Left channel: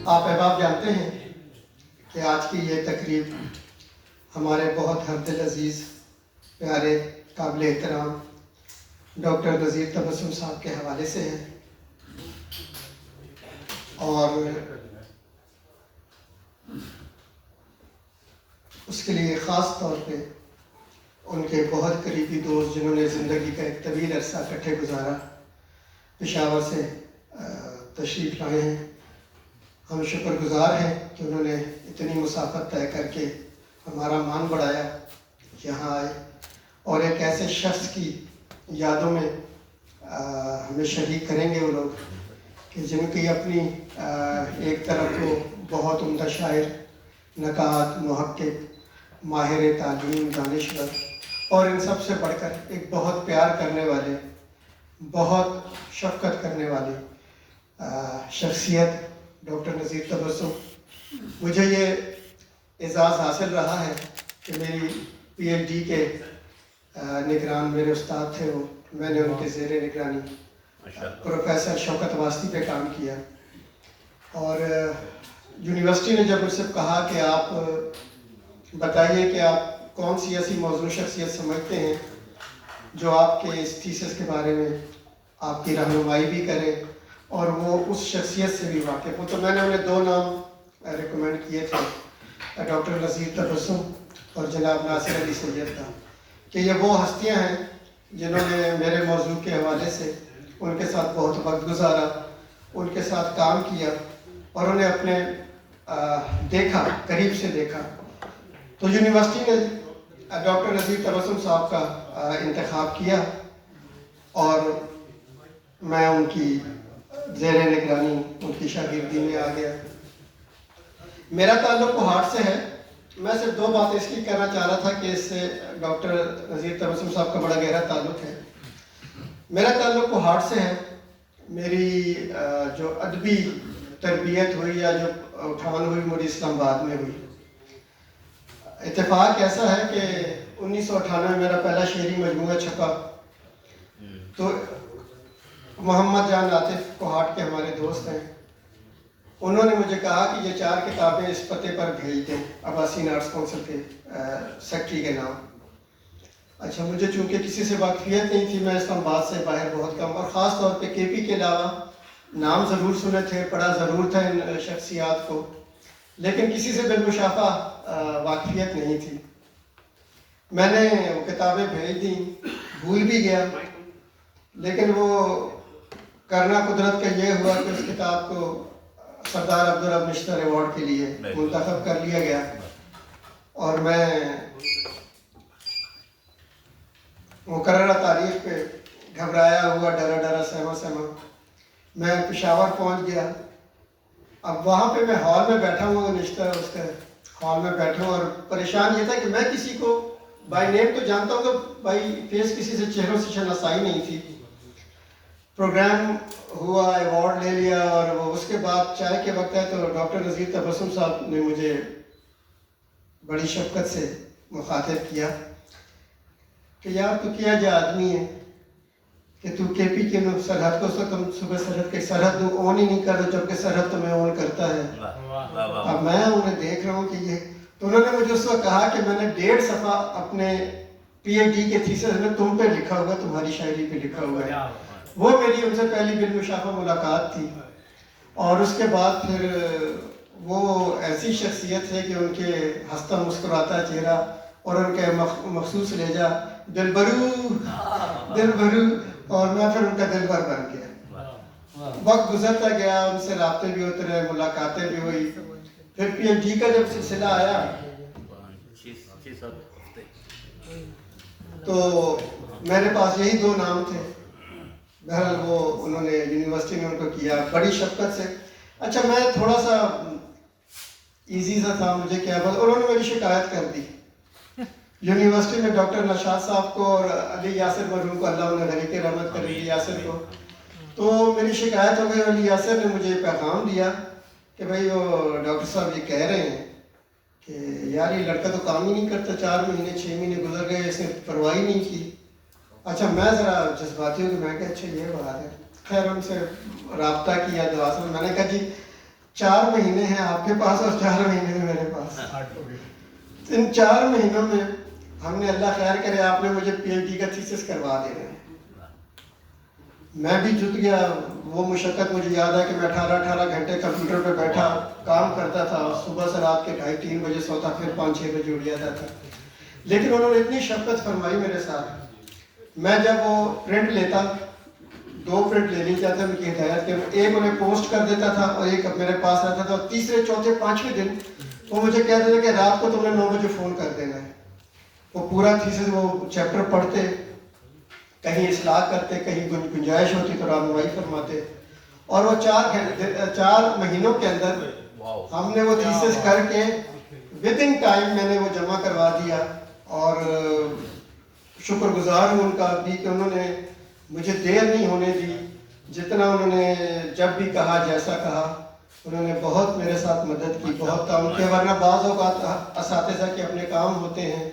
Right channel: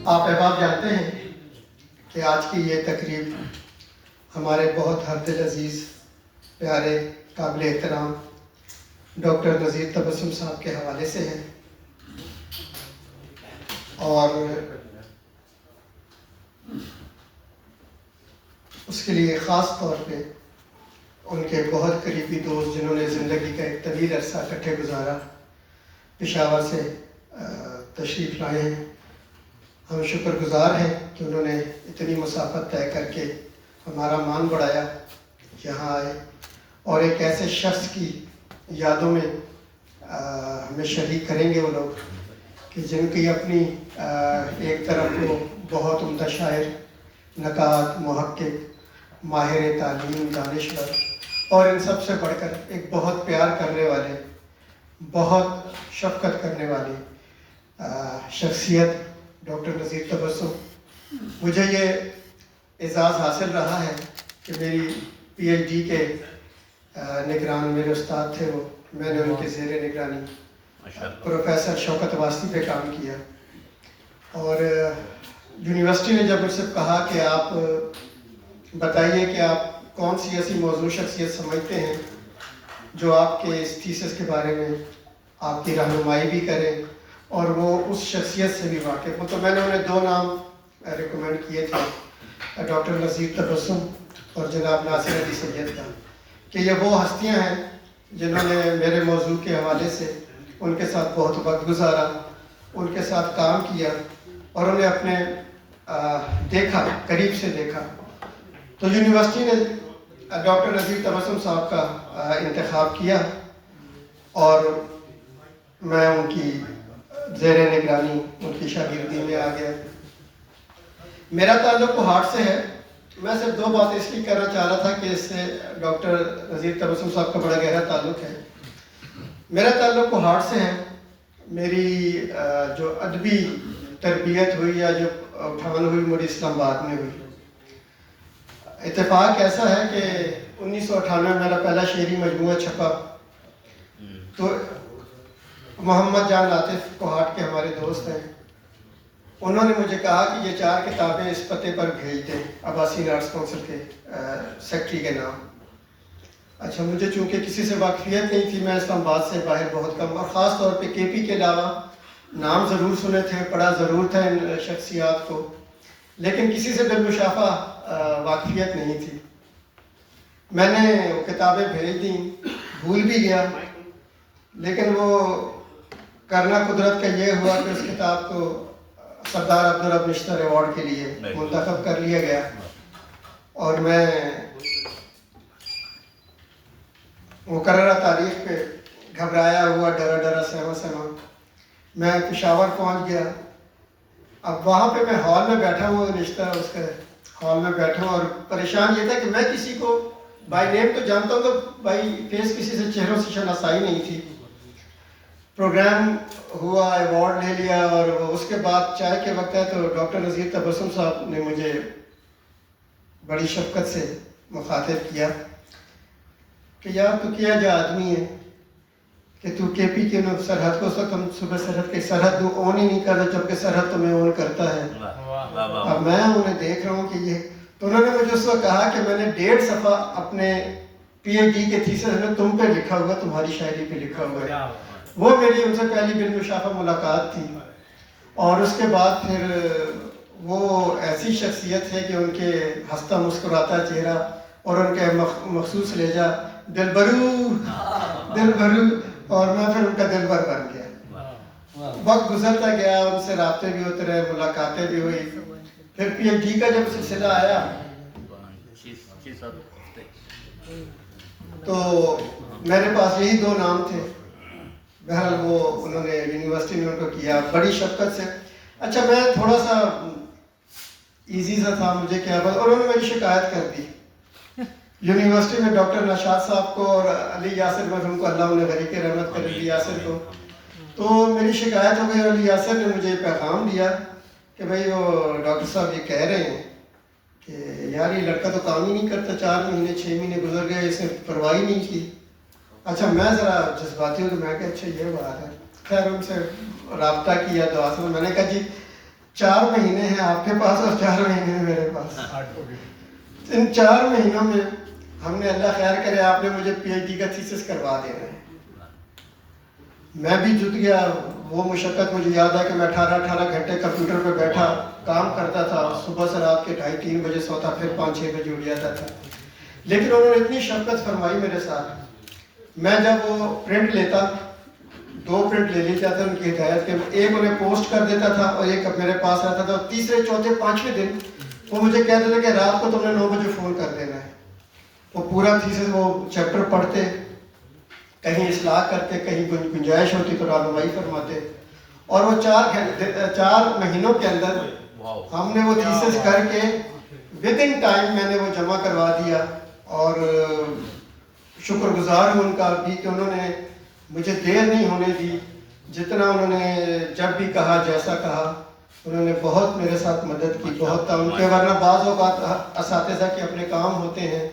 آپ احباب جانتے ہیں کہ آج کی یہ تقریب ہمارے بہت ہر دل عزیز پیارے قابل احترام ڈاکٹر نذیر تبسم صاحب کے حوالے سے ہے، اور اس کے لیے خاص طور پہ ان کے بہت قریبی دوست جنہوں نے زندگی کا ایک طویل عرصہ اکٹھے گزارا پشاور سے تشریف لائے ہیں۔ ہم شکر گزار ہیں کہ انہوں نے اتنی مسافت طے کر کے ہمارا مان بڑھایا، یہاں آئے اور ایک ایسے شخص کی یادوں میں ہمیں شریک کریں گے وہ لوگ کہ جن کی اپنی ایک طرف تو بہت عمدہ شاعر، نقاد، محقق، ماہر تعلیم، دانشور، اور ان سب سے بڑھ کر ایک بہت پیار کرنے والے، بہت شفقت کرنے والی شخصیت ڈاکٹر نذیر تبسم۔ مجھے یہ اعزاز حاصل رہا ہے کہ میری پی ایچ ڈی کے نگران میرے استاد تھے، وہ میں نے ان کے زیر نگرانی پروفیسر شوکت واسطی پہ کام کیا، اور یونیورسٹی نے جب مجھ سے کہا کہ آپ بتائیے کہ آپ کون سی ایسی موضوع شخصیت سمجھتے ہیں جو آپ کے اس تھیسس کے بارے میں آپ کی رہنمائی بھی کرے اور وہ اس شخصیت سے بھی واقف ہو، تو میں نے انہیں 2 نام ریکمینڈ کیے تھے، ڈاکٹر نذیر تبسم اور جناب ناصر علی سید کا، کہ یہ وہ ہستیاں ہیں جنہوں نے میرے موضوع کے حوالے سے ان کے ساتھ بہت وقت گزارا، ان کے ساتھ کام کیا اور انہیں اپنے دیکھا، قریب سے دیکھا۔ تو یونیورسٹی نے ڈاکٹر نذیر تبسم صاحب کا انتخاب کیا اور میں ان کی زیر نگرانی ان کی شاگردی میں آ گیا۔ میرا تعلق کوہاٹ سے ہے، میں صرف 2 باتیں اس لیے کہنا چاہ رہا تھا کہ اس سے ڈاکٹر نذیر تبسم صاحب کا بڑا گہرا تعلق ہے۔ میرا تعلق کوہاٹ سے ہے، میری جو ادبی تربیت ہوئی یا جو اٹھان ہوئی مجھے اسلام آباد میں ہوئی۔ اتفاق ایسا ہے کہ 1998 میں میرا پہلا شعری مجموعہ چھپا، تو محمد جان عاطف کوہاٹ کے ہمارے دوست ہیں، انہوں نے مجھے کہا کہ یہ 4 کتابیں اس پتے پر بھیج دیں، عباسین آرٹس کونسل کے سیکٹری کے نام۔ اچھا، مجھے چونکہ کسی سے واقفیت نہیں تھی، میں اسلام آباد سے باہر بہت کم، اور خاص طور پہ کے پی کے علاوہ نام ضرور سنے تھے، پڑھا ضرور تھا ان شخصیات کو، لیکن کسی سے بالمشافہ واقفیت نہیں تھی۔ میں نے وہ کتابیں بھیج دیں، بھول بھی گیا، لیکن وہ کرنا قدرت کا یہ ہوا کہ اس کتاب کو سردار عبدالرب نشتر ایوارڈ کے لیے منتخب کر لیا گیا، اور میں مقررہ تاریخ پہ گھبرایا ہوا، ڈرا سہما سہما میں پشاور پہنچ گیا۔ اب وہاں پہ میں ہال میں بیٹھا ہوں، نشتر اس کے ہال میں بیٹھا ہوں، اور پریشان یہ تھا کہ میں کسی کو بائی نیم تو جانتا ہوں، تو بائی فیس کسی سے چہروں سے شناسائی نہیں تھی۔ پروگرام ہوا، ایوارڈ لے لیا، اور اس کے بعد چائے کے وقت ہے تو ڈاکٹر نذیر تبسم صاحب نے مجھے بڑی شفقت سے مخاطب کیا کہ یار تو کیا جا آدمی ہے کہ تو کے پی کے سرحد کو، اس وقت ہم صبح سرحد کے سرحد اون ہی نہیں کر رہے جبکہ سرحد تمہیں اون کرتا ہے۔ اب میں انہیں دیکھ رہا ہوں کہ یہ، تو انہوں نے مجھے اس وقت کہا کہ میں نے 1.5 صفحہ اپنے پی ایچ ڈی کے تھیسس میں تم پہ لکھا ہوا، تمہاری شاعری پہ لکھا ہوا ہے۔ وہ میری ان سے پہلی بالمشافہ ملاقات تھی، اور اس کے بعد پھر وہ ایسی شخصیت ہے کہ ان کے ہنستا مسکراتا چہرہ اور ان کے مخصوص لہجہ دلبرو دلبرو، اور میں پھر ان کا دلبر بن گیا۔ وقت گزرتا گیا، ان سے رابطے بھی ہوتے رہے، ملاقاتیں بھی ہوئی۔ پھر پی ایچ ڈی کا جب سلسلہ آیا تو میرے پاس یہی 2 نام تھے۔ بہرحال وہ انہوں نے یونیورسٹی میں ان کو کیا بڑی شفقت سے۔ اچھا، میں تھوڑا سا ایزی سا تھا، مجھے کیا بات، انہوں نے میری شکایت کر دی یونیورسٹی میں، ڈاکٹر نشاط صاحب کو اور علی یاسر مرحوم کو، اللہ انہیں غریق رحمت کر، علی یاسر کو، تو میری شکایت ہو گئی۔ علی یاسر نے مجھے پیغام دیا کہ بھائی وہ ڈاکٹر صاحب یہ کہہ رہے ہیں کہ یار یہ لڑکا تو کام ہی نہیں کرتا، 4 مہینے 6 مہینے گزر گئے، اس نے پرواہ ہی نہیں کی۔ اچھا، میں ذرا جذباتی ہوں، تو میں کہا اچھا یہ بات ہے۔ خیر ان سے رابطہ کیا، دعا سے میں نے کہا جی 4 مہینے ہیں آپ کے پاس اور 4 مہینے ہیں میرے پاس. ان 4 مہینوں میں ہم نے, اللہ خیر کرے, آپ نے مجھے پی ایچ ڈی کا تھیسس کروا دینا ہے. میں بھی جت گیا. وہ مشقت مجھے یاد ہے کہ میں 18 گھنٹے کمپیوٹر پہ بیٹھا کام کرتا تھا. صبح سے رات کے 2:30-3 بجے سوتا, پھر 5-6 بجے اٹھ جاتا تھا. لیکن انہوں نے اتنی شفقت فرمائی میرے ساتھ. میں جب وہ پرنٹ لیتا, 2 پرنٹ لے لیتا تھا ان کی ہدایت کے, ایک انہیں پوسٹ کر دیتا تھا اور ایک میرے پاس رہتا تھا. اور تیسرے, چوتھے, 5ویں دن وہ مجھے کہتے تھے کہ رات کو تم نے 9 بجے فون کر دینا ہے. وہ پورا تھیسس, وہ چیپٹر پڑھتے, کہیں اصلاح کرتے, کہیں گنجائش ہوتی تو رہنمائی فرماتے. اور وہ 4 مہینوں کے اندر ہم نے وہ تھیسس کر کے ود ان ٹائم میں نے وہ جمع کروا دیا. اور شکر گزار ہوں ان کا بھی کہ انہوں نے مجھے دیر نہیں ہونے دی. جتنا انہوں نے جب بھی کہا, جیسا کہا, انہوں نے بہت میرے ساتھ مدد کی, بہت تعاون کیا. ورنہ بعض اوقات اساتذہ کے اپنے کام ہوتے ہیں,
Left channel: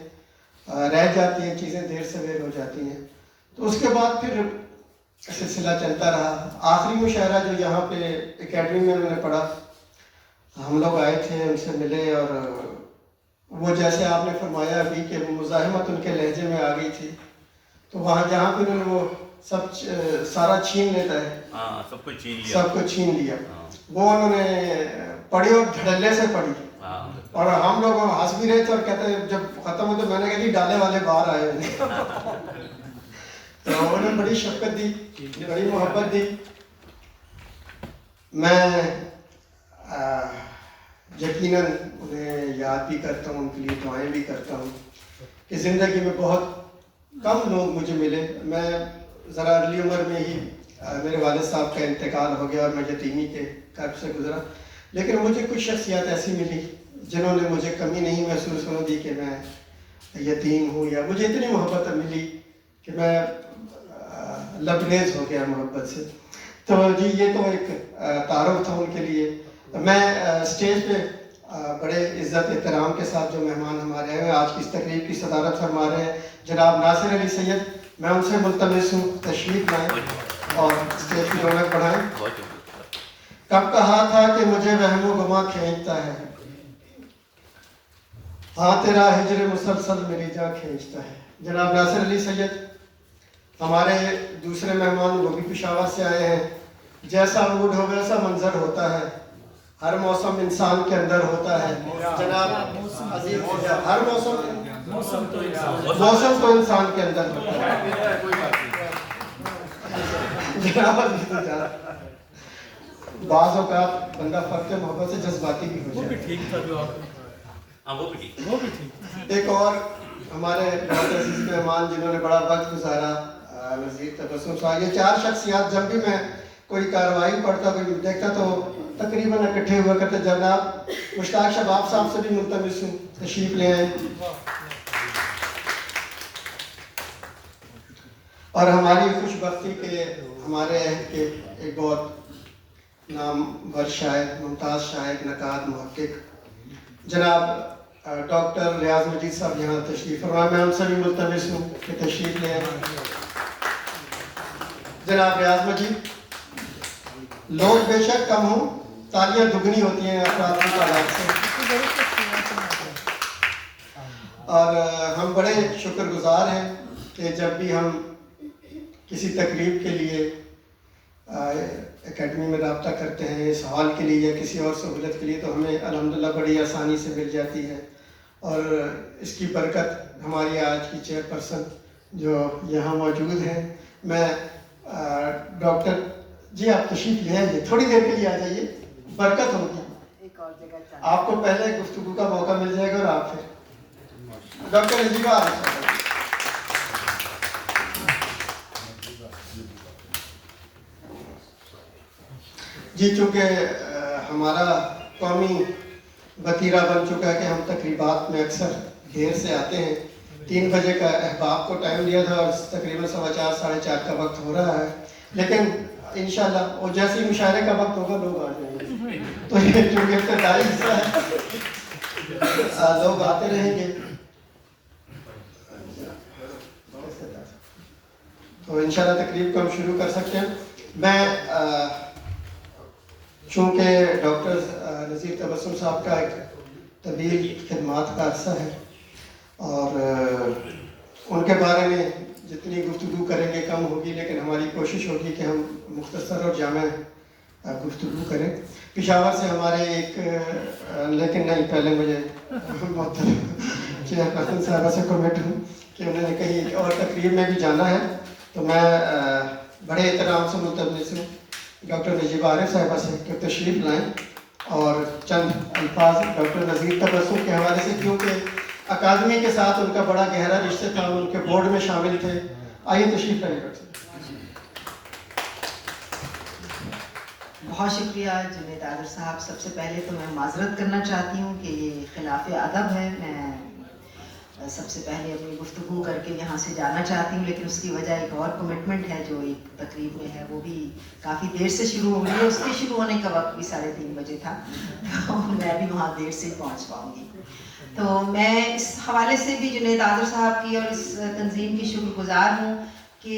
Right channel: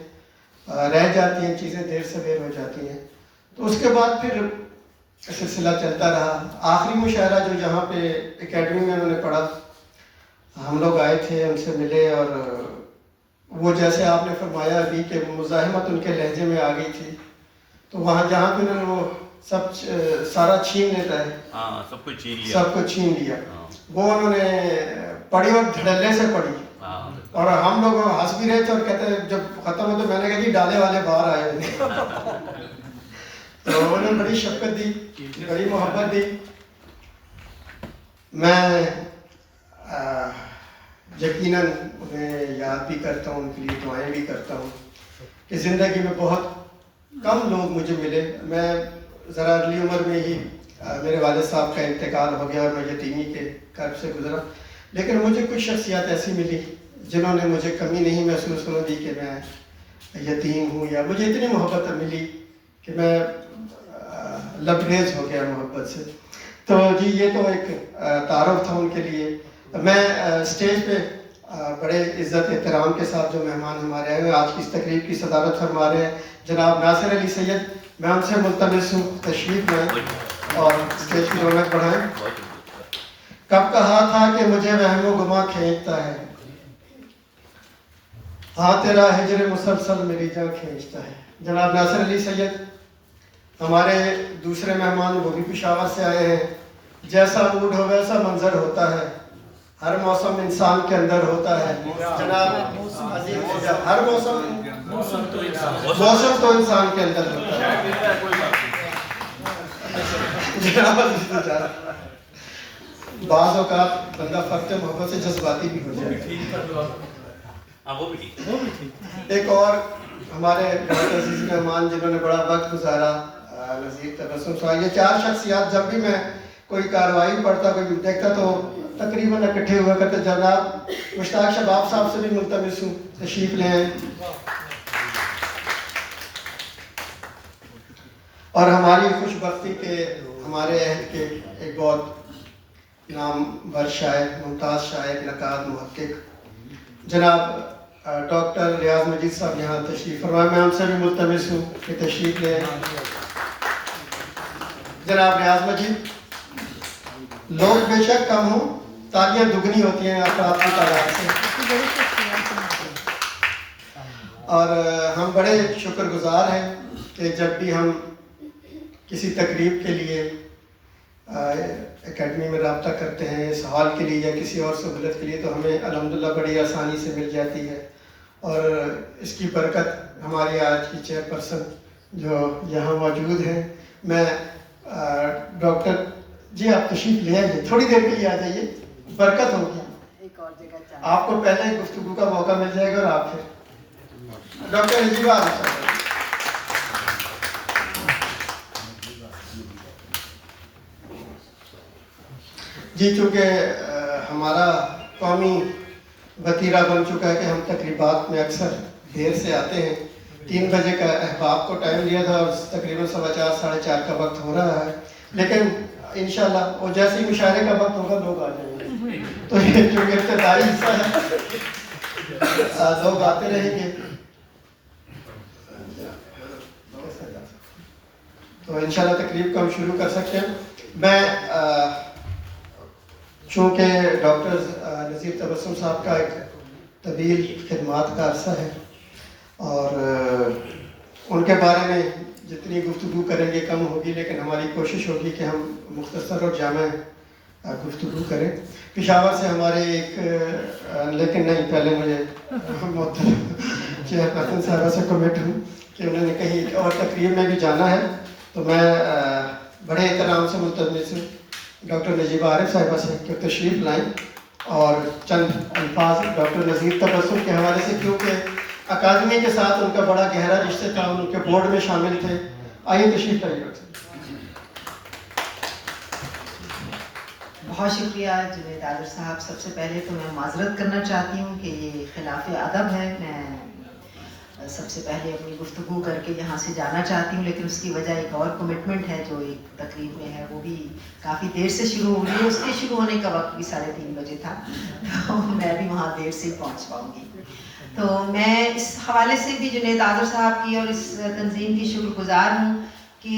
رہ جاتی ہیں چیزیں, دیر سے دیر ہو جاتی ہیں. تو اس کے بعد پھر سلسلہ چلتا رہا. آخری مشاعرہ جو یہاں پہ اکیڈمی میں انہوں نے پڑھا, ہم لوگ آئے تھے, ان سے ملے, اور وہ جیسے آپ نے فرمایا ابھی کہ وہ مزاحمت ان کے لہجے میں آ گئی تھی. تو وہاں جہاں پہ انہوں نے وہ سب سارا چھین لیتا ہے, سب کچھ چھین لیا, وہ انہوں نے پڑھی اور دھڑلے سے پڑھی. اور ہم لوگ ہنس بھی رہے تھے اور کہتے ہیں, جب ختم ہو تو میں نے کہا کہ ڈالے والے باہر آئے ہوئے. تو انہوں نے بڑی شفقت دی, بڑی محبت دی. میں یقیناً انہیں یاد بھی کرتا ہوں, ان کے لیے دعائیں بھی کرتا ہوں کہ زندگی میں بہت کم لوگ مجھے ملے. میں ذرا ارلی عمر میں ہی میرے والد صاحب کا انتقال ہو گیا اور میں یتیمی کے کرب سے گزرا. لیکن مجھے کچھ شخصیات ایسی ملی جنہوں نے مجھے کمی نہیں محسوس ہونے دی کہ میں یتیم ہوں, یا مجھے اتنی محبت ملی کہ میں لبریز ہو گیا محبت سے. تو جی یہ تو ایک تعارف تھا ان کے لیے. میں اسٹیج پہ بڑے عزت احترام کے ساتھ جو مہمان ہمارے آئے ہیں, آج کی اس تقریب کی صدارت فرما رہے ہیں جناب ناصر علی سید. میں ان سے ملتمس ہوں تشریف لائیں اور اسٹیج کی رونق بڑھائیں. کب کہا تھا کہ مجھے وہم و گما کھینچتا ہے, ہاں تیرا ہجر مسلسل میری جان کھینچتا ہے. جناب ناصر علی سید ہمارے دوسرے مہمان, وہ بھی پشاور سے آئے ہیں. جیسا موڈ ہو ویسا منظر ہوتا ہے, ہر موسم انسان کے اندر ہوتا ہے. جناب ہر موسم تو انسان کے اندر ہوتا ہے. جناب بعض اوقات بندہ فرق محبت سے جذباتی بھی ہو جائے. ایک اور ہمارے بہت عزیز مہمان جنہوں نے بڑا وقت گزارا, نذیر تبسم صاحب. یہ 4 شخصیات جب بھی میں کوئی کارروائی پڑھتا, کوئی دیکھتا تو تقریباً اکٹھے ہوا کرتے. جناب مشتاق شباب صاحب سے بھی ملتمس ہوں, تشریف لے آئیں. اور ہماری خوش بختی کے ہمارے عہد کے ایک بہت نامور شاعر, ممتاز شاعر, نقاد, محقق جناب ڈاکٹر ریاض مجید صاحب یہاں تشریف فرمائے. میں ان سے بھی ملتمس ہوں کہ تشریف لے آئیں. جناب ریاض مجید, لوگ بے شک کم ہوں, تالیاں دگنی ہوتی ہیں افراد کی تعداد سے. اور ہم بڑے شکر گزار ہیں کہ جب بھی ہم کسی تقریب کے لیے اکیڈمی میں رابطہ کرتے ہیں, اس ہال کے لیے یا کسی اور سہولت کے لیے, تو ہمیں الحمدللہ بڑی آسانی سے مل جاتی ہے. اور اس کی برکت ہماری آج کی چیئرپرسن جو یہاں موجود ہیں. میں ڈاکٹر جی آپ تشریف لے آئیے, تھوڑی دیر کے لیے آ جائیے, برکت ہوگی. آپ کو پہلے گفتگو کا موقع مل جائے گا. اور آپ پھر ڈاکٹر نجیبہ آ جائیں. جی چونکہ ہمارا قومی وتیرہ بن چکا ہے کہ ہم تقریبات میں اکثر دیر سے آتے ہیں. 3 بجے کا احباب کو ٹائم دیا تھا اور تقریباً 4:15 ساڑھے 4 کا وقت ہو رہا ہے. لیکن انشاءاللہ وہ جیسے ہی مشاعرے کا وقت ہوگا لوگ آ جائیں گے. تو یہ چونکہ ابتدائی حصہ ہے, لوگ آتے رہیں گے. تو انشاءاللہ تقریب کو ہم شروع کر سکتے ہیں. میں چونکہ ڈاکٹر نذیر تبسم صاحب کا ایک طویل خدمات کا عرصہ ہے اور ان کے بارے میں جتنی گفتگو کریں گے کم ہوگی، لیکن ہماری کوشش ہوگی کہ ہم مختصر اور جامع گفتگو کریں. پشاور سے ہمارے ایک لیکن نہیں، پہلے مجھے محترم چیئرپرسن صاحبہ سے کمنٹ ہوں کہ انہوں نے کہیں اور تقریب میں بھی جانا ہے، تو میں بڑے احترام سے ملتمس ہوں ڈاکٹر نجیبہ عارف صاحبہ سے کہ تشریف لائیں اور چند الفاظ ڈاکٹر نذیر تبسم کے حوالے سے، کیونکہ اکادمی کے ساتھ ان کا بڑا گہرا رشتہ تھا، ان کے بورڈ میں شامل تھے. آئیے تشریف لائیے ڈاکٹر صاحب. بہت شکریہ جنید عادل صاحب. سب سے پہلے تو میں معذرت کرنا چاہتی ہوں کہ یہ خلاف ادب ہے. میں سب سے پہلے اپنی گفتگو کر کے یہاں سے جانا چاہتی ہوں، لیکن اس کی وجہ ایک اور کمٹمنٹ ہے جو ایک تقریب میں ہے، وہ بھی کافی دیر سے شروع ہو رہی ہے. اس کے شروع ہونے کا وقت بھی 3:30 بجے تھا، تو میں بھی وہاں دیر سے پہنچ پاؤں گی. تو میں اس حوالے سے بھی جنید عادل صاحب کی اور اس تنظیم کی شکر گزار ہوں کہ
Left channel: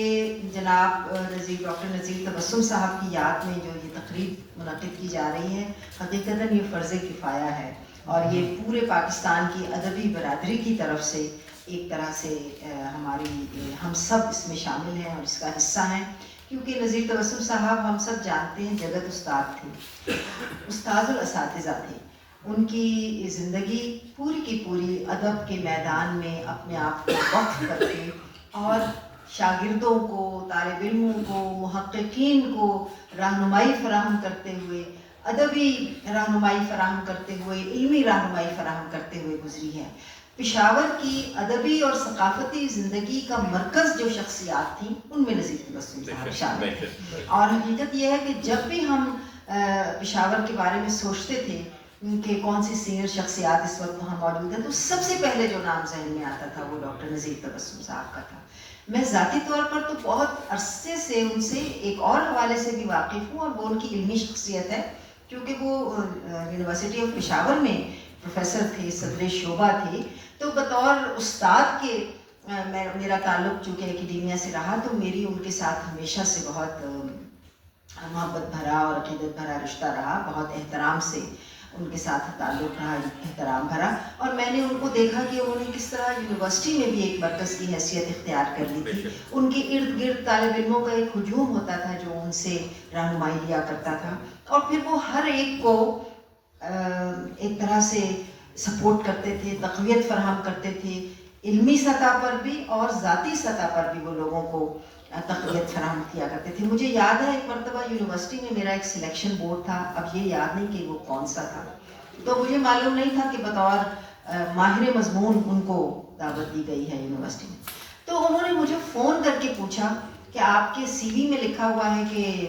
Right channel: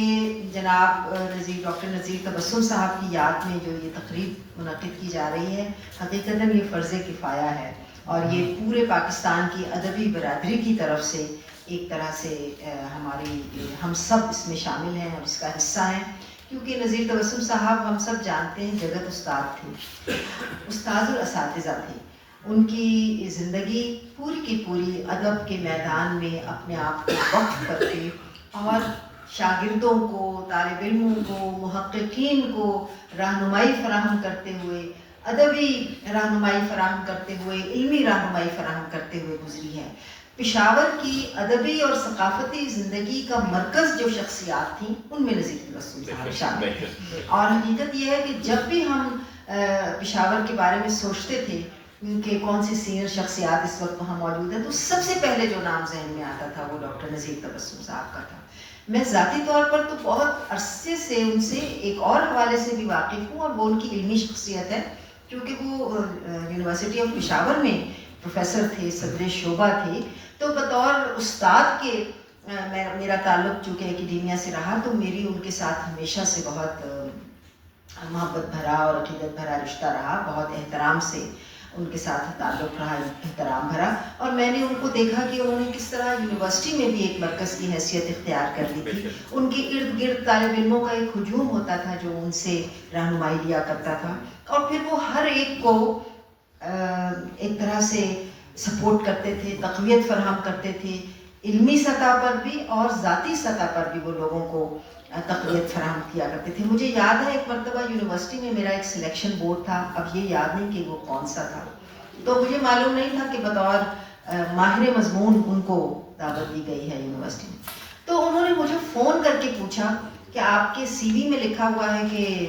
جناب ڈاکٹر نذیر تبسم صاحب کی یاد میں جو یہ تقریب منعقد کی جا رہی ہے، حقیقتاً یہ فرض کفایہ ہے اور یہ پورے پاکستان کی ادبی برادری کی طرف سے ایک طرح سے ہم سب اس میں شامل ہیں اور اس کا حصہ ہیں. کیونکہ نذیر تبسم صاحب ہم سب جانتے ہیں جگت استاد تھے، استاد الاساتذہ تھے. ان کی زندگی پوری کی پوری ادب کے میدان میں اپنے آپ کو وقف کرتے اور شاگردوں کو، طالب علموں کو، محققین کو رہنمائی فراہم کرتے ہوئے، ادبی رہنمائی فراہم کرتے ہوئے، علمی رہنمائی فراہم کرتے ہوئے گزری ہے. پشاور کی ادبی اور ثقافتی زندگی کا مرکز جو شخصیات تھیں ان میں نذیر تبسم صاحب شامل ہیں. اور حقیقت یہ ہے کہ جب بھی ہم پشاور کے بارے میں سوچتے تھے کہ کون سی سینئر شخصیات اس وقت وہاں موجود ہیں، تو سب سے پہلے جو نام ذہن میں آتا تھا وہ ڈاکٹر نذیر تبسم صاحب کا تھا. میں ذاتی طور پر تو بہت عرصے سے ان سے ایک اور حوالے سے بھی واقف ہوں، اور وہ ان کی علمی شخصیت ہے، کیونکہ وہ یونیورسٹی آف پشاور میں پروفیسر تھے، صدر شعبہ تھے. تو بطور استاد کے میرا تعلق چونکہ اکیڈیمیا سے رہا، تو میری ان کے ساتھ ہمیشہ سے بہت محبت بھرا اور عقیدت بھرا رشتہ رہا. بہت احترام سے ان کے ساتھ تعلق رہا، احترام بھرا. اور میں نے ان کو دیکھا کہ انہوں نے کس طرح یونیورسٹی میں بھی ایک مرکز کی حیثیت اختیار کر لی تھی. ان کے ارد گرد طالب علموں کا ایک ہجوم ہوتا تھا جو ان سے رہنمائی لیا کرتا تھا، اور پھر وہ ہر ایک کو ایک طرح سے سپورٹ کرتے تھے، تقویت فراہم کرتے تھے، علمی سطح پر بھی اور ذاتی سطح پر بھی وہ لوگوں کو تقویت فراہم کیا کرتے تھے. مجھے یاد ہے ایک مرتبہ یونیورسٹی میں میرا ایک سلیکشن بورڈ تھا، اب یہ یاد نہیں کہ وہ کون سا تھا، تو مجھے معلوم نہیں تھا کہ بطور ماہر مضمون ان کو دعوت دی گئی ہے یونیورسٹی میں. تو انہوں نے مجھے فون کر کے پوچھا کہ آپ کے سی وی میں لکھا ہوا ہے کہ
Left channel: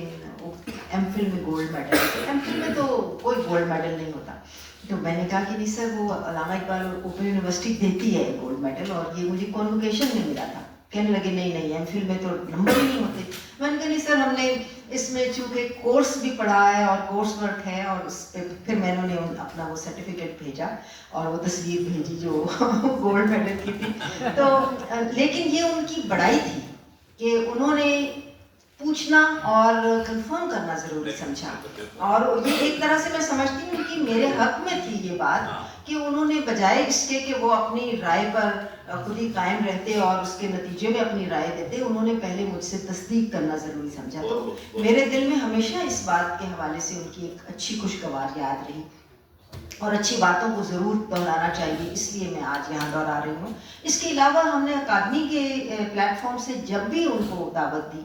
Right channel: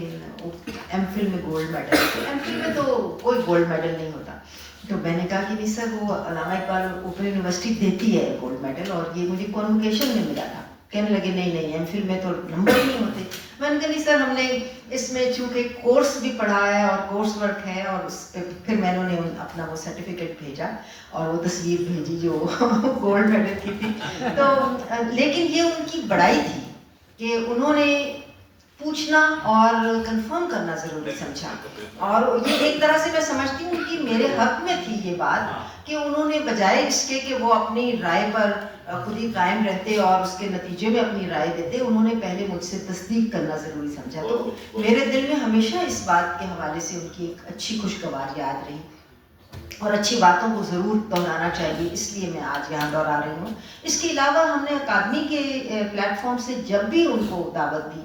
ایم فل میں گولڈ میڈل. ایم فل میں تو کوئی گولڈ میڈل نہیں ہوتا. تو میں نے کہا کہ نہیں سر، وہ علامہ اقبال اوپن یونیورسٹی دیتی ہے گولڈ میڈل، اور یہ مجھے کانوکیشن میں ملا تھا. کہنے لگے نہیں ایم فل میں تو نمبر ہی نہیں ہوتے. میں نے کہا نہیں سر، ہم نے اس میں چونکہ کورس بھی پڑھا ہے اور کورس ورک ہے، اور اس پہ پھر میں نے اپنا وہ سرٹیفکیٹ بھیجا اور وہ تصویر بھیجی جو گولڈ میڈل کی تھی. تو لیکن یہ ان کی بڑائی تھی کہ انہوں نے پوچھنا اور کنفرم کرنا ضروری سمجھا. اور یہ ایک طرح سے میں سمجھتی ہوں کہ میرے حق میں تھی یہ بات کہ انہوں نے بجائے اس کے کہ وہ اپنی رائے پر خود ہی قائم رہتے اور اس کے نتیجے میں اپنی رائے دیتے، انہوں نے پہلے مجھ سے تصدیق کرنا ضروری سمجھا. تو میرے دل میں ہمیشہ اس بات کے حوالے سے ان کی ایک اچھی خوشگوار یاد رہی، اور اچھی باتوں کو ضرور دہرانا چاہیے، اس لیے میں آج یہاں دہرا رہی ہوں. اس کے علاوہ ہم نے اکادمی کے پلیٹ فارم سے جب بھی ان کو دعوت دی،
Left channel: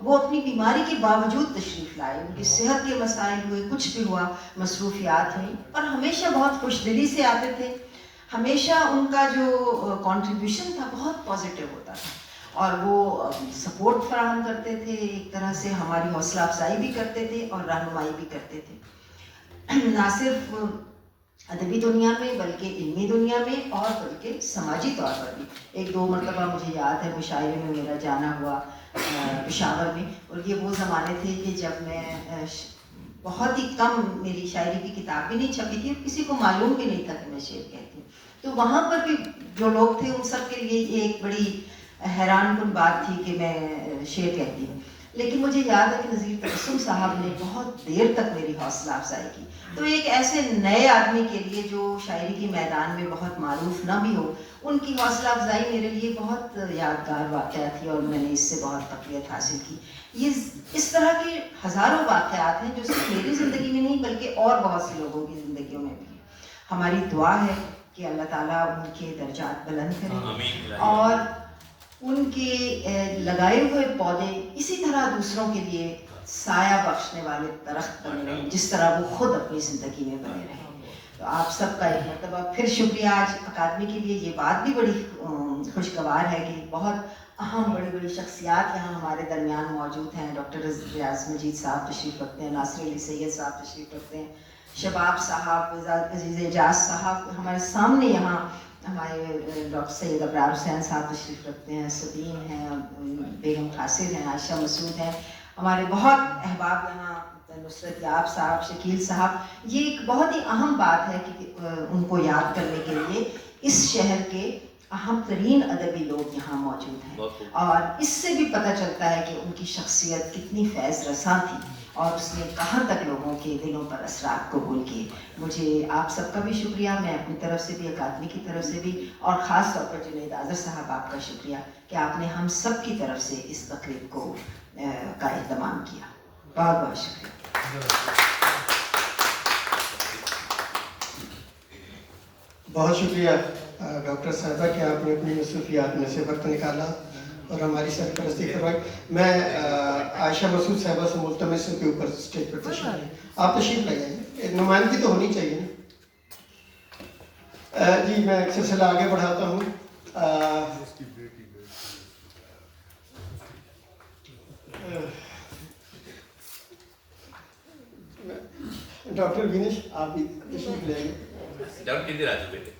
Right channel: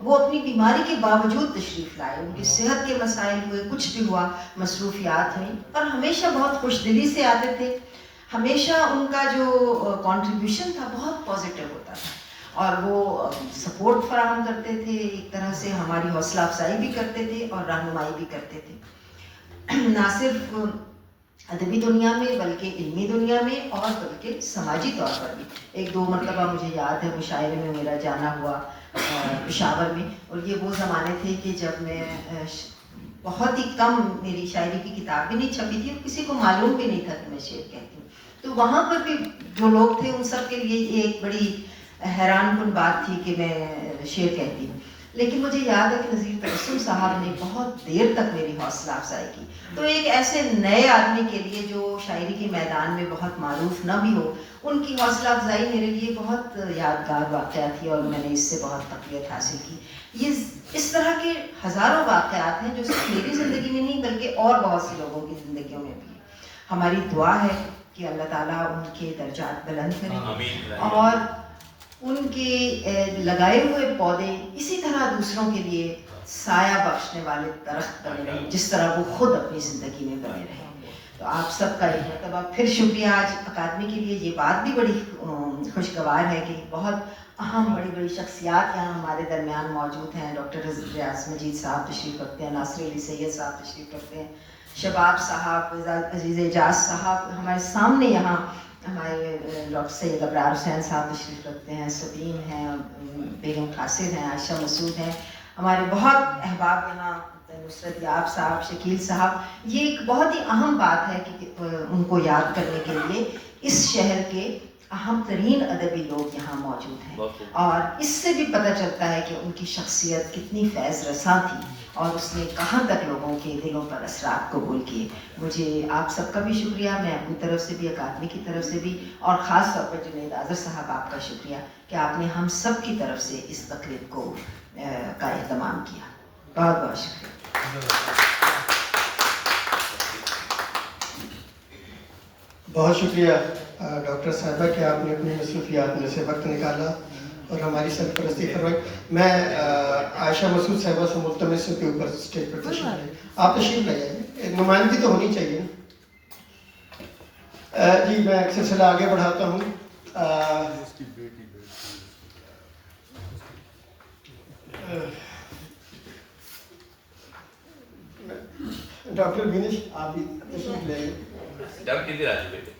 وہ اپنی بیماری کے باوجود تشریف لائے. ان کی صحت کے مسائل ہوئے، کچھ بھی ہوا، مصروفیات ہوئی، اور ہمیشہ بہت خوش دلی سے آتے تھے. ہمیشہ ان کا جو کنٹریبیوشن تھا بہت پازیٹیو ہوتا تھا، اور وہ سپورٹ فراہم کرتے تھے، ایک طرح سے ہماری حوصلہ افزائی بھی کرتے تھے اور رہنمائی بھی کرتے تھے، نہ صرف ادبی دنیا میں بلکہ علمی دنیا میں اور بلکہ سماجی طور پر بھی. 1-2 مرتبہ مجھے یاد ہے مشاعرے میں میرا جانا ہوا پشاور میں، اور یہ وہ زمانے تھے کہ جب میں بہت ہی کم، میری شاعری کی کتاب بھی نہیں چھپی تھی اور کسی کو معلوم بھی نہیں تھا کہ میں شعر کہتی ہوں. تو وہاں پر بھی جو لوگ تھے ان سب کے لیے یہ ایک بڑی حیران کن بات تھی کہ میں شعر کہتی ہوں. لیکن مجھے یاد ہے کہ نذیر تبسم صاحب نے بہت دیر تک میری حوصلہ افزائی کی. تو ایک ایسے نئے آدمی کے لیے جو شاعری کے میدان میں بہت معروف نہ بھی ہو, ان کی حوصلہ افزائی میرے لیے بہت یادگار واقعہ تھی اور میں نے اس سے بہت تقویت حاصل کی. یہ اس طرح کے ہزاروں واقعات ہیں جو صرف میری زندگی میں نہیں بلکہ اور بہت سے لوگوں کی زندگیوں میں بھی ہیں. ہماری دعا ہے کہ اللہ تعالیٰ ان کے درجات بلند کرے اور ان کے لگائے ہوئے پودے اسی طرح دوسروں کے لیے سایہ بخشنے والے درخت بنے رہیں جس طرح وہ خود اپنی زندگی میں بنے رہیں. تو آپ سب کا ایک مرتبہ پھر شکریہ. آج اکادمی کے لیے یہ بات بھی بڑی خوشگوار ہے کہ بہت اہم بڑی بڑی شخصیات یہاں ہمارے درمیان موجود ہیں. ڈاکٹر ریاض مجید صاحب تشریف رکھتے ہیں, ناصر علی سید صاحب تشریف رکھتے ہیں, شباب صاحب, عزیز اعجاز صاحب ہمارے سامنے یہاں, ہمارے ڈاکٹر سید ابرار حسین صاحب تشریف رکھتے ہیں, سبین ہیں, بیگم قاصر ہیں, عائشہ مسعود ہیں, ہمارے بہت احباب یہاں, نصرت یاب صاحب, شکیل صاحب. یہ ایک بہت ہی اہم بات ہے کہ ان کو یاد کرنے کے لیے اس شہر کے اہم ترین ادبی لوگ یہاں موجود ہیں, اور اس سے بھی پتہ چلتا ہے کہ ان کی شخصیت کتنی فیض رساں تھی اور اس نے کہاں تک لوگوں کے دلوں پر اثرات قبول کیے. مجھے آپ سب کا بھی شکریہ, میں اپنی طرف سے بھی, اکادمی کی طرف سے بھی, اور خاص طور پر جنید آذر صاحب آپ کا شکریہ کہ آپ نے ہم سب کی طرف سے اس تقریب کو کا اہتمام کیا. بہت بہت شکریہ. بہت شکریہ ڈاکٹر صاحبہ کہ آپ نے اپنی مصروفیات میں سے وقت نکالا اور ہماری سرپرستی کروائی. میں عائشہ مسعود صاحبہ سے ملتمس ہوں کے اوپر اسٹیج پر تشریف لائیں. آپ تشریف لائیں, نمائندگی تو ہونی چاہیے. جی میں ایک سلسلہ آگے بڑھاتا ہوں. ڈاکٹر وینش آپ بھی تشریف لیں. ڈاکٹر کدھر آ چکے؟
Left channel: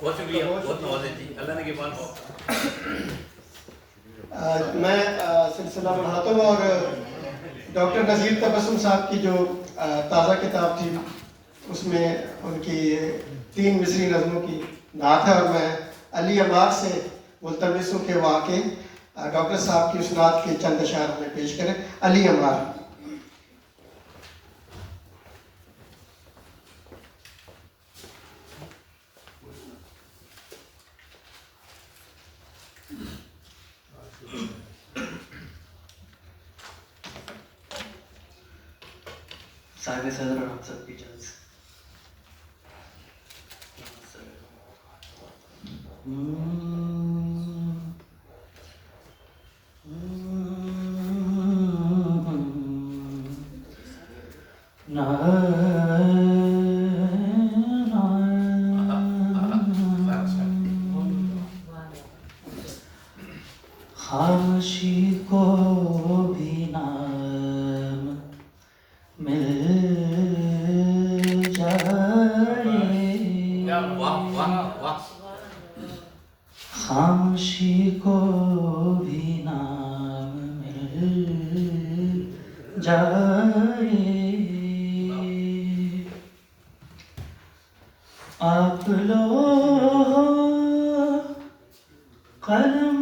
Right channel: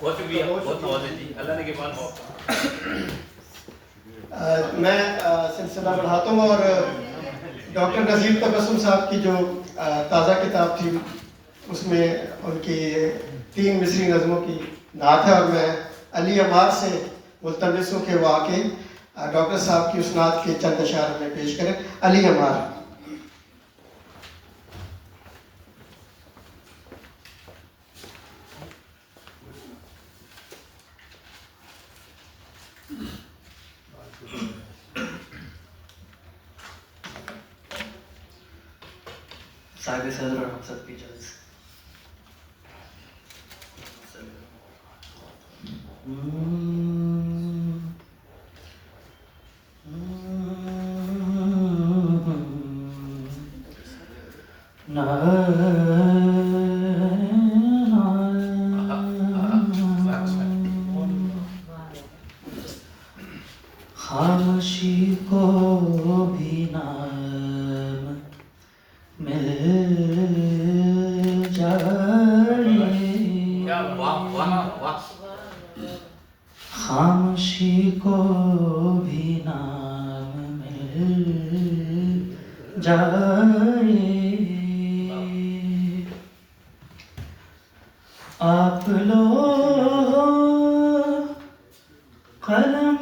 بہت شکریہ, بہت نوازش جی, اللہ نے کے مان ہو. میں سلسلہ بڑھاتا ہوں اور ڈاکٹر نذیر تبسم صاحب کی جو تازہ کتاب تھی اس میں ان کی 3 مصری نظموں کی نعت ہے, اور میں علی عمار سے ملتمس ہوں کہ وہ آ کے ڈاکٹر صاحب کی اس نعت کے چند اشعار میں پیش کریں. علی عمار. صاحب صدر اور ہم سب کی جلد. خاموشی کو بھی نام مل جائے, خاموشی کو بھی نام مل جائے. آپ لوگ قلم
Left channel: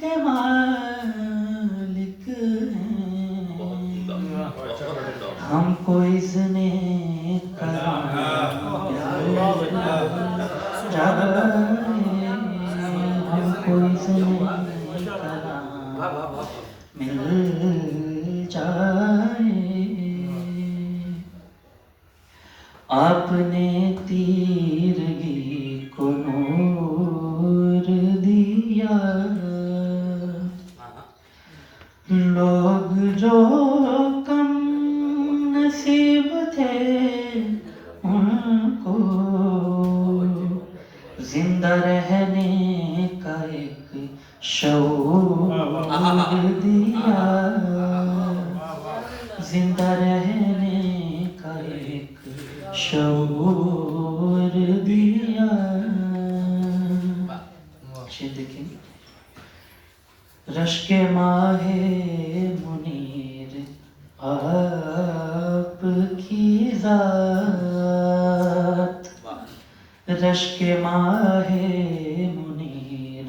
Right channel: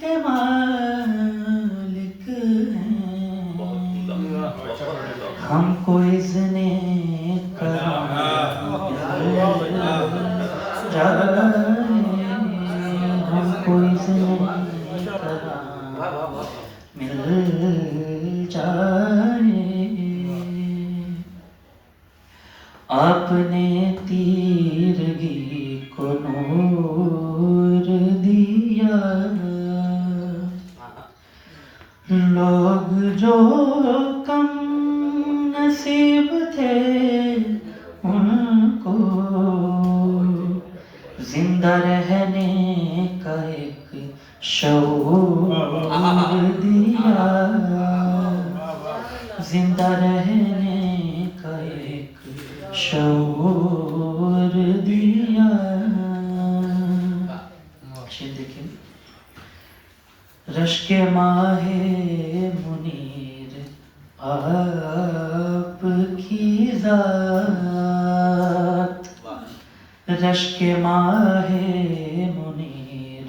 کے مالک ہیں, ہم کو اذن کرم ہم کو اذن کرم مل جائے. آپ نے تیرگی کو نور دیا, لوگ جو کم نصیب تھے ان کو زندہ رہنے کا ایک شعور دیا, زندہ رہنے کا ایک شعور دیا. دیکھیں رشک ماہ منیر آپ کی ذات, رشک ماہ منیر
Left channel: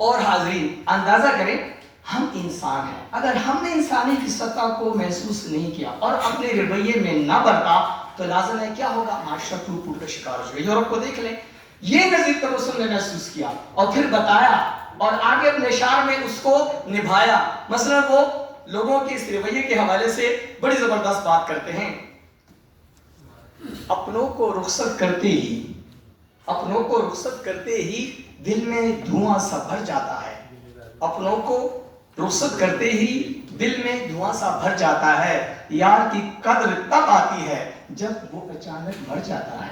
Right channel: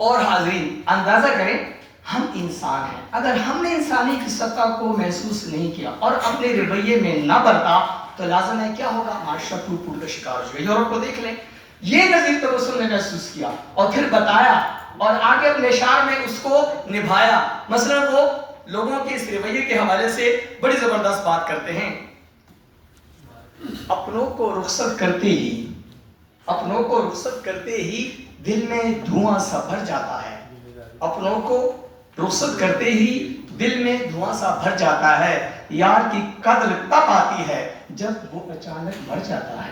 اور حاضرین اندازہ کریں ہم انسان ہیں، اگر ہم نے انسانی کی سطح کو محسوس نہیں کیا اور اپنے رویے میں نہ برتا تو لازم ہے کیا ہوگا، معاشرہ ٹوٹ پھوٹ کا شکار ہو جائے گا۔ یورپ کو دیکھ لیں، یہ نظیر تبسم نے محسوس کیا اور پھر بتایا اور آگے اپنے اشعار میں اس کو نبھایا۔ مثلا وہ لوگوں کے اس رویے کے حوالے سے بڑی زبردست بات کرتے ہیں، اپنوں کو رخصت کرتے ہی دل میں دھواں سا بھر جاتا ہے، اپنوں کو رخصت کرتے ہی دل میں دھواں سا بھر جاتا ہے، یار کی قدر تب آتی ہے جب وہ اچانک مر جاتا ہے۔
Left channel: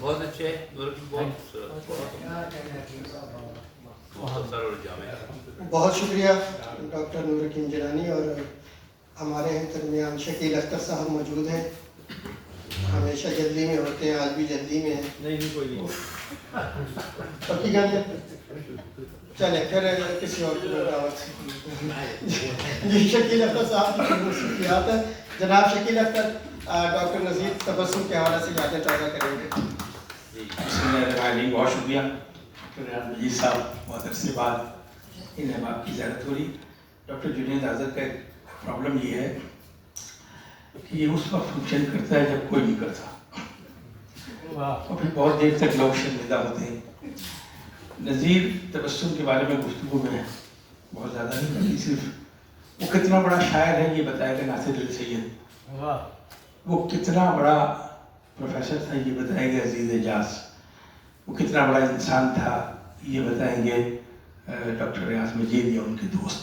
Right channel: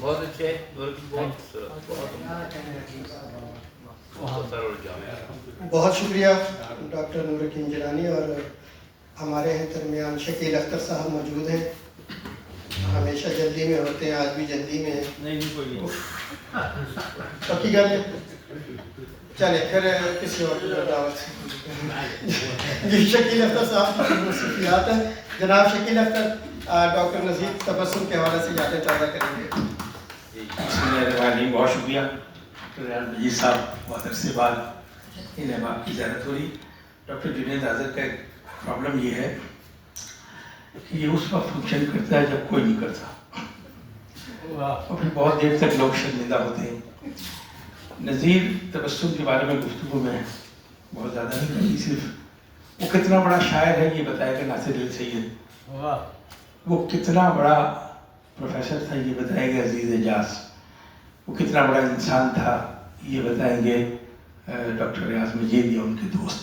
بہت اچھے، بہت شکریہ ڈاکٹر نور الدین جیلانی، اور ہمارے درمیان شکیل اختر صاحب موجود ہیں، ہمیشہ جلدی میں ہوتے ہیں، آج بھی جلدی میں ہیں۔ پکی گل ہے، چلے پھر کسی اور دعوت سے۔ یہ شکیل اختر صاحب کی مصروفیات ہیں۔ جناب شکیل اختر ڈاکٹر نذیر تبسم کے حوالے سے یادیں تازہ کریں گے۔ بسم اللہ الرحمن الرحیم، بہت شکریہ ڈاکٹر ریحان مجید صاحب، بہت عرصے بعد انہیں آپ کی زیارت ہو رہی۔ ڈاکٹر جنید آذر کا ایک پرابلم یہ ہے کہ یہ اس وقت فنکشن کرتا ہے جب کوئی نہیں کرتا، اور پھر بہت دیر تک لوگ شرمندہ ہوتے ہیں۔ نذیر تبسم کے بارے میں گفتگو میں بہت زیادہ نہیں کرتی، صرف وہ کتنا بڑا شاعر ہے یہ بتائے گا ناصر علی سید، وہ کتنا بڑا پروفیسر تھا یہ بتائے گا عزیز اعجاز، وہ کتنا بڑا انسان تھا یہ بتائیں گے ڈاکٹر ریاض مجید یا ان کے دوست،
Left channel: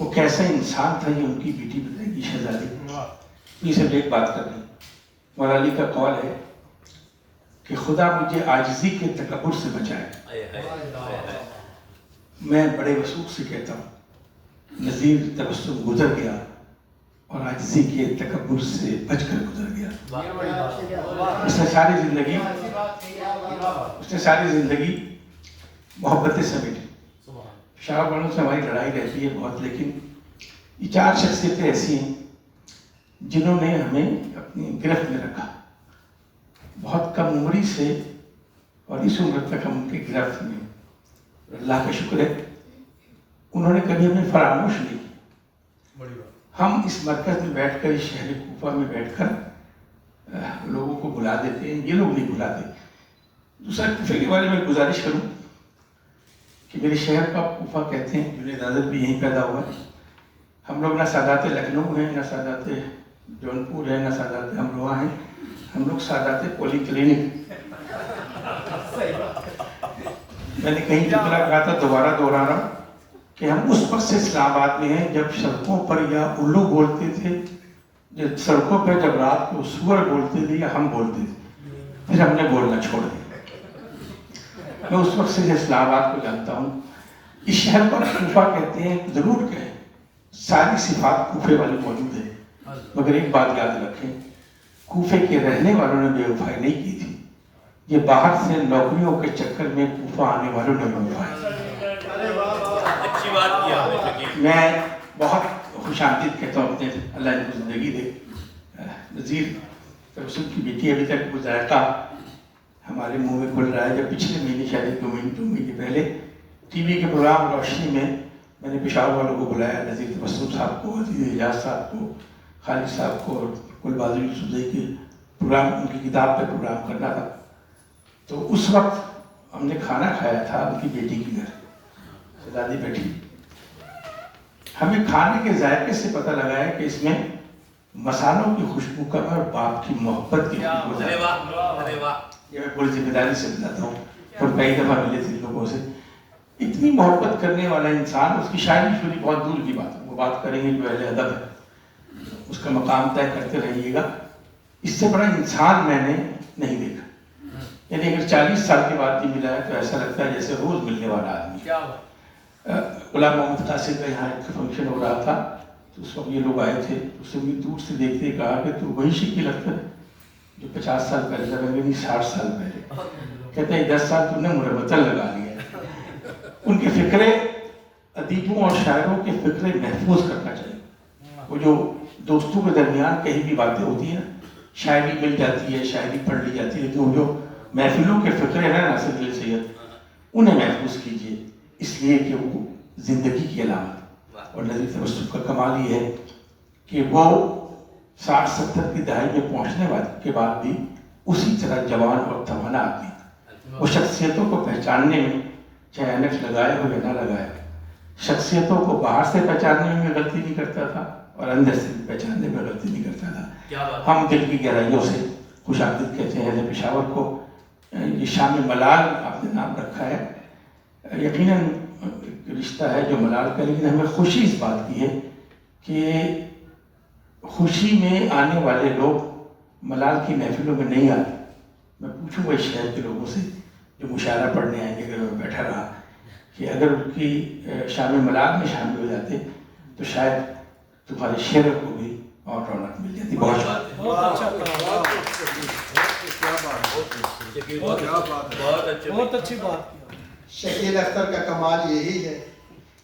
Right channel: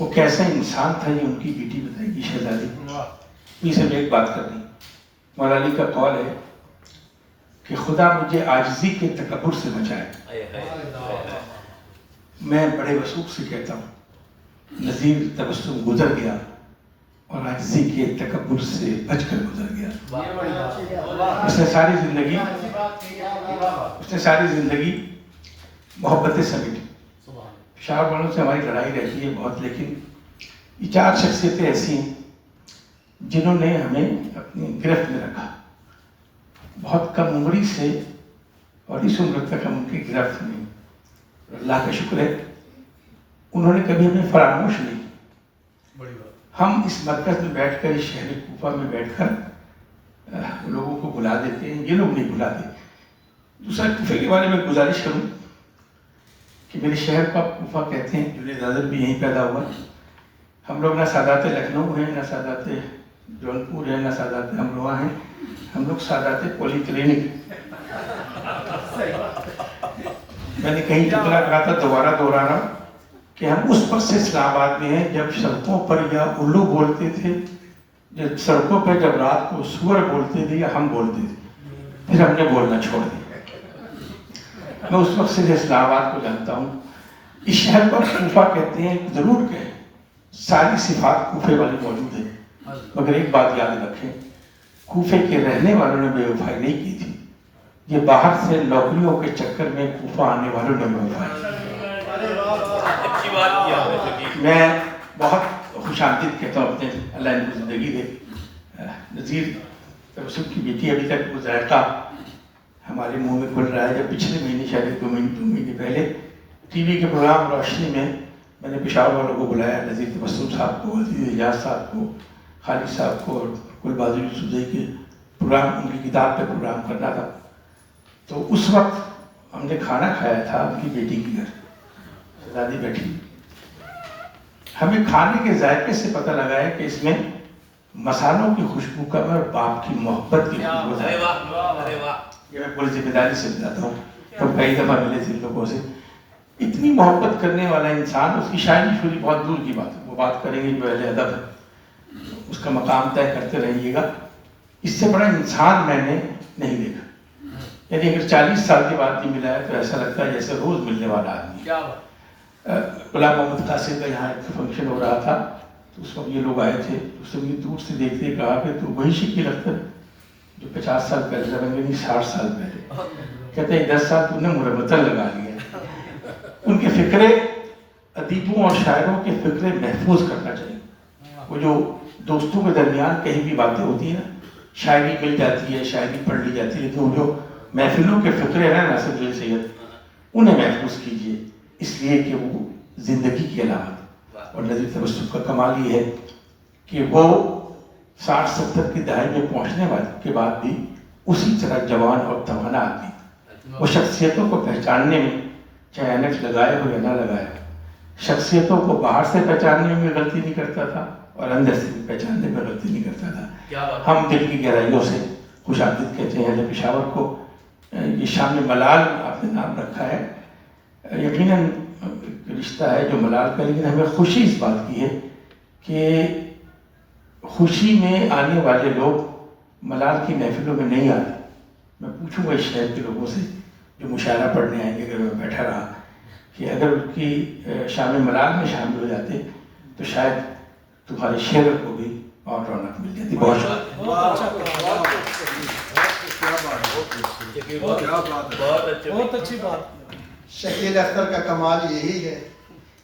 وہ کیسا انسان تھا یہ ان کی بیٹی بتائے گی شہزادی۔ یہ سب ایک بات کرنی، مولا علی کا قول ہے کہ خدا مجھے عاجزی کے تکبر سے بچائے۔ میں بڑے وثوق سے کہتا ہوں نذیر تبسم گزر گیا اور عاجزی کے تکبر سے بچ کر گزر گیا۔ اس نے ساری زندگی محبتیں سمیٹی۔ شاہ والوں سے ہماری لڑائی رہتی ہے بہت، لیکن یہ چار شخصیتیں ایسی ہیں جنہوں نے ہمیں اپنی گرفت میں رکھا، بہت کم عمری سے اور اس عمر تک ہم ان کی گرفت میں۔ اللہ کا شکر ہے انہوں نے کبھی ہمیں فراموش نہیں۔ ہم اس مرکز میں بیٹھ کر، اس شہر کوفہ میں بیٹھ کر لوگوں کو بلا دیتے ہیں، یہ لوگ نہیں بلاتے۔ دوسرا کوفے کے بارے میں گزارش کروں کہ میرے شہر کو آپ کوفہ کہتے ہیں، جنید آذر بھی یہیں پیدا ہوا۔ ہم لوگ نہ سادات لکھنؤ ہیں، نہ سادات جونپور ہیں، نہ سادات امروہہ ہیں، ہم لوگ سادات پولی کلینک۔ میں نے کہیں جتنا کہا تھا دوبارہ دہرانا کہ ہم اس وقت سے اسلام آباد میں ہیں جب سڑکوں پر یا الو بولتے تھے، جب سڑکوں پر جب رات کو سور بولتے تھے یا ہم بولتے تھے، پھر ہم نے بولنا چھوڑ دیا۔ میں اس وقت سے اسلام آباد کو جانتا ہوں۔ اس شہر کو کوفہ کہتے ہیں، ضرور کہیں ساری صفات کوفے والی موجود ہیں، مگر ایک بات یاد رکھیں، کوفے کے رہنے والوں نے بے وفائی نہیں کی تھی، یہ باہر سے نوکریوں کے چکر میں کوفہ آنے والوں نے بے وفائی۔ میں بہت خوش آمدید کہتا ہوں اپنے، اللہ ان کو زندگی دے۔ نذیر تبسم کی بیٹی ابھی تک وہ ذائقہ ہمارے منہ میں کھل رہا ہے۔ جب پچھلے مہینے شاید 2 مہینے پہلے ٹی وی کے پروگرام روشنی میں نے پشاور والوں کو بلایا، نذیر تبسم صاحب کو، عزیز اعجاز صاحب کو، خالد صاحب کو، اور کوئی بازو یوسفزئی کے پروگرام، ان کی کتاب پہ پروگرام کرنا تھا۔ تو اس وقت ہم نے کھانا کھایا تھا ان کی بیٹی کے گھر، شہزادی بیٹھی۔ ہمیں کھانے کے ذائقے سے پتہ لگا ہے کہ اس میں مسالوں کی خوشبو کا اور باپ کی محبت کی خوشبو ہے۔ یہ میں پوری ذمہ داری سے بتاتا ہوں، ہم کئی دفعہ ملے تھے لوگوں سے۔ اتنی محبت کرنے والا انسان، اس کی شاعری شوری بہت دور کی بات ہے، وہ بات کریں گے جو اہل ادب ہے، اس کا مقام طے کرتے رہیے گا۔ اس سے بڑا انسان میں نے نہیں دیکھا، یعنی اگر 40 سال کے بعد بھی ملا ہے تو ایسا لگتا ہے جیسے روز ملنے والا آدمی۔ غلام محمد قاسم کا یہاں ایک فنکشن ہو رہا تھا، تو اس وقت یہ لوگ آئے تھے، اس نے دور سے دیکھتے کہا کہ تو وہی شکیل اختر جو 50 سال پہلے، نہیں 60 سال پہلے، کہتے ہیں 10 سال تم نے مربتن لگا لیا۔ ان کے فکرے ادیبوں اور شاعروں کے فکرے محفوظ کرنا چاہیے۔ وہ جو دوستوں کے درمیان کہیں بھی باتیں ہوتی ہیں، شاعری مل جاتی ہے، شاعری پڑھ لی جاتی ہے، لیکن وہ جو محفلوں کے فکرے ہیں ناصر علی سید، انہیں محفوظ کیجیے، اس لیے کہ وہ زندگی کی علامت۔ اور نظیر تبسم کا کمال یہ ہے کہ وہ 60-70 کی دہائی میں پہنچنے کے بعد بھی اسی طرح جوان اور توانا آدمی تھا۔ وہ شخصیتوں کو پہچاننے میں چاہے اینک لگائے ہو یا نہ لگائے، شخصیتوں کو باہر سے پہچاننے میں غلطی نہیں کرتا تھا اور اندر سے بھی پہچاننے میں غلطی نہیں کرتا تھا۔ ہم دل کی گہرائیوں سے خوش آمدید کہتے ہیں اہل پشاور کو۔ یہ شام ملال آپ نے نام رکھا ہے، یقیناً رشتہ ہے جو ملال کا، لیکن ہمیں خوشی اس بات کی ہے کہ خوشی میں آنے والے لوگ ملال کی محفلوں میں نہیں آتے۔ میں پوچھوں گا اس شہر کے لوگوں سے جو مشاعرہ پڑھنے آئیں گے، اگر میں بیٹھا رہا، کہ اگر ان کی شام ملال میں شامل ہو جاتے تو شاید تمہارے شعروں کو بھی اور رونق مل جاتی۔ بہت بہت اچھی بات۔ شکیل اختر کا کمال یہی ہے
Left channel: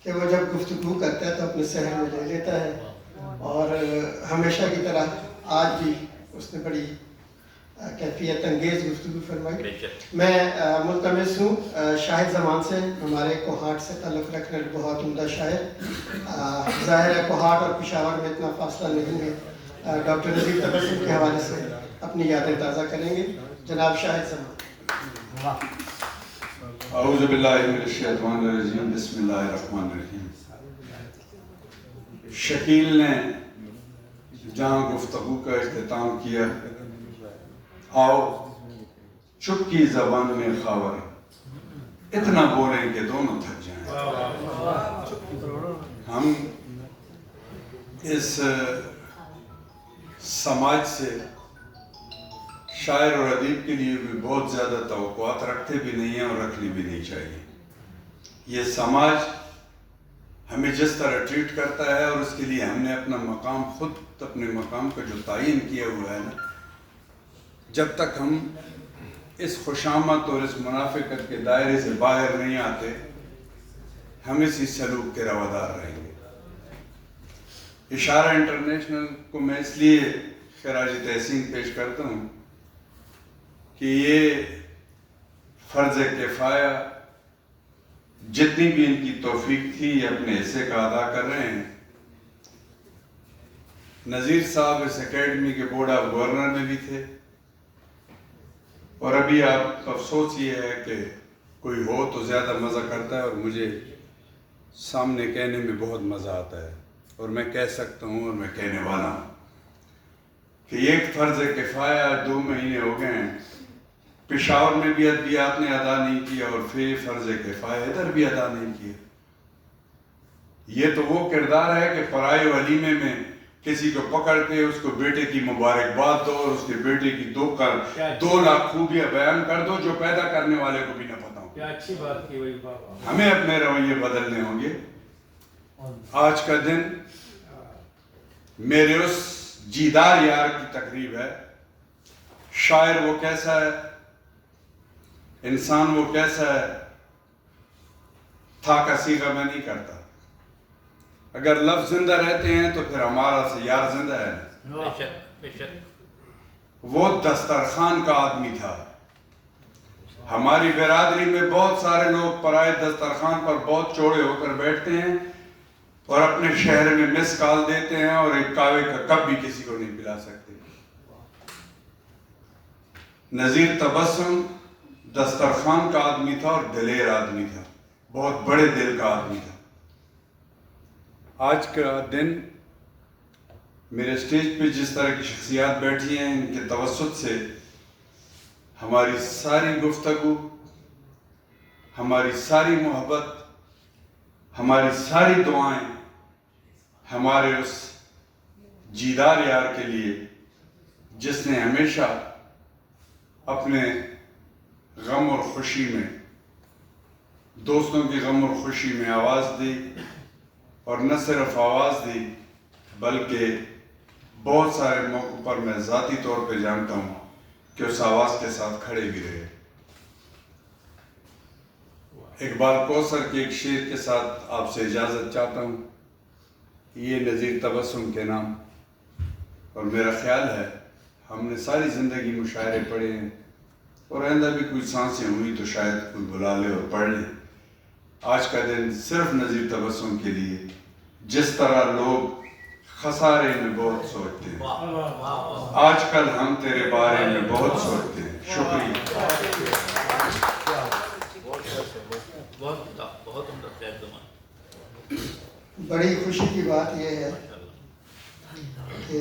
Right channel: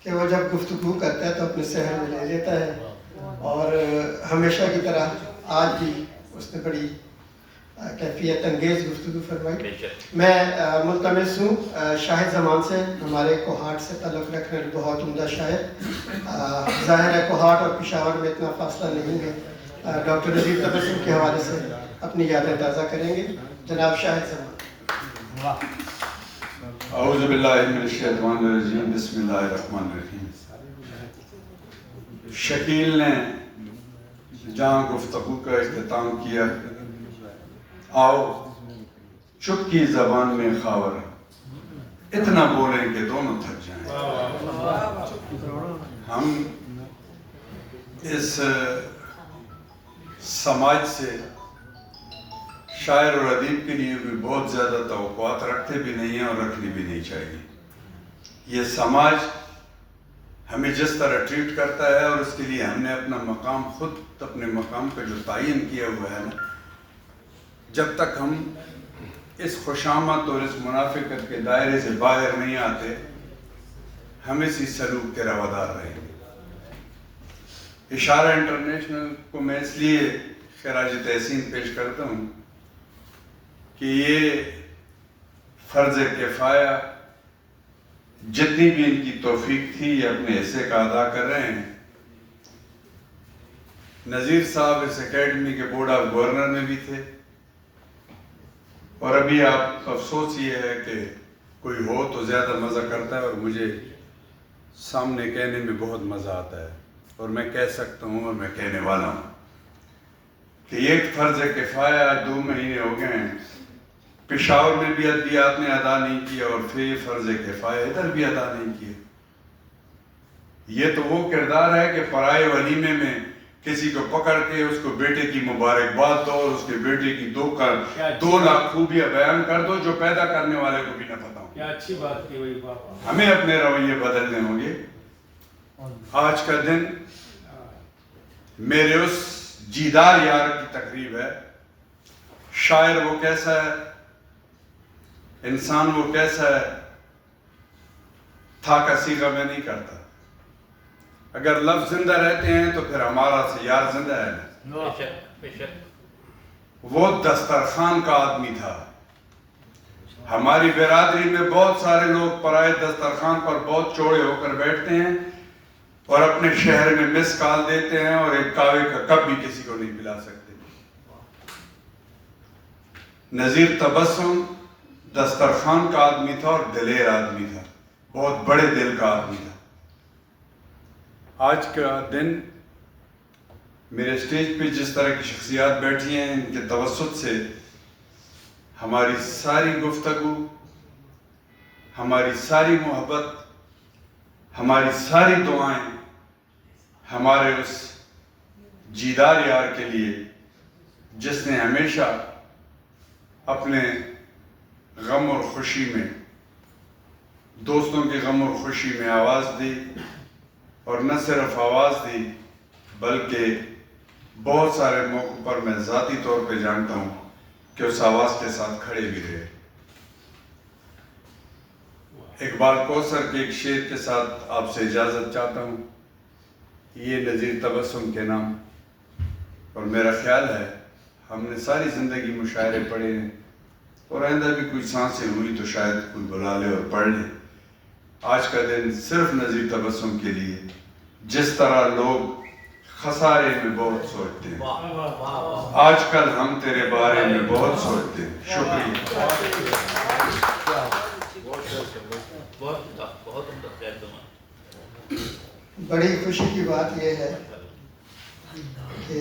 کہ وہ جب گفتگو کرتا ہے تو اپنے ذہن میں لے لیتا ہے، اور ہمیشہ کی طرح آج بھی اس نے بڑی کیفیت انگیز گفتگو فرمائی۔ میں ملتمس ہوں شاہد زمان سے، ہمارے کوہاٹ سے تعلق رکھنے والے بہت عمدہ شاعر، ظاہر ہے کوہاٹ اور پشاور میں اتنا فاصلہ نہیں ہے، ڈاکٹر نذیر تبسم کے حوالے سے اپنی یادیں تازہ کریں گے۔ جناب شاہد زمان۔ اعوذ باللہ من الشیطان الرجیم، بسم اللہ الرحمن الرحیم۔ شکیل نے جہاں گفتگو کا اختتام کیا، آؤ چپ کی زبان میں خاور، اتنا بولیں کہ دونوں تھک جائیں۔ ہم اس سماج سے شاعر اور ادیب کے لیے بھی بہت زیادہ توقعات رکھتے بھی نہیں ہیں اور رکھنی بھی نہیں چاہیے۔ یہ سماج ہمیں جس طرح ٹریٹ کرتا ہے، اور اس کے لیے ہم نے اپنا مقام، خود اپنے مقام کا جو تعین کیا ہوا ہے نا، جب تک ہم اس خوشامد اور اس منافقت کے دائرے سے باہر نہیں آتے، ہم اسی سلوک کے روادار رہیں گے۔ اشارہ انٹرنیشنل کو میں اس لیے خراج تحسین پیش کرتا ہوں کہ یہ فرض کفایہ جتنی بھی ان کی توفیق تھی یہ اپنے حصے کا ادا کر رہے ہیں۔ نذیر صاحب اس اکیڈمی کے بورڈ آف گورنر میں بھی تھے، اور ابھی آپ افسوس یہ ہے کہ کوئی ہو تو زیادہ مزہ کرتا ہے، اور مجھے سامنے کہنے میں بہت مزہ آتا ہے، اور میں کہہ سکتا ہوں اور میں کہنے والا ہوں کہ ایک فرض کفایہ 2 مہینے ہو گئے ہیں، پشاور میں بھی ادبیات نے ادا نہیں کیا، اور پھر فرض کفایہ ادھر بھی ادا نہیں کیا۔ یہ تو وہ کردار ہے کہ پرائے ولیمے میں کسی کو پکڑ کے اس کو بیٹے کی مبارکباد دو، اور اس کے بیٹے کی 2 لاکھ خوبیاں بیان کر دو جو پیدا کرنے والے کو بھی نہ پتا ہو۔ کیا اچھی بات کی ہوئی بابا۔ ہمیں اپنے رویے بدلنے ہوں گے۔ آج کا دن میرے اس جیدار یار کی تقریب ہے۔ شاعر وہ کیسا ہے، انسان وہ کیسا ہے، تھا کا صیغہ میں نہیں کرتا۔ اگر لفظ زندہ رہتے ہیں تو پھر ہمارا سے یار زندہ ہے۔ وہ دسترخوان کا آدمی تھا۔ ہماری برادری میں بہت سارے لوگ پرائے دسترخوان پر بہت چوڑے ہو کر بیٹھتے ہیں اور اپنے شہر میں مس کال دیتے ہیں، اور ایک کعوے کا کپ بھی کسی کو نہیں پلا سکتے۔ نذیر تبسم دسترخوان کا آدمی تھا اور دلیر آدمی تھا، بہت بڑے دل کا آدمی تھا۔ آج کا دن میرے اسٹیج پہ جس طرح کی شخصیات بیٹھی ہیں، ان کے توسط سے ہماری ساری گفتگو، ہماری ساری محبت، ہماری ساری دعائیں ہمارے اس جیدار یار کے لیے، جس نے ہمیشہ اپنے غم اور خوشی میں، دوستوں کی غم اور خوشی میں آواز دی، اور نہ صرف آواز دی بلکہ بہت سارے موقعوں پر میں ذاتی طور پہ جانتا ہوں کہ اس آواز کے ساتھ کھڑے بھی رہے۔ اقبال کوثر کے ایک شعر کے ساتھ آپ سے اجازت چاہتا ہوں، یہ نذیر تبسم کے نام، اور میرا خیال ہے ہم نے ساری زندگی مشاعرے پڑھے ہیں، اور آئندہ بھی کوئی سانسیں ہوئی تو شاید کوئی بلا لے اور پڑھ لے۔ آج کا دن صرف نظیر تبسم کے لیے، جس طرح لوگ خسارے میں بہت سوچتے ہیں، آج کل ہم تیرے بارے میں بہت سوچتے ہیں۔ شکریہ۔ بہت عمدہ خیر زمان۔ بڑی خوشی کی بات یہ ہے کہ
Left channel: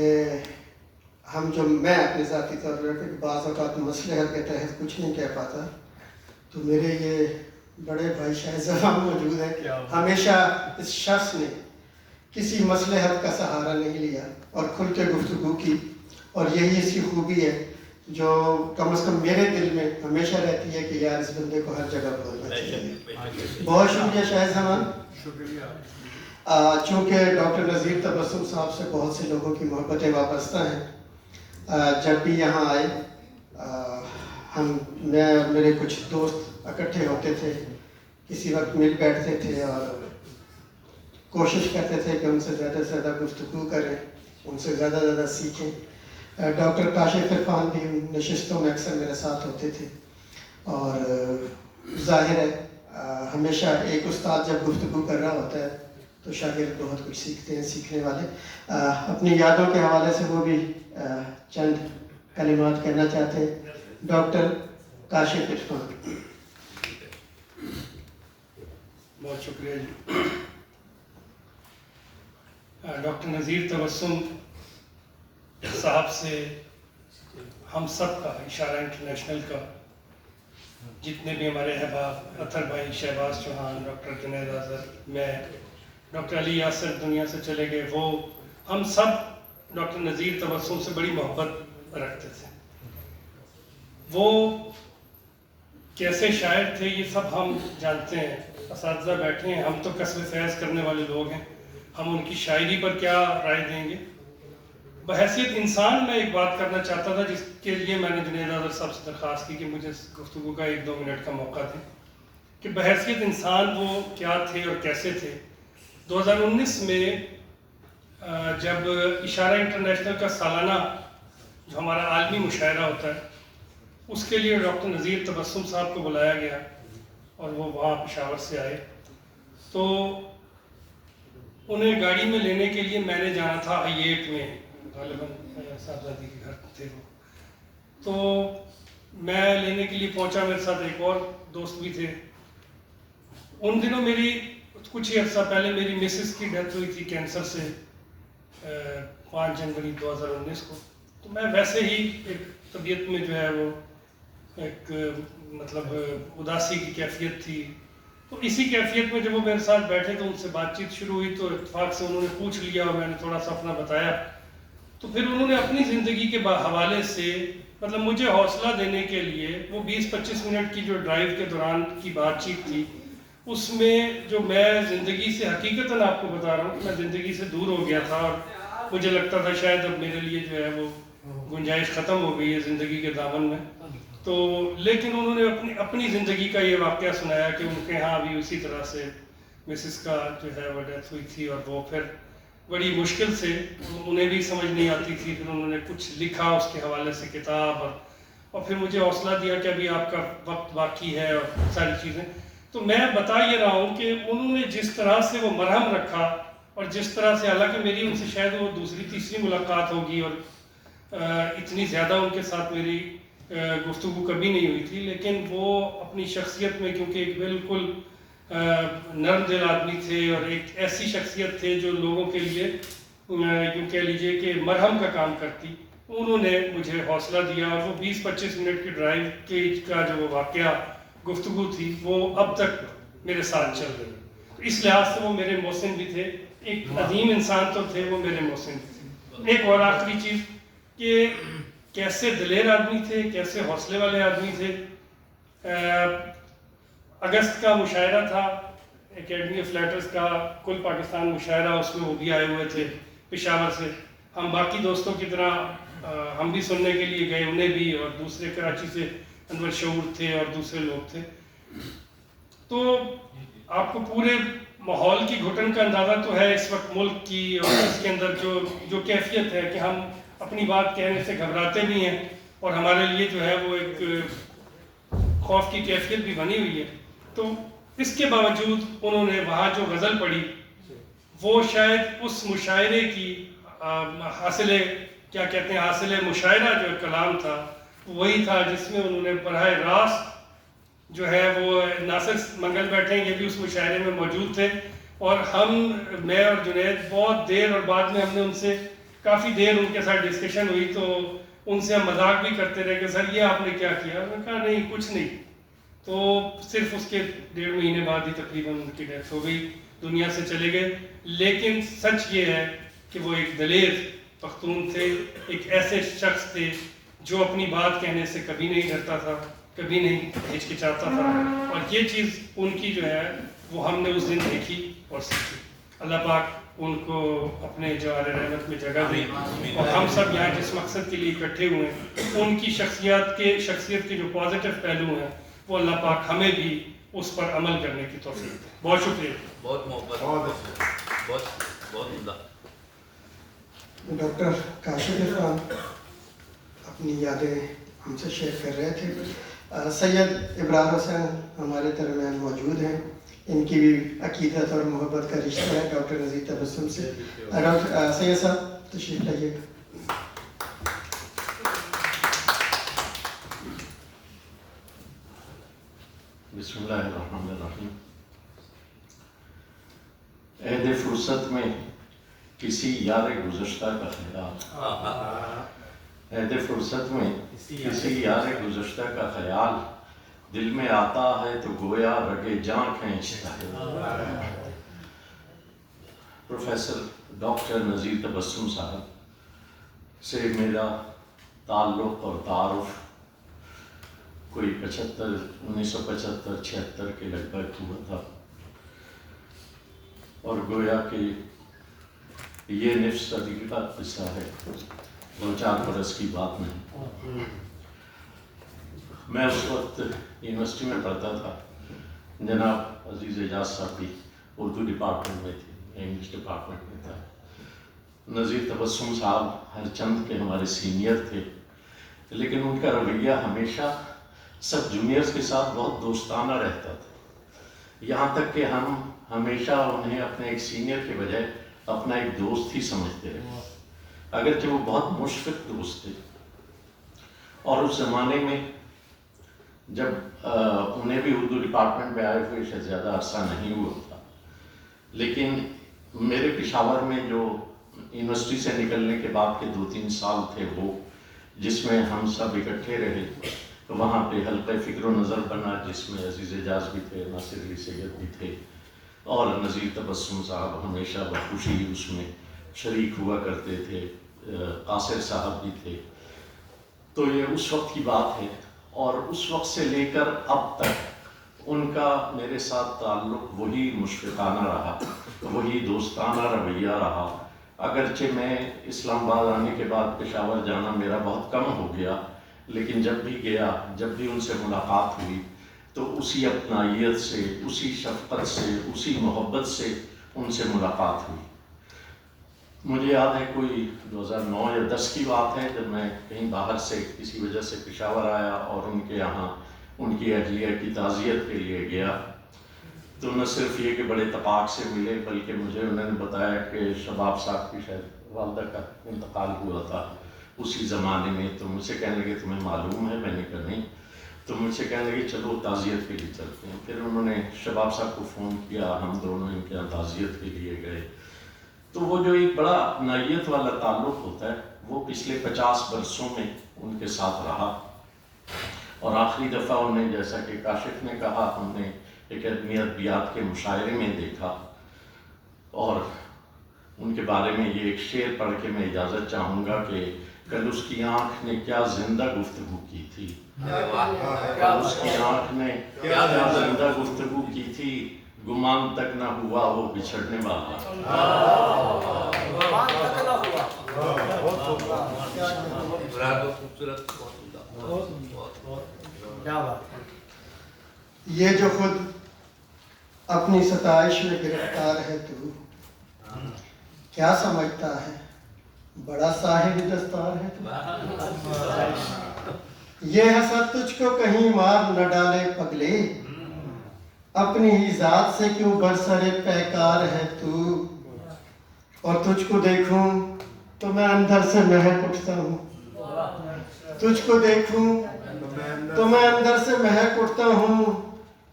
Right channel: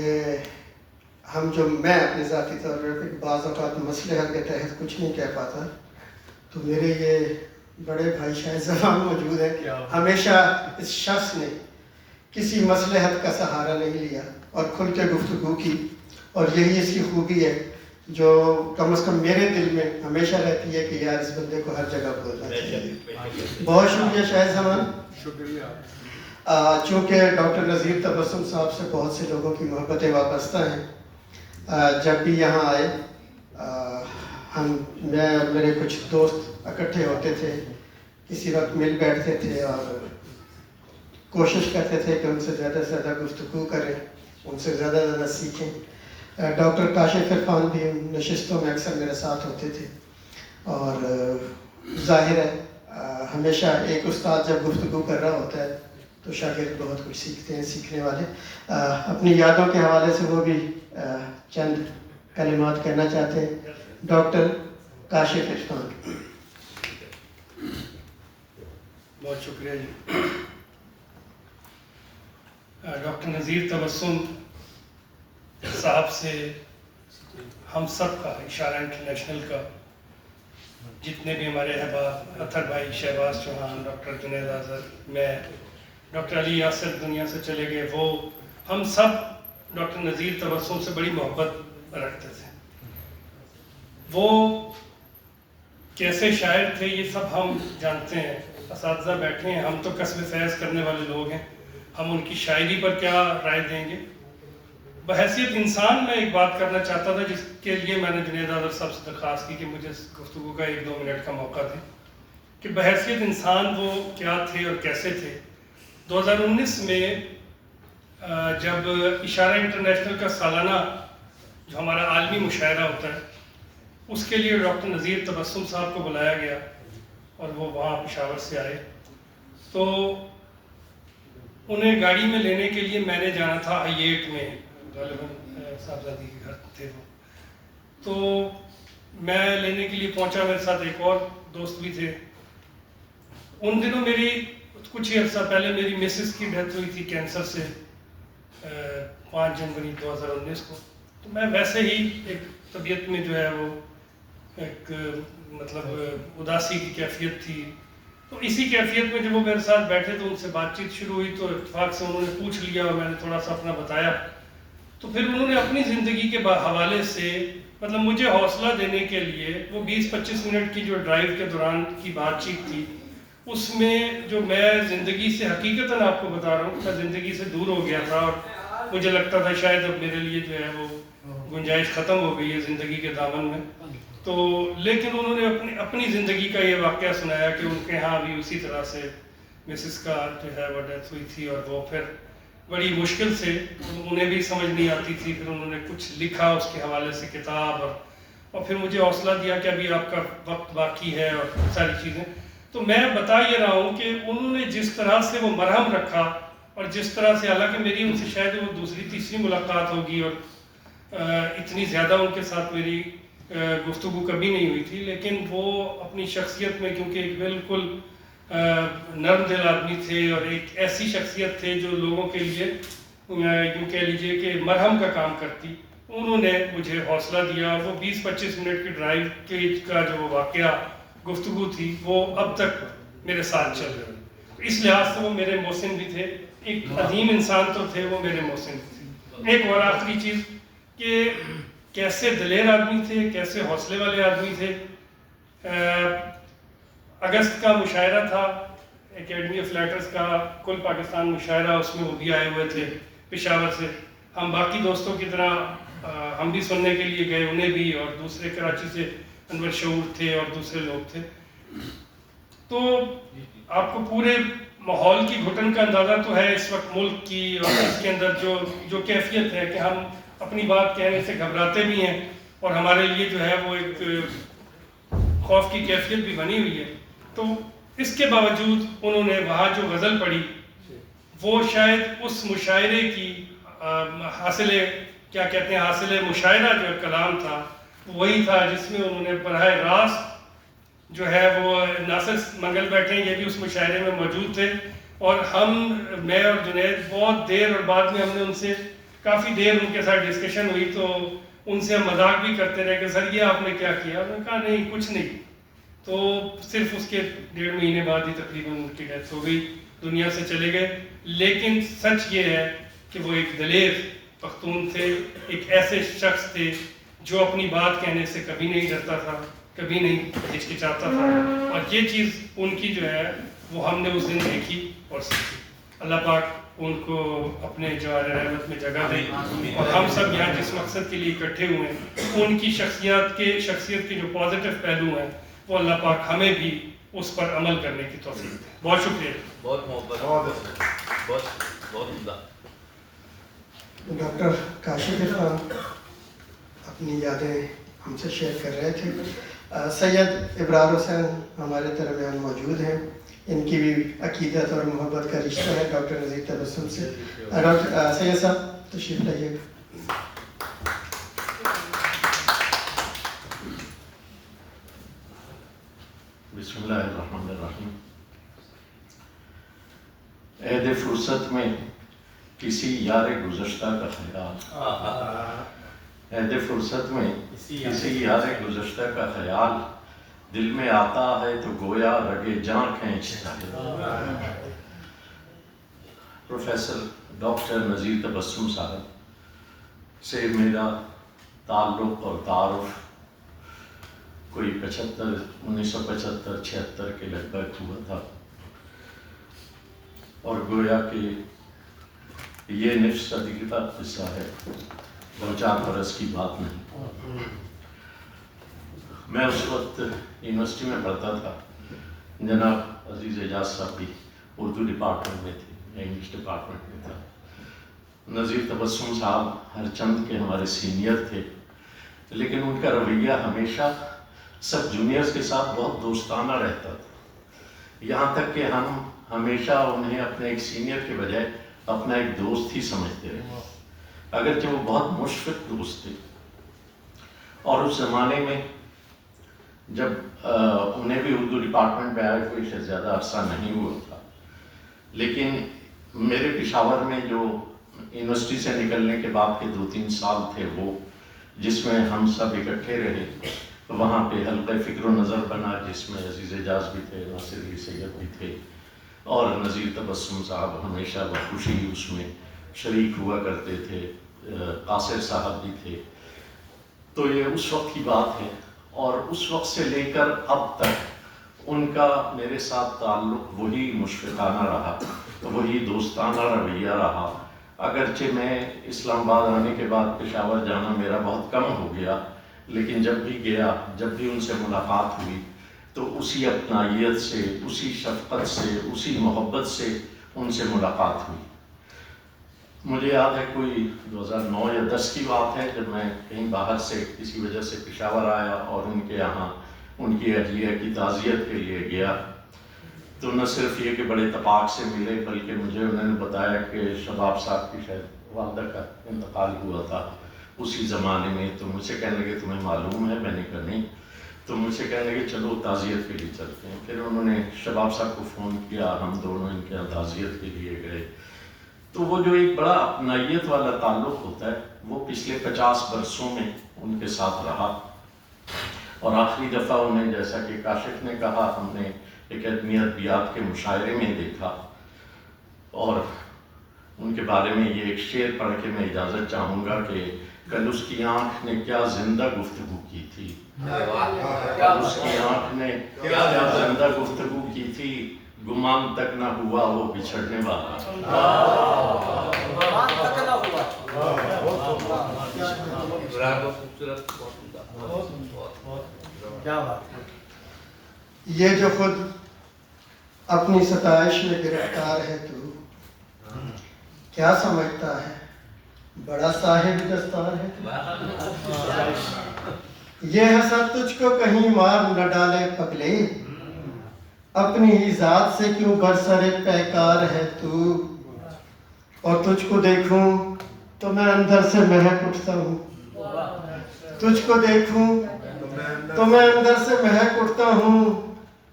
میں اپنے ذاتی طور پر بعض اوقات مسئلے حل کے تحت کچھ نہیں کہہ پاتا، تو میرے یہ بڑے بھائی شاہد زمان موجود ہیں۔ ہمیشہ اس شخص نے کسی مسئلے حل کا سہارا نہیں لیا اور کھل کے گفتگو کی، اور یہی اس کی خوبی ہے جو کم از کم میرے دل میں ہمیشہ رہتی ہے کہ یار اس بندے کو ہر جگہ بولنا چاہیے۔ بہت شکریہ شاہد زمان۔ چونکہ ڈاکٹر نذیر تبسم صاحب سے بہت سے لوگوں کی محبتیں وابستہ ہیں، جب بھی یہاں آئے میں اور میرے کچھ دوست اکٹھے ہوتے تھے، کسی وقت مل بیٹھتے تھے اور کوشش کرتے تھے کہ ان سے زیادہ سے زیادہ گفتگو کریں، ان سے زیادہ سے زیادہ سیکھیں۔ ڈاکٹر کاشف عرفان بھی ان نشستوں میں اکثر میرے ساتھ ہوتے تھے، اور ظاہر ہے ہمیشہ ایک استاد جب گفتگو کر رہا ہوتا ہے تو شاگرد بہت کچھ سیکھتے ہیں، سیکھنے والے۔ اپنی یادوں کے حوالے سے وہ بھی چند کلمات کہنا چاہتے ہیں۔ ڈاکٹر کاشف عرفان۔ بہت شکریہ جی۔ ڈاکٹر نذیر تبسم صاحب سے ہم سب کا، اشارہ انٹرنیشنل کا، جتنے بھی ہمارے احباب، اطہر بھائی، شہباز چوہان، ڈاکٹر جنید اظہر، میں، ڈاکٹر علی یاسر دنیا سے چلے گئے، وہ ہم سب ڈاکٹر نذیر تبسم سے بڑی محبت رکھتے تھے۔ وہ کیسے شاعر تھے یہ سب ہم جانتے ہیں، اساتذہ بیٹھے ہیں، ہم تو کسب فیض کرنے والے لوگ ہیں، ہم ان کی شاعری پر کیا رائے دیں گے۔ بحیثیت انسان میں ایک بات کرنا چاہتا تھا جس کے لیے میں نے جنید اظہر صاحب سے درخواست کی کہ مجھے گفتگو کا 1-2 منٹ کا موقع دیں، کہ بحیثیت انسان وہ کیا تھے اور کیسے تھے۔ 2019 میں جب اشارہ انٹرنیشنل کا سالانہ جو ہمارا عالمی مشاعرہ ہوتا ہے، اس کے لیے ڈاکٹر نذیر تبسم صاحب کو بلایا گیا اور وہ وہاں پشاور سے آئے، تو انہیں گاڑی میں لینے کے لیے میں نے جانا تھا I8 میں، غالباً صاحبزادی کے گھر تھے وہ، تو میں لینے کے لیے پہنچا، میرے ساتھ ایک اور دوست بھی تھے۔ ان دنوں میری کچھ ہی عرصہ پہلے میری مسز کی ڈیتھ ہوئی تھی کینسر سے، 5 جنوری 2019 کو، تو میں ویسے ہی ایک طبیعت میں جو ہے وہ ایک مطلب اداسی کی کیفیت تھی، تو اسی کیفیت میں جب وہ میرے ساتھ بیٹھے تو ان سے بات چیت شروع ہوئی، تو اتفاق سے انہوں نے پوچھ لیا اور میں نے تھوڑا سا اپنا بتایا، تو پھر انہوں نے اپنی زندگی کے حوالے سے مطلب مجھے حوصلہ دینے کے لیے وہ 20-25 منٹ کی جو ڈرائیو کے دوران کی بات چیت تھی، اس میں جو میں زندگی سے حقیقتاً آپ کو بتا رہا ہوں، میں زندگی سے دور ہو گیا تھا اور مجھے لگتا تھا شاید اب میرے لیے جو ہے وہ گنجائش ختم ہو گئی ہے زندگی کے دامن میں، تو لیکن انہوں نے اپنی زندگی کا یہ واقعہ سنایا کہ ان کے ہاں بھی اسی طرح سے مسز کا جو ہے وہ ڈیتھ ہوئی تھی، اور وہ پھر بڑی مشکل سے، انہیں بھی سمجھ نہیں آتی تھی، پھر انہوں نے کچھ لکھا اس کے حوالے سے کتاب، اور پھر مجھے حوصلہ دیا کہ ابھی آپ کا وقت باقی ہے اور ساری چیزیں۔ تو میں بتا یہ رہا ہوں کہ انہوں نے جس طرح سے وہ مرہم رکھا، اور جس طرح سے، حالانکہ میری ان سے شاید وہ دوسری تیسری ملاقات ہوگی اور اتنی زیادہ ان کے ساتھ میری گفتگو کبھی نہیں ہوئی تھی، لیکن وہ اپنی شخصیت میں کیونکہ ایک بالکل نرم دل آدمی تھے اور ایک ایسی شخصیت تھے جو لوگوں کے لیے یوں کہہ لیجئے کہ مرہم کا کام کرتی، انہوں نے مجھے حوصلہ دیا، اور وہ 20-25 منٹ کی ڈرائیو کا جو وہ واقعہ گفتگو تھی وہ اب تک میرے ساتھ چل رہی، تو اس لحاظ سے وہ میرے محسن بھی تھے، ایک عظیم انسان تو تھے، وہ میرے محسن بھی تھے۔ ایک اور آخری چیز کہ کیسے دلیر آدمی تھے، کیسے حوصلے والے آدمی تھے۔ اگست کا مشاعرہ تھا اکیڈمی آف لیٹرز کا، کل پاکستان مشاعرہ، اس میں وہ بھی آئے ہوئے تھے پشاور سے، ہم باقی دوستوں کی طرح ہم بھی سننے کے لیے گئے، انہیں بھی، اور دوسرے کراچی سے انور شعور تھے اور دوسرے لوگ تھے۔ تو آپ کو پورے ماحول کی گھٹن کا اندازہ تو ہے اس وقت ملک کی، اور اس کے اندر جو کیفیت ہے کہ ہم اپنی بات کہنے سے گھبراتے بھی ہیں، اور ہمارے لیے جو ہے وہ ایک خوف کی کیفیت بھی بنی ہوئی ہے. تو اس کے باوجود انہوں نے وہاں جو غزل پڑھی وہ شاید اس مشاعرے کی حاصل مشاعرہ جو کلام تھا وہی تھا جس میں انہوں نے براہ راست جو ہے وہ ناصر منگل بیٹھے ہیں، یہ بھی اس مشاعرے میں موجود تھے، اور میں اور جنید بہت دیر، اور بعد میں ہم نے ان سے کافی دیر ان کے ساتھ ڈسکشن ہوئی تو ان سے ہم مذاق بھی کرتے رہے کہ سر یہ آپ نے کیا کیا؟ انہوں نے کہا نہیں کچھ نہیں. تو صرف اس کے 1.5 مہینے بعد ہی تقریباً ان کی ڈیتھ ہو گئی، دنیا سے چلے گئے. لیکن سچ یہ ہے کہ وہ ایک دلیر پختون تھے، ایک ایسے شخص تھے جو اپنی بات کہنے سے کبھی نہیں ڈرتا تھا، کبھی نہیں ہچکچاتا تھا، اور یہ چیز ان کی جو ہے وہ ہم نے اس دن دیکھی اور سیکھی. اللہ پاک ان کو اپنے جوار رحمت میں جگہ دے، اور ہم سب یہاں جس مقصد کے لیے اکٹھے ہوئے ہیں ان کی شخصیت کے جو پازیٹیو پہلو ہیں وہ اللہ پاک ہمیں بھی اس پر عمل کرنے کی توفیق دے. بہت شکریہ. بہت محبت، بہت عمدہ. ڈاکٹر کاشف عرفان اپنی یادیں ہم سے شیئر کر رہے تھے. سید ابرار حسین ہمارے درمیان موجود ہیں، ان کی بھی عقیدت اور محبت کا رشتہ ہے ڈاکٹر نذیر تبسم سے. سید صاحب تشریف لائیے. بسم اللہ الرحمن الرحیم. عہد فرصت میں کسی یار گزشتہ کا خیال، عہد فرصت میں کسی یار گزشتہ کا خیال دل میں آتا ہے تو گویا رگے جاں کھینچتا ہے. پروفیسر ڈاکٹر نذیر تبسم صاحب سے میرا تعلق اور تعارف کوئی 1975-76 کے لگ بھگ ہوا تھا، اور گویا کہ یہ نصف صدی کا قصہ ہے، 2-4 برس کی بات نہیں. میں اس وقت یونیورسٹی میں پڑھتا تھا، جناب عزیز اعجاز صاحب بھی اردو ڈپارٹمنٹ میں تھے، انگلش ڈپارٹمنٹ میں تھا. نذیر تبسم صاحب ہر چند کے ہمارے سینئر تھے، لیکن ان کا رویہ ہمیشہ سب جونیئرز کے ساتھ بہت دوستانہ رہتا تھا، یہاں تک کہ ہم ہمیشہ انہیں اپنے ایک سینئر کے بجائے اپنا ایک دوست ہی سمجھتے رہے، اگرچہ وہ بہت مشفق دوست تھے. اور اس زمانے میں جب انہیں بھی اردو ڈپارٹمنٹ میں آئے ہوئے شاید زیادہ عرصہ نہیں ہوا تھا، لیکن میرے پشاور میں جو یونیورسٹی سے نکلنے کے بعد کے 2-3 سال تھے وہ، جس میں ہم سب اکٹھے رہے، وہاں پہ حلقہ فکر و نظر بنا جس میں عزیز اعجاز بھی تھے، ناصر علی سید بھی تھے، اور نذیر تبسم صاحب ہمیشہ بخوشی اس میں شریک ہوا کرتے تھے، قاصر صاحب بھی تھے. تو یہ اس وقت کی بات ہے، اور اس وقت سے لے کر اب تک ان کا میرے ساتھ تعلق وہی مشفقانہ رہا، وہی دوستانہ رویہ رہا. اگرچہ میں اسلام آباد آنے کے بعد پشاور جانا میرا بہت کم ہو گیا، لیکن جب بھی گیا، جب بھی ان سے ملاقات ہوئی تو اسی اپنائیت سے، اسی شفقت سے، اسی محبت سے ان سے ملاقات ہوئی. مجھے یاد ہے کوئی 2009 یا 10 کی بات ہے، جب میں کہیں باہر سے کسی وجہ سے پشاور آیا اور ان کے یہاں ان کی اہلیہ کی تعزیت کے لیے گیا، تو نہ صرف یہ کہ بڑے اتفاق سے ملے، بلکہ مجھے انہوں نے بتایا کہ شباب صاحب کی شاید والدہ کا انتقال ہوا تھا اسی زمانے میں. تو مجھ سے کہنے لگے تمہیں معلوم ہے؟ میں نے کہا نہیں. تو مجھ سے کہنے لگے چلو تعزیت کے لیے چلتے ہیں. پھر انہوں نے شباب صاحب کو فون کیا، ہم دونوں ان کے یہاں تعزیت کے لیے گئے. تو وہ جو ایک بڑا اپنائیت والا تعلق ہوتا ہے وہ پچھلے 50 برسوں میں ان کے ساتھ رہا. اور آخری دفعہ انہیں، جیسا کہ کاشف نے کہا، ہم نے اکیڈمی ادبیات کے مشاعرے میں دیکھا. اور ان کے بارے میں یہ ایک شعر پڑھ کے میں اجازت چاہوں گا کہ کل اس کی آنکھ نے کیا زندہ گفتگو کی تھی، کل اس کی آنکھ نے کیا زندہ گفتگو کی تھی، گمان تک نہ ہوا وہ بچھڑنے والا. گمان تک نہ ہوا. کیا بات ہے. یہ جو خود اپنی ستائش میں گرفتار ہے تو کیا سمجھتا ہے بڑا صاحب دستار ہے تو. یہ حسد تجھ کو کہیں مار نہ ڈالے پگلے، اپنی ہی ذات سے کیوں برسر پیکار ہے تو، اور تجھ کو دیکھوں تو میں اندر سے مہک اٹھتا ہوں، تجھ کو دیکھوں تو میں اندر سے مہک اٹھتا ہوں،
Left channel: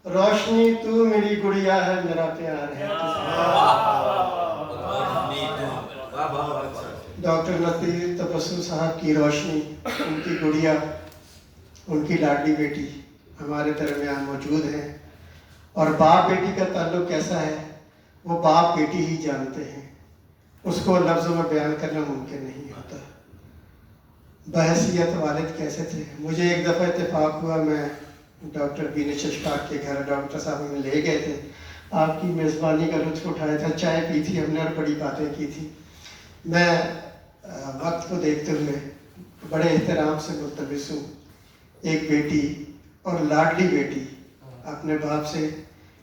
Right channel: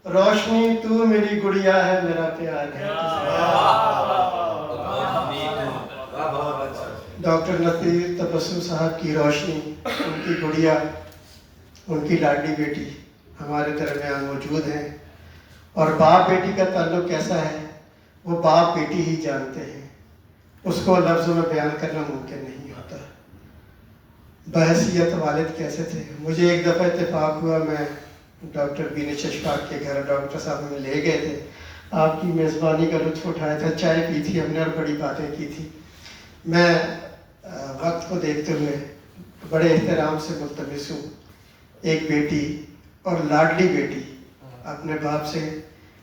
روشنی تو میری گڑیا ہے میرا پیار ہے۔ ڈاکٹر نذیر تبسم صاحب کی روشنی، ان کی گڑیا، ان کی لاڈلی بیٹی ہمارے درمیان موجود ہیں، اور باپ بیٹی کا تعلق کیسا ہے وہ باپ بیٹی ہی جانتے ہیں، اس کو لفظوں میں بیان کرنا ممکن نہیں ہوتا۔ بحیثیت والد کیسے تھے، مجھے ایک دفعہ اتفاق ہوا، میں ڈاکٹر بین چشفاق کے گھر ڈاکٹر صاحب ہمیں لے گئے تھے، آپ کی میزبانی کا لطف اٹھایا تھا، چائے پی تھی ہم نے اور بڑی باتیں کی تھی۔ میں وقت کو دیکھتے ہوئے بڑے احترام سے ملتمس ہوں، ایک بیٹی اور لاڈلی بیٹی اپنے باپ سے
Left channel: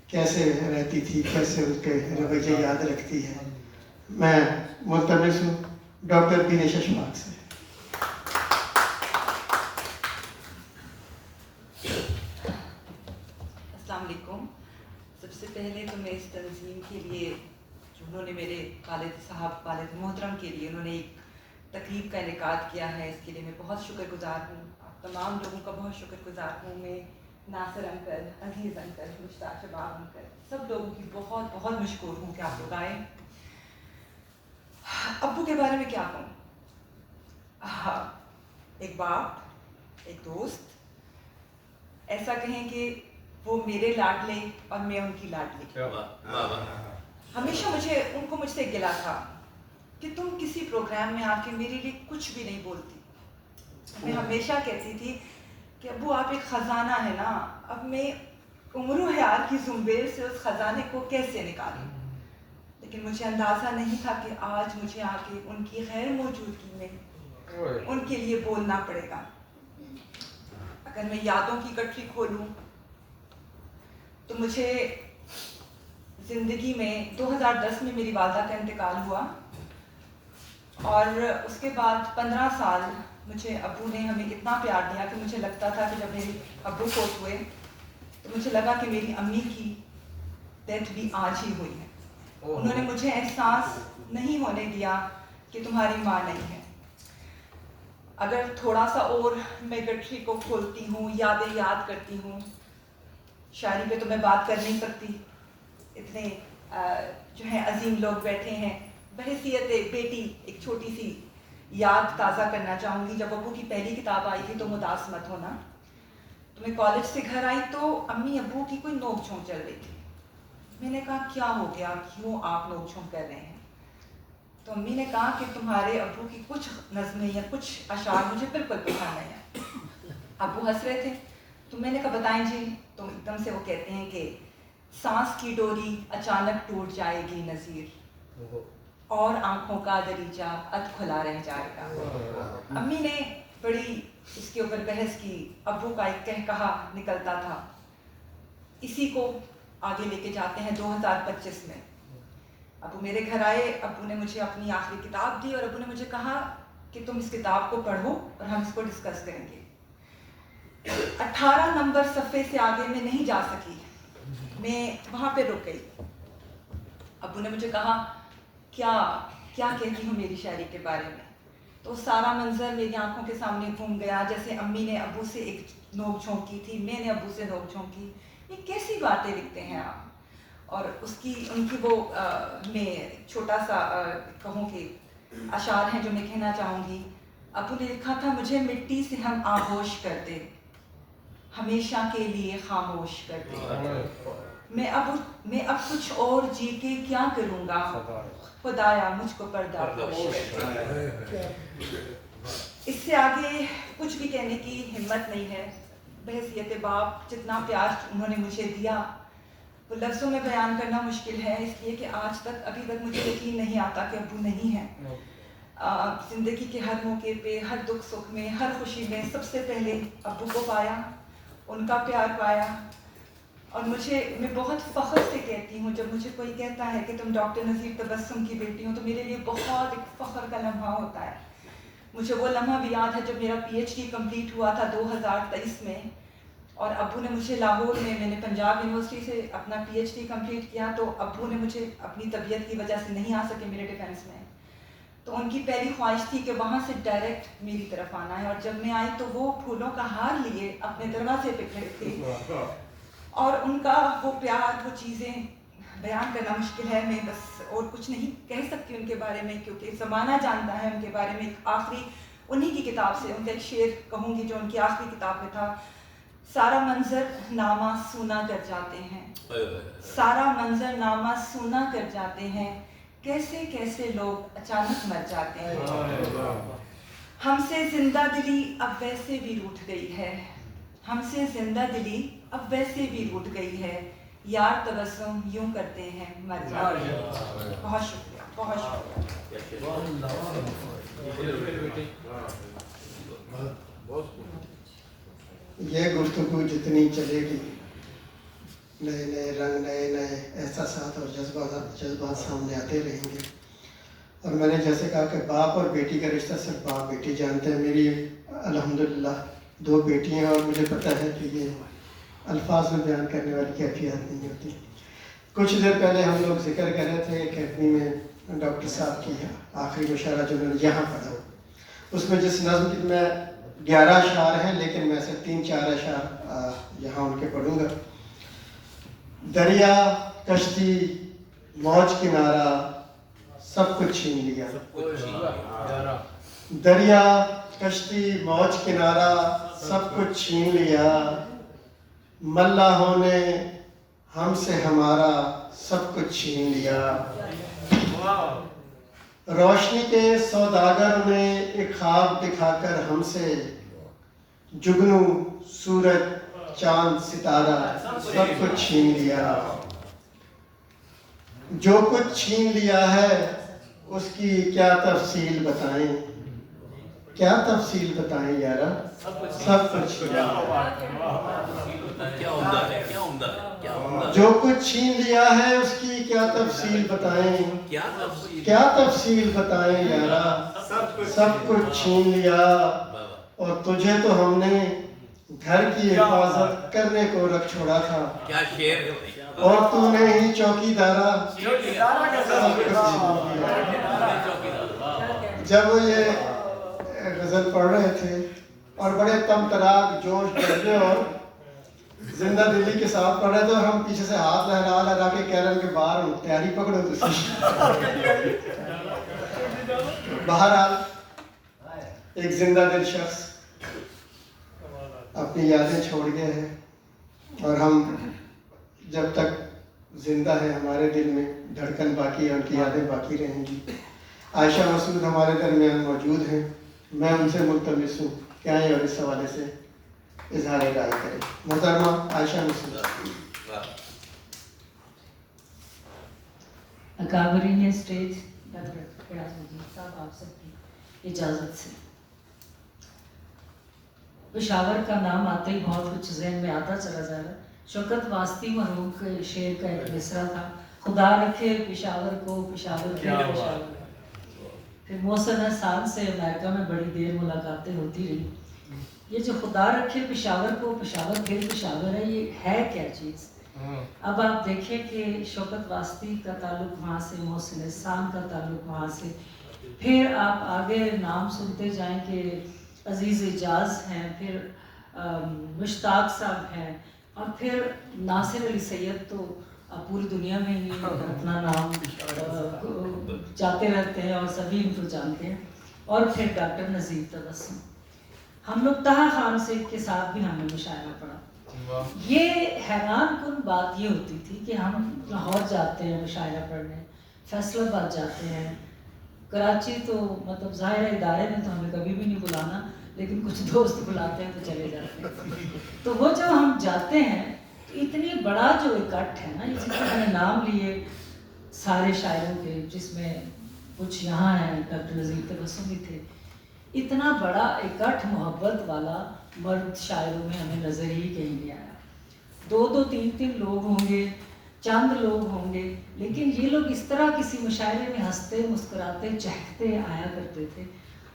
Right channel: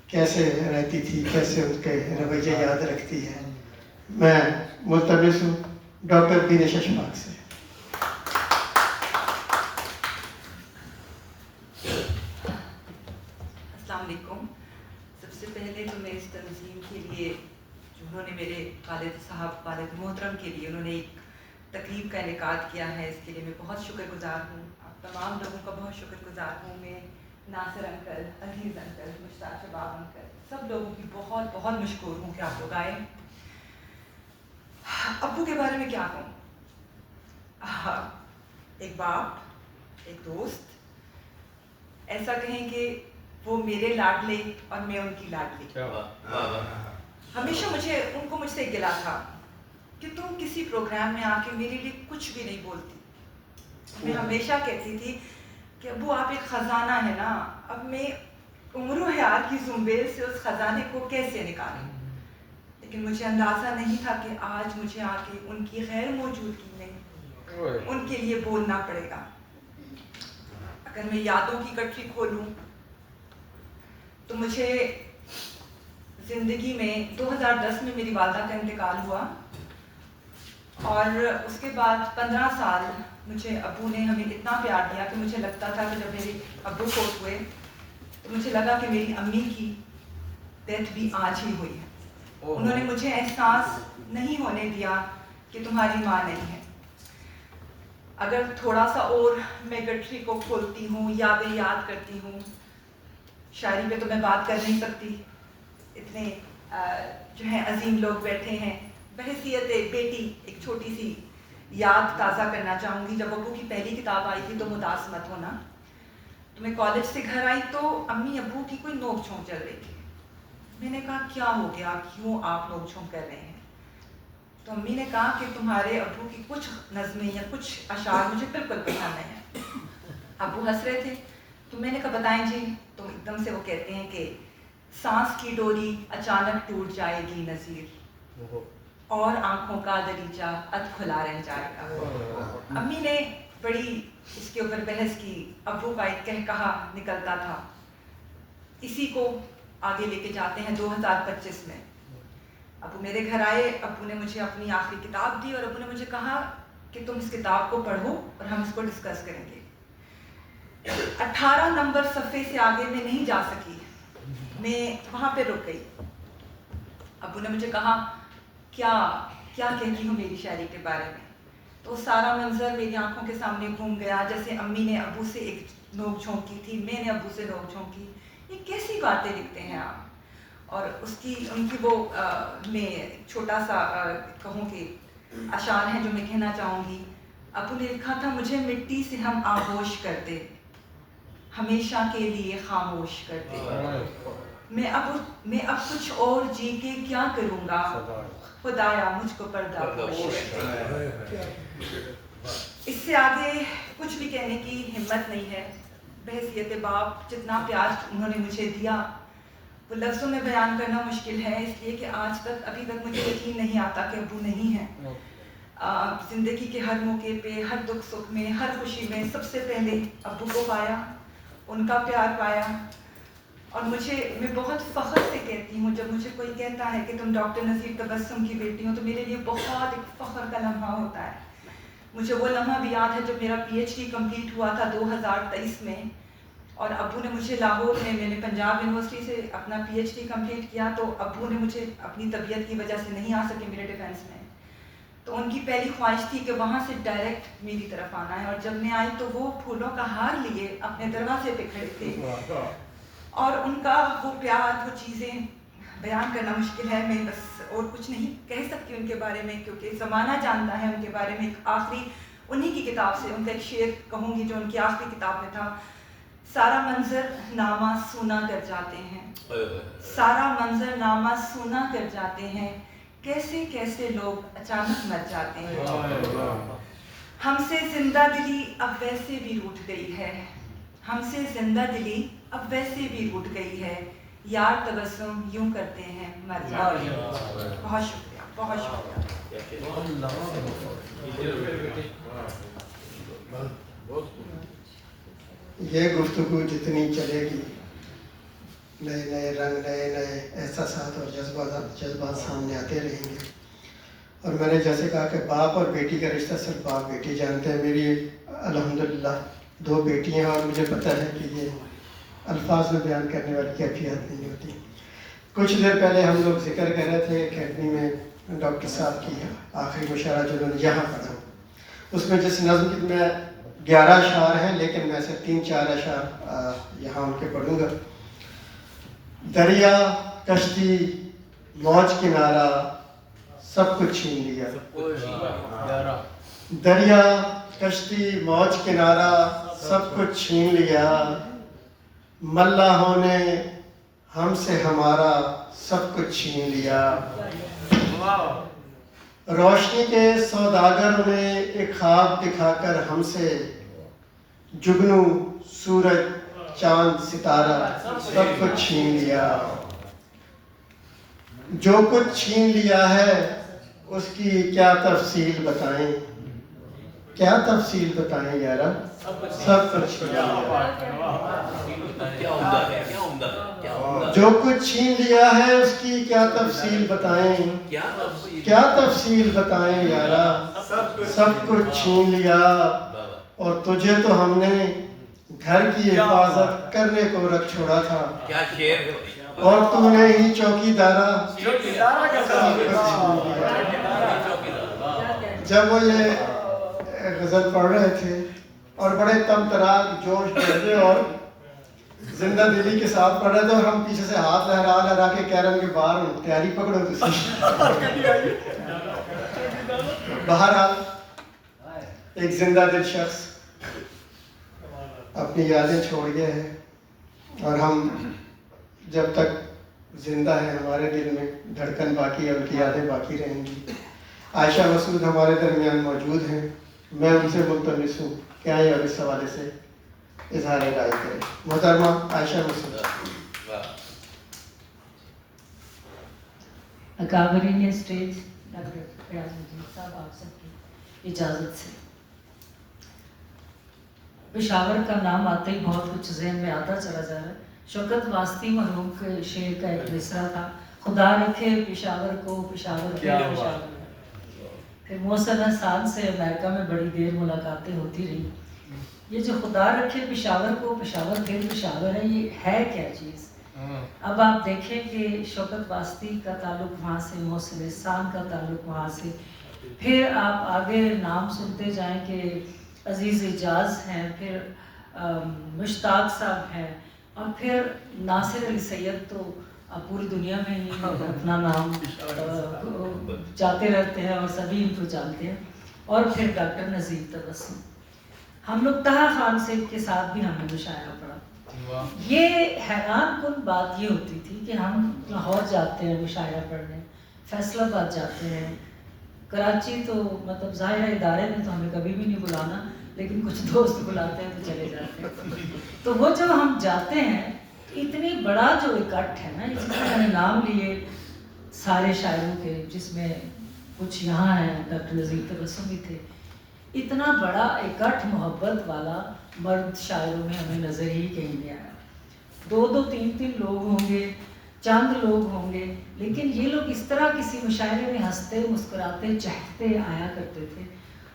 کیسے رہتی تھی، کیسے ان کے رویے یاد رکھتی ہے، میں ملتمس ہوں ڈاکٹر بین چشفاق سے۔ السلام علیکم۔ سب سے پہلے تو میں اس تنظیم کے لیے جو انہوں نے میرے والد صاحب، والد محترم کے لیے انہوں نے ایک تقریب کا انعقاد کیا ہے، اس کے لیے میں بہت شکر گزار ہوں، آپ تمام لوگوں کا بہت شکر گزار ہوں، میں ناصر انکل، عزیز انکل، مشتاق شباب انکل، سب لوگوں کی بہت بہت مشکور ہوں کہ آپ لوگ آئے۔ ابو کے بارے میں کیا کہوں، ایک باپ، ایک دوست، ایسا کہیں کہ وہ میرے لاڈلے اور میں ان کی لاڈلی۔ ہمیشہ مجھ سے گلا تھا کہ تم کسی پروگرام میں آ کے میرے لیے کچھ بھی نہیں بولتی۔ میں ہمیشہ کہتی تھی کہ ابو آپ ایک خزانہ ہے نا، اب میں عمر و حیات کی زنبیل سے اس خزانے کو کیسے نکالوں، لیکن مجھے اندازہ نہیں تھا کہ آج مجھے آ کے ان کی غیر موجودگی میں ان کے لیے بولنا پڑے گا۔ اگر میں یادوں کی گٹھری کھولوں تو مجھے زندگی میں 2010 میں میری والدہ کا انتقال ہوا، اور اس کے بعد 15 سال مجھے ابو نے ہمیں اتنا پیار دیا کہ مجھے لگتا تھا کہ جب میرے ابو فوت ہوئے تو مجھے لگا کہ میری امی کی ڈیتھ بھی آج ہی ہوئی ہے۔ انہوں نے مجھے احساس نہیں ہونے دیا کہ تمہاری ماں نہیں ہے۔ اگر تھوڑا سا اور میں گٹھری کو کھولتی ہوں، یادیں یاد کرتی ہوں، شاعری پہ تو میں بات کر نہیں سکتی، اتنے جو ہیں عظیم لوگ بیٹھے ہیں۔ بحیثیت بیٹی ایک چھوٹی سی یاد تازہ کرنا چاہوں گی۔ جب ابو کی پہلی کتاب آئی تھی تو مداس مت ہونا، تو میں کالج سے گھر آئی تو امی ابو کی کوئی نوک جھونک چل رہی تھی۔ میں نے کہا کیا ہو گیا، کیوں آپ نوک جھونک کر رہے ہیں؟ تو امی نے کہا کہ تمہارے ابو کی کچھ نظمیں یا کچھ اشعار مجھے بالکل پسند نہیں ہیں۔ ابو ہنس رہے تھے تو میں نے کہا بتائیں جی، تو ایک دم سے وہ کہتے ہیں کہ سانس کی ڈوری اچانک ٹوٹ جائے گی نذیر، اور آنکھوں کا دریچہ اد کھلا رہ جائے گا۔ امی نے بڑی اس کے اوپر بحث کی، ابو کا ایک کہا نکلتا تھا، اسی کو آگے لے کے جاتے ہیں 2025 میں۔ ابو میرے گھر آئے، ابو نے مجھے اپنی آخری کتاب دی اور ابو نے مجھے کہا کہ تم اس کتاب کو پڑھو اور ہم اس کو ڈسکس کریں گے۔ 18 نمبر صفحے سے آگے میں نہیں جا سکی، میں وہاں پہ رک گئی۔ ابو نے مجھے کہا کیا کہتی ہوں میری شاعری کے بارے میں، تو سارا منظر میری آنکھوں کے سامنے گھوم گیا، جیسے امی نے ابو سے ایک نوک جھونک کی تھی، میں نے ابو سے نوک جھونک کی، یہ کیسی باتیں لکھتے ہیں آپ۔ اور ان کی وہ میں چھوٹا سا کہوں کہ اشعار ہیں جو میں کہنا چاہوں گی۔ ابو نے لکھا تھا، مجھے مٹی سے ہم آغوش کرتے، ہمیشہ کے لیے خاموش کرتے، میں اب کچھ اور جی کے کیا کروں گا، خدایا مجھ کو پردہ پوش کرتے۔ اس سے آگے کچھ بھی کہنے کی ہمت نہیں ہے۔ بحیثیت باپ جتنا پیار انہوں نے مجھے دیا وہ لفظوں میں بیان کرنا مشکل ہے، اس لیے کہ ابھی تک مجھے یقین نہیں آتا کہ ابو نہیں ہیں۔ زندگی کے ہر موقع پہ، ہر دکھ سکھ میں، ہر خوشی میں سب سے پہلے ابو کو پایا، ان کا پیار پایا۔ اور میں بہت فخر سے کہتی ہوں، جب مجھے کوئی کہتا ہے کہ تم ڈاکٹر نذیر تبسم کی بیٹی ہو تو میرے لیے بہت ایک فخر کا لمحہ ہوتا ہے۔ مجھے وہ لمحہ بھی یاد ہے جب میرا PhD کمپلیٹ ہوا تھا 2023 میں، اور ابو نے مجھے لاہور میں نے پنجاب یونیورسٹی سے اپنا PhD کمپلیٹ کیا، تو ابو نے مجھے اپنی طبیعت کی وجہ سے نہیں آ سکے میرے ڈیفینس میں، تو ان کی پہلی خواہش تھی کہ وہاں سے ڈائریکٹ میری طرف آنا ہے، اور جب میں آئی تو وہ پھولوں کا ہار لیے اپنے دروازے پہ کھڑے تھے، اور ان کا وہ پیار، وہ چیزیں بیان کرنا مشکل ہے، میں بس اور کچھ نہیں کہہ سکتی ان کے بارے میں، کیونکہ زمانہ جانتا ہے ان کے بارے میں۔ ایک آخری انہی کی کتاب سے ان کا ایک شعر کہوں گی جو ان کی آخری کتاب میں تھا: سارا منظر نامہ سونا کر جاتے ہیں، سارا منظر نامہ سونا کر جاتے ہیں، کیسے کیسے لوگ اچانک مر جاتے ہیں، ہم سے زندہ دلی اب ویسے بھی روٹھ گئی ہے، ہم سے زندہ دلی اب ویسے بھی روٹھ گئی ہے، یار تبسم یوں کرتے ہیں مر جاتے ہیں۔ بہت شکریہ، بہت شکریہ۔ یہ گفتگو جتنی چلے گی، نئے نئے رنگ، نئے نئے احساسات اور جذبات سامنے آتے رہیں گے۔ اور میں نے جیسے کہا کہ باپ اور بیٹی کا رشتہ صرف باپ بیٹی جانتے ہیں۔ میری الحمدللہ 2 بیٹیاں، اور مجھے پتہ ہے کہ یہ الفاظ میں بیان کرنے والی کیفیت نہیں ہوتی۔ کچھ دیر پہلے ہم لوگ ذکر کر رہے تھے اکیڈمی میں ڈاکٹر صاحب کی آخری مشاعرہ جو انہوں نے یہاں پڑھا، اس میں جس نظم کی میں 11 اشعار ہیں، لیکن میں سے 3-4 اشعار یہاں ان کے پڑھوں گا۔ دریا کشتی موج کنارہ سب کچھ چھین لیا، دریا کشتی موج کنارہ سب کچھ چھین لیا، ملاحوں نے ہم سے ہمارا سب کچھ چھین لیا، روشنی کے سوداگر نے ایک خواب دکھا کر ہم سے جگنو سورج چاند ستارہ سب کچھ چھین لیا، جو کچھ چھین لیا ہے اس کی کیا تفصیل بتائیں، کیا تفصیل بتائیں یارا، سب کچھ چھین لیا، جو کچھ چھین لیا ہے اس کی کیا تفصیل بتائیں، کیا تفصیل بتائیں یارا، سب کچھ چھین لیا، اور تجھے تو ہم نے گھر کی حفاظت کرنے کو رکھ چھوڑا تھا، اور تو نے ہی چوکیدارا جب وہ یہ غزل پڑھ رہے تھے اور بڑے تم تراک جوش جذبے اور زندہ دلی کے ساتھ پڑھ رہے تھے، اور ہم پیچھے سے ہاتھ لہرا لہرا کے کہہ رہے ہیں کہ باہر تیاری پکڑو بہرحال ایک زندہ دل شخص اپنی یادیں چھوڑ گئے ہیں، اور ہم جب تک زندہ ہیں ہمارے دل میں دھڑکن باقی ہے، ان کی یادیں باقی رہیں گی۔ عائشہ مسعود ہمارے درمیان موجود ہیں، میں ان سے ملتمس ہوں کہ آئیں اور اس حوالے سے اظہار رائے کریں۔ محترمہ عائشہ مسعود۔ اکابرین اسٹیج، ڈاکٹر فیاض مجید صاحب، آپ سب کی اجازت سے پشاور کا نام آتے ہی بہت کچھ ذہن میں آتا چلا جا رہا ہے۔ شوکت واسطی مرحوم کے شعر کا ایک مصرع تھا: خدا رکھے پشاور کو، پشاور کے پشاور۔ پھر محسن حسان سے امریکہ میں بڑی دیر ملاقاتیں ہوتی رہی۔ یہ جو خدا رکھے پشاور کو، پشاور کے پشاور ہے، یہ ہے کیا چیز؟ اب آپ دیکھیں کہ شوکت واسطی کا تعلق وہاں سے، محسن حسان کا تعلق وہاں سے، پھر آپ آگے نام سنتے جائیں کہ عزیز اجاز ہیں، پھر مشتاق صاحب ہیں، اور پھر ناصر علی سید تو پوری دنیا میں ہی اپنا نام جاتے رہتے ہیں اور سبھی ان کو جانتے ہیں، اور پھر ڈاکٹر نذیر تبسم۔ ہم لوگ طہا خان سے کے ساتھ بھی ہم نے مشاعرہ پڑھا۔ یہ حیران کن بات یہ ہوتی تھی کہ ہم لاہور جاتے ہیں مشاعرہ پڑھنے، فیصل آباد جاتے ہیں، کراچی تو مطلب ظاہر ادارے نے تو ہمیں کبھی بھی نہیں بلانا، لیکن کچھ دوست بلاتے ہیں تو چلے جاتے ہیں۔ تو وہ جو ہم جاتے ہیں اتنی بڑا جو اکٹھ ہے نا، اسی طرح ہم نے نام لیے سارے شاعروں کے، جس میں کچھ یہاں ہیں، ڈاکٹر نذیر تبسم بھی تھے، اتنا بڑا اکٹھ محبت والا مرد شاعروں میں ہمیں نظر ہی کہیں نہیں آیا۔ 2-2 3-3 لوگ ہوں گے، چند لوگ ہوں گے، لیکن یہ لوگ اس طرح کسی مشاعرے میں ہنستے مسکراتے چہکتے آیا کرتے تھے،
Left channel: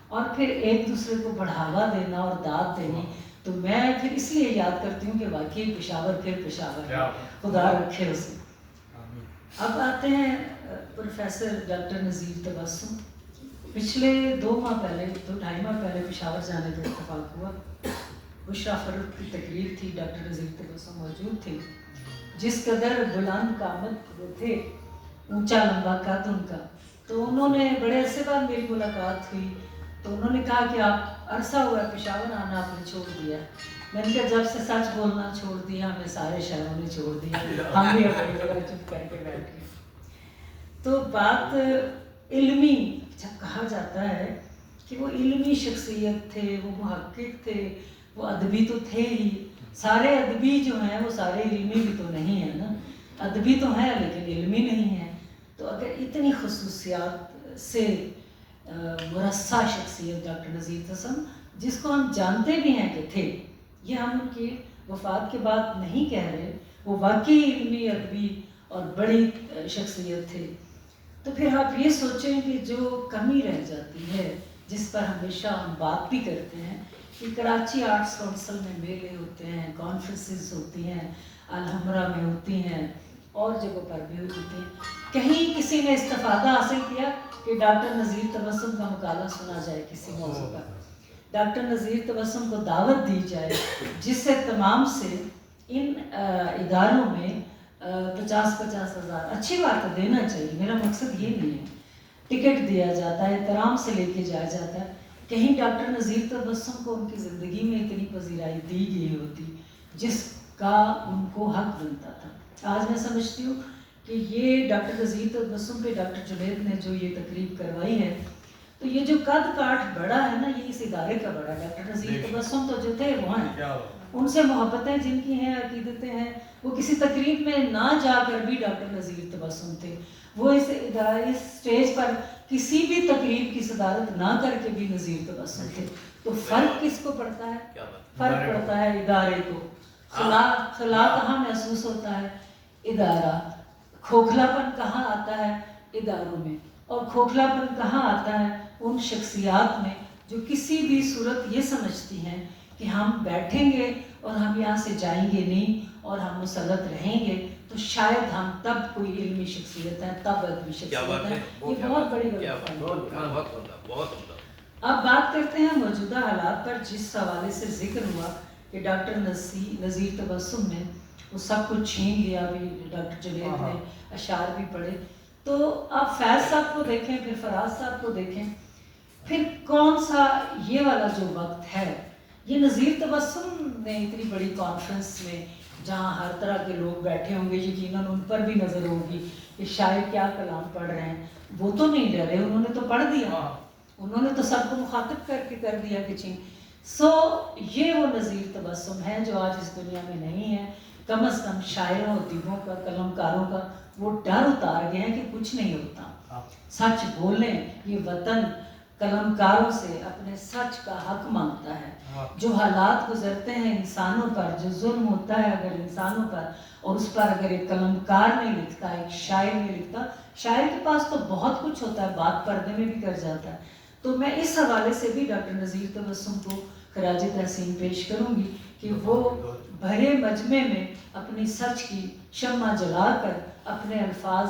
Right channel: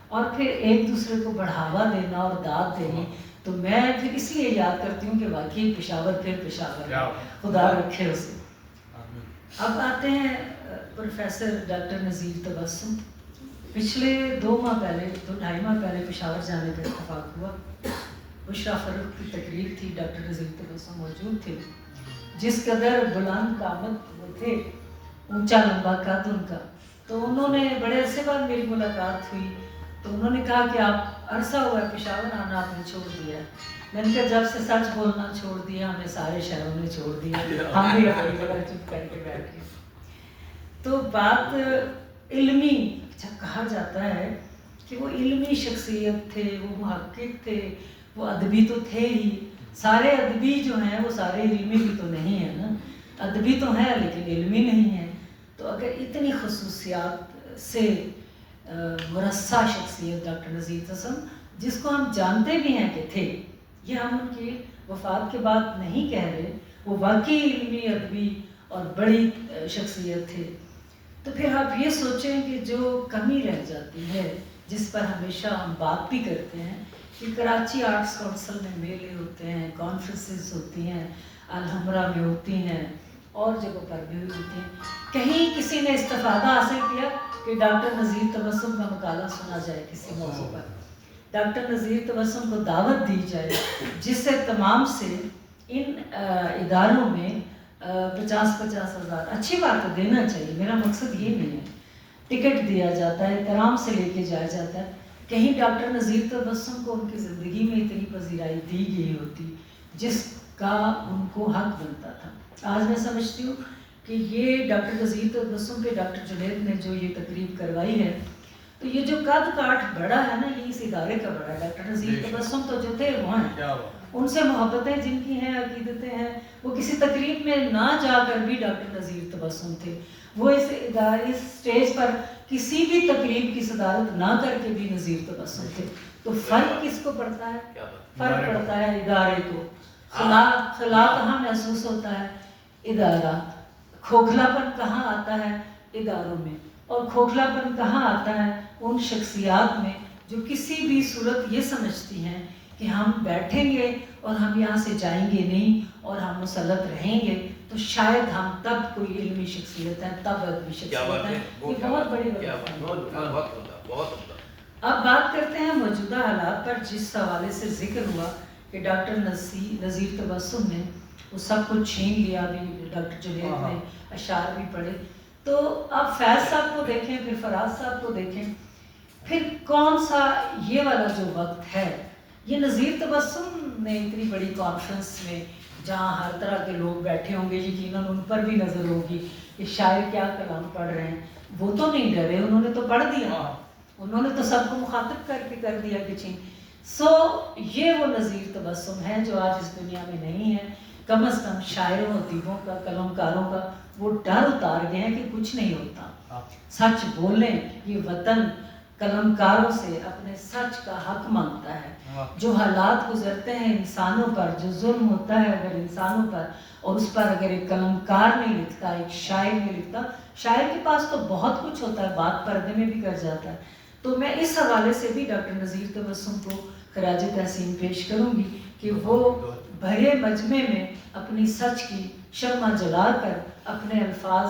اور پھر ایک دوسرے کو بڑھاوا دینا اور داد دینی. تو میں پھر اس لیے یاد کرتی ہوں کہ واقعی پشاور پھر پشاور ہے، خدا رکھے اسے. اب آتے ہیں پروفیسر ڈاکٹر نذیر تبسم. پچھلے 2 ماہ پہلے 2-2.5 ماہ پہلے پشاور جانے کا اتفاق ہوا. بشرا فروخ کی تقریب تھی، ڈاکٹر نذیر تبسم موجود تھے. جس قدر بلند قامت وہ تھے، اونچا لمبا قد ان کا، تو انہوں نے بڑے عرصے بعد میری ملاقات ہوئی تو انہوں نے کہا کہ آپ عرصہ ہوا ہے پشاور آنا آپ نے چھوڑ دیا. میں نے کہا جب سے سچ بولنا چھوڑ دیا ہمیں سارے شہروں نے چھوڑ دیا، ہم بھی اپنی جگہ چپ کر کے بیٹھ گئے. تو بات علمی، جب کہا جاتا ہے کہ وہ علمی شخصیت تھے، وہ محقق تھے، وہ ادبی تو تھے ہی. سارے ادبی جو ہیں وہ سارے علمی بھی تو نہیں ہیں نا، ادبی تو ہیں لیکن علمی نہیں ہیں. تو اگر اتنی خصوصیات سے مرصع شخصیت ڈاکٹر نذیر تبسم، جس کو ہم جانتے بھی ہیں کہ تھے، یہ ہم ان کی وفات کے بعد نہیں کہہ رہے، وہ واقعی علمی ادبی اور بڑی شخصیت تھے. تو پھر آپ یہ سوچیں کہ جو کمی رہ جاتی ہے، جس پر ہمیشہ ہم بات بھی کرتے ہیں کہ کراچی آرٹس کونسل میں میلے ہوتے ہیں، کانفرنسز ہوتی ہیں، الحمرہ میں ہوتی ہیں، اور جگہوں پر بھی ہوتی ہیں. کہیں کسی نے استفادہ حاصل کیا کہ ڈاکٹر نذیر تبسم کا مقالہ سنا جائے کسی موضوع پر، ڈاکٹر نذیر تبسم کو دعوت دی جائے، جس سے تمام سے ان اداروں میں 50-50 ہزار، اچھی بات ہے دینا چاہیے، میرا مقصد یہ نہیں ہے، ٹکٹ دیا جاتا ہے، احترام سے لے کے جایا جاتا ہے. کہیں ڈاکٹر نذیر تبسم کو ان کی زندگی میں اتنی پذیرائی دی گئی ہوتی جس کا ان کو حق بنتا تھا. آج میں سمجھتی ہوں کہ یہ ڈاکٹر نذیر تبسم پہ ڈاکٹر جنید نے جو یہ تقریب کروائی ہے، تو یہ جو قد کاٹ بڑا ہے نا، یہ اس ادارے کا بڑا ہے. ڈاکٹر نذیر تبسم تو جو تھے وہ ہیں، ان سے محبتیں جن کی ہیں، عقیدتیں ہیں، وہ کسی تقریب میں نہ جا کر بھی ڈاکٹر نذیر تبسم تھے. وہ اس ادارے، اس اسٹیج پر کسی بھی تقریب کی صدارت نہ کر کے بھی نذیر تبسم تھے. تو فرق کس کو پڑتا ہے؟ فرق پڑتا ہے ادارے کو. خلا کہاں محسوس ہوتا ہے؟ ادارہ. کھوکھلا پن کہاں آتا ہے؟ اداروں میں. اور کھوکھلا پن کہاں آتا ہے؟ ان شخصیات میں جو کسی بھی صورت یہ سمجھتی ہیں کہ ہم بیٹھیں گے اور ہم یہاں سے جائیں گے نہیں اور ہم مسلط رہیں گے تو شاید ہم تب کوئی علمی شخصیت ہے، تب ادبی شخصیت ہے. یہ بہت بڑی بات. اب بات کرتے ہیں موجودہ حالات پر، جس حوالے سے ذکر ہوا کہ ڈاکٹر نذیر تبسم نے وہ سب کچھ چھین لیا. بھی ڈاکٹر جنید نے اشعار بھی پڑھے. تو اب فیض صاحب کو دیکھیں، پھر فراز صاحب کو دیکھیں، پھر کون سا یہ والا جو وقت ہے، یہ نذیر تبسم نے اتنی بڑی کانفرنس میں جہاں ہر طرح کے لوگ بیٹھے ہوں گے، یقیناً ان پر بھی نظر ہوگی کہ شاعر کیا کلام پڑھ رہے ہیں. وہ تو نہیں ڈرے، انہوں نے تو پڑھ دیا، انہوں نے تو سب کو مخاطب کر کے کر دیا کہ چھین. یہ وہ نذیر تبسم ہے جو آج اس دنیا میں نہیں ہے. کم از کم شاعروں، ادیبوں کا، قلمکاروں کا وہ ڈر اتار گئے ہیں کہ کچھ نہیں ہوتا. سچ بولیں. یہ وطن قلمکاروں سے اپنے سچ کا حق مانگتا ہے. جو حالات گزرتے ہیں انسانوں پر، جو ظلم ہوتا ہے اگر انسانوں پر، اور اس پر اگر ایک قلمکار نہیں لکھتا، ایک شاعر نہیں لکھتا، شاعر کے پاس تو بہت کچھ ہوتا ہے، بات پردے میں بھی کر جاتا ہے. تو میں اس حوالے سے بھی ڈاکٹر نذیر تبسم کو خراج تحسین پیش کروں گی کہ وہ بھرے مجمع میں اپنی سچ کی شمع جلا کر اپنے الفاظ،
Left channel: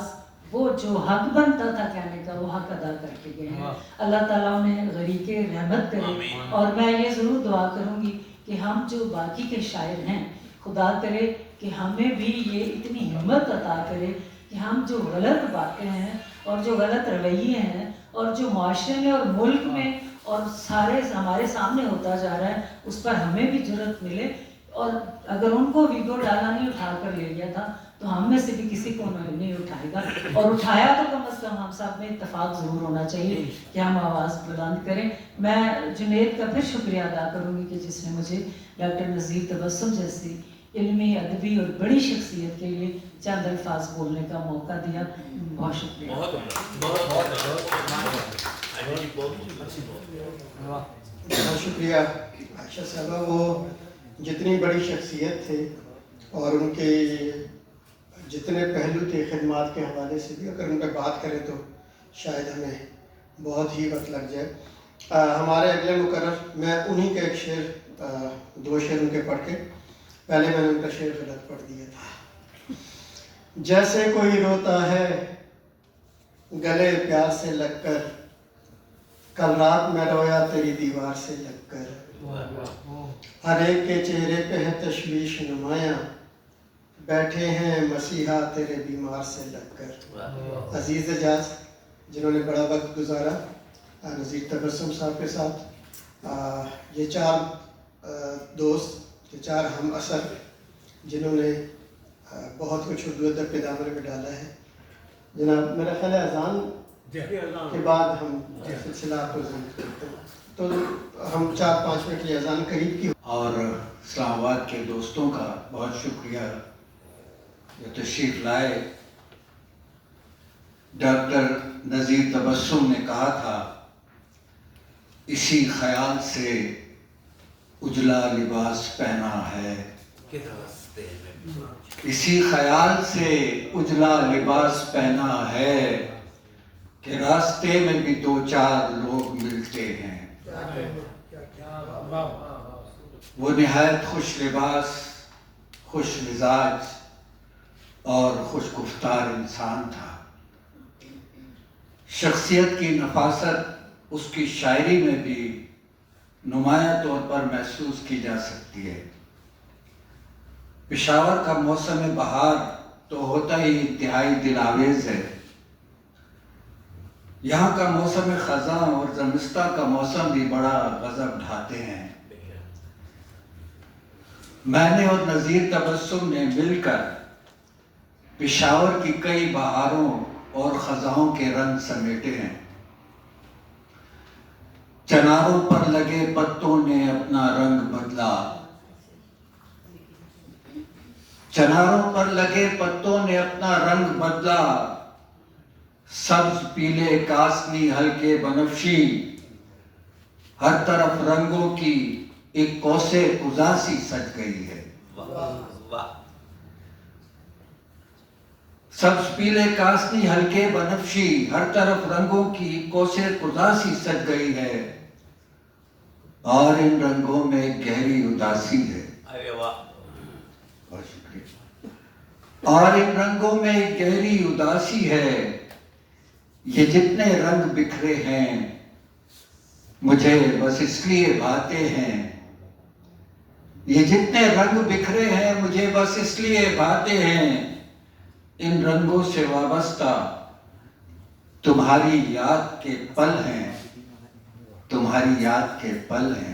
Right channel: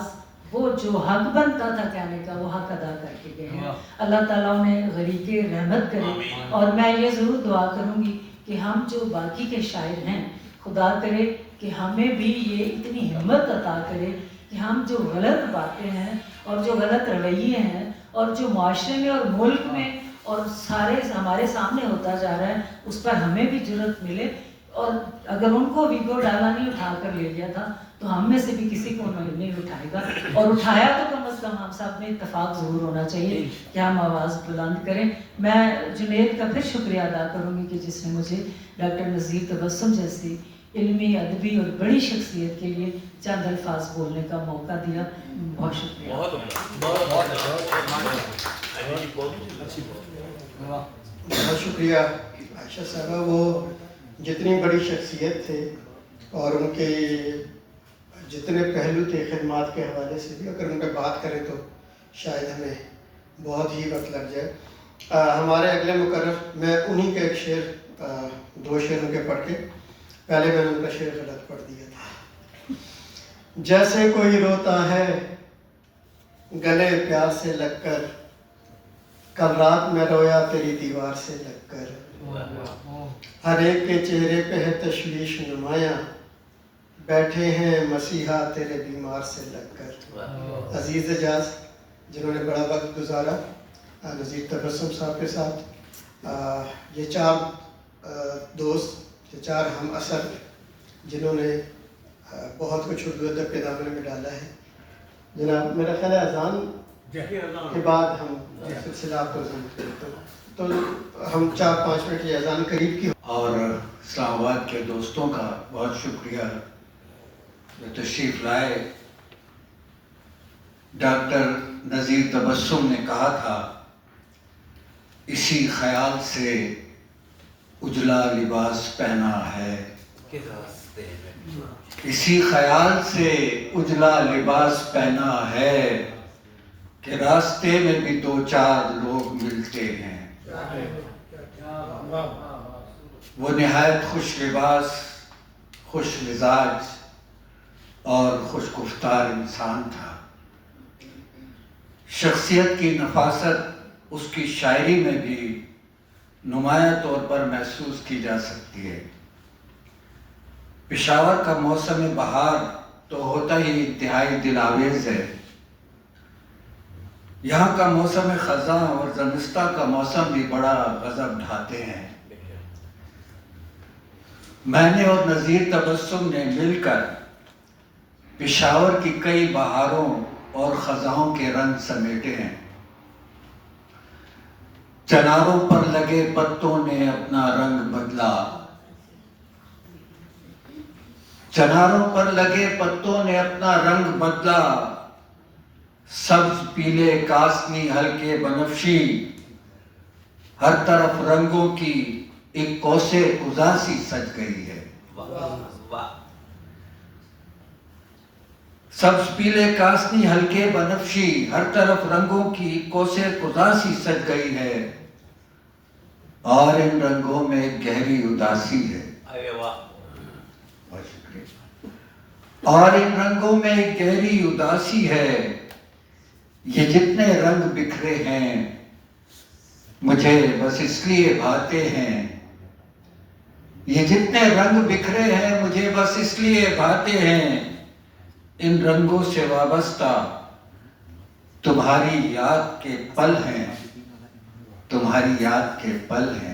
وہ جو حق بنتا تھا کہنے کا، وہ حق ادا کر کے گئے ہیں. اللہ تعالیٰ انہیں غریق رحمت کرے. اور میں یہ ضرور دعا کروں گی کہ ہم جو باقی کے شاعر ہیں، خدا کرے کہ ہمیں بھی یہ اتنی ہمت عطا کرے کہ ہم جو غلط باتیں ہیں اور جو غلط رویے ہیں اور جو معاشرے میں اور ملک میں اور سارے ہمارے سامنے ہوتا جا رہا ہے، اس پر ہمیں بھی جرأت ملے. اور اگر ان کو ویگو ڈالا نہیں اٹھا کر لے گیا تھا تو ہم میں سے بھی کسی کو نہیں اٹھائے گا. اور اٹھایا تو کم از کم ہم سب میں اتفاق ضرور ہونا چاہیے کہ ہم آواز بلند کریں. میں جنید کا پھر شکریہ ادا کروں گی کہ جس نے مجھے ڈاکٹر نذیر تبسم جیسی علمی، ادبی اور بڑی شخصیت کے لیے چند الفاظ بولنے کا موقع دیا. بہت شکریہ. بہت شکریہ عائشہ صاحبہ. وہ جتنی بڑی شخصیت تھے اور ان کے جتنے پہلو تھے خدمات کے حوالے سے بھی، اگر ان پہ بات کریں تو شاید ہمیں بہت ہی وقت لگ جائے. ہمارے اگلے مقرر میں انہی کے ایک شعر 2 شعر ان کے پڑھ کے پہلے میں نے ان کا شعر غلط پڑھ دیا تھا. جیسے کوئی روتا ہے گلے پیار سے لگ کر، کل رات میں رویا تیری دیوار سے لگ کر. ہر ایک کے چہرے پہ ہے تشویش نمایاں، بیٹھے ہیں مسیحا تیرے بیمار سے لگ کر. عزیز اعجاز جنہوں نے بڑا وقت گزارا نذیر تبسم صاحب کے ساتھ، یہ 4 دوست، یہ 4 ہم اثر جنہوں نے بہت کچھ اردو ادب کے دامن میں ڈالا ہے. جناب میرا خیال ہے اذان کے بعد ہم سلسلہ آپ کو ضرور کرتے ہیں، تو ہم 4-5 منٹ یہ اذان قریب کی. اور اسلام آباد کے دوستوں کا بہت شکریہ جو تشریف لائے. ڈاکٹر نذیر تبسم نے کہا تھا، اسی خیال سے اجلا لباس پہنا ہے، اسی خیال سے اجلا لباس پہنا ہے کہ راستے میں بھی 2-4 لوگ ملتے ہیں. وہ نہایت خوش لباس، خوش مزاج اور خوش گفتار انسان تھا. شخصیت کی نفاست اس کی شاعری میں بھی نمایاں طور پر محسوس کی جا سکتی ہے. پشاور کا موسم بہار تو ہوتا ہی انتہائی دل آویز ہے. یہاں کا موسم خزاں اور زمستہ کا موسم بھی بڑا غضب ڈھاتے ہیں. میں نے اور نذیر تبسم نے مل کر پشاور کی کئی بہاروں اور خزاں کے رنگ سمیٹے ہیں. چناروں پر لگے پتوں نے اپنا رنگ بدلا، چناروں پر لگے پتوں نے اپنا رنگ بدلا. سبز پیلے کاسنی ہلکے بنفشی، ہر طرف رنگوں کی ایک کوسے اداسی سج گئی ہے. سبز پیلے کاسنی ہلکے بنفشی، ہر طرف رنگوں کی کوسے اداسی سج گئی ہے، اور ان رنگوں میں ایک گہری اداسی ہے. بہت شکریہ. اور ان رنگوں میں ایک گہری اداسی ہے. یہ جتنے رنگ بکھرے ہیں مجھے بس اس لیے بھاتے ہیں، یہ جتنے رنگ بکھرے ہیں مجھے بس اس لیے بھاتے ہیں. ان رنگوں سے وابستہ تمہاری یاد کے پل ہیں، تمہاری یاد کے پل ہیں.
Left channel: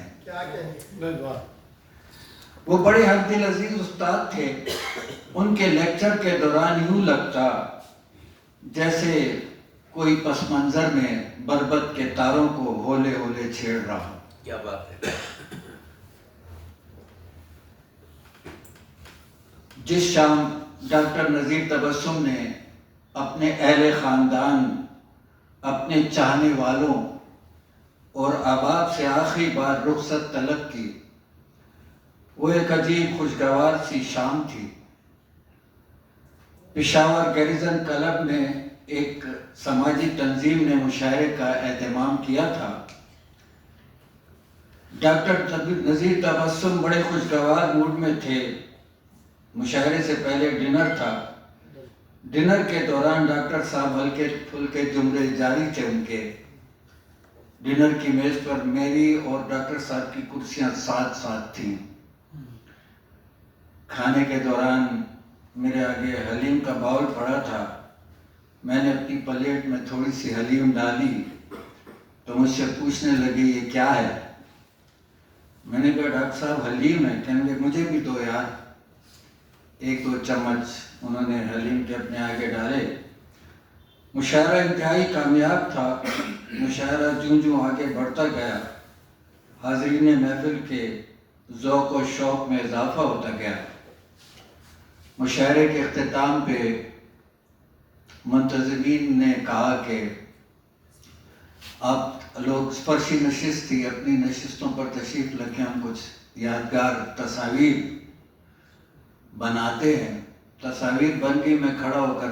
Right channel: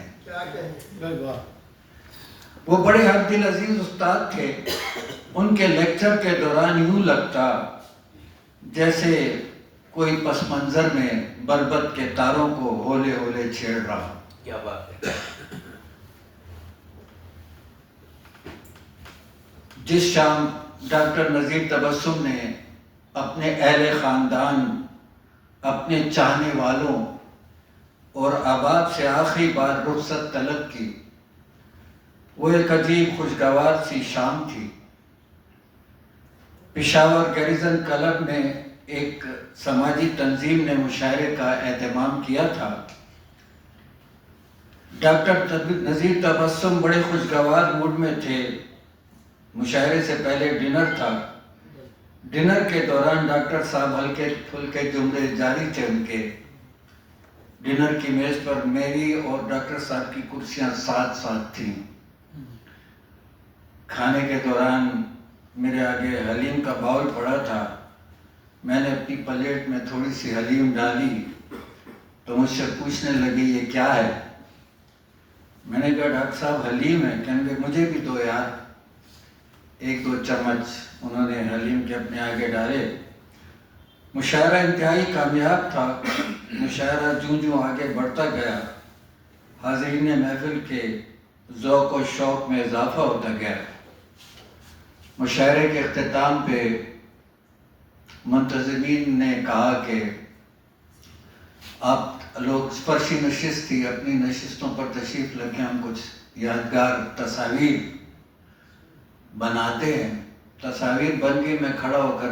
وہ بڑے ہم دل عزیز استاد تھے. ان کے لیکچر کے دوران یوں لگتا جیسے کوئی پس منظر میں بربط کے تاروں کو ہولے ہولے چھیڑ رہا. کیا بات ہے. جس شام ڈاکٹر نذیر تبسم نے اپنے اہل خاندان، اپنے چاہنے والوں اور احباب سے آخری بار رخصت طلب کی، وہ ایک عجیب خوشگوار سی شام تھی. پشاور گریزن کلب نے ایک سماجی تنظیم نے مشاعرے کا اہتمام کیا تھا. ڈاکٹر نذیر تبسم بڑے خوشگوار موڈ میں تھے. مشاعرے سے پہلے ڈنر تھا. ڈنر کے دوران ڈاکٹر صاحب ہلکے پھلکے جملے جاری تھے ان کے. ڈنر کی میز پر میری اور ڈاکٹر صاحب کی کرسیاں ساتھ ساتھ تھیں. کھانے کے دوران میرے آگے حلیم کا باؤل پڑا تھا. میں نے اپنی پلیٹ میں تھوڑی سی حلیم ڈالی تو مجھ سے پوچھنے لگی یہ کیا ہے. میں نے کہا ڈاکٹر صاحب حلیم ہے. کہنے لگے مجھے بھی دو یار. 1-2 چمچ انہوں نے حلیم کے اپنے آگے ڈالے. مشاعرہ انتہائی کامیاب تھا. مشاعرہ جوں جوں آگے بڑھتا گیا حاضرین محفل کے ذوق و شوق میں اضافہ ہوتا گیا. مشاعرے کے اختتام پہ منتظمین نے کہا کہ آپ لوگ فرشی نشست تھی، اپنی نشستوں پر تشریف رکھیں، ہم کچھ یادگار تصاویر بناتے ہیں. تصاویر بن گئی. میں کھڑا ہو کر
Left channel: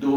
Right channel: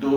2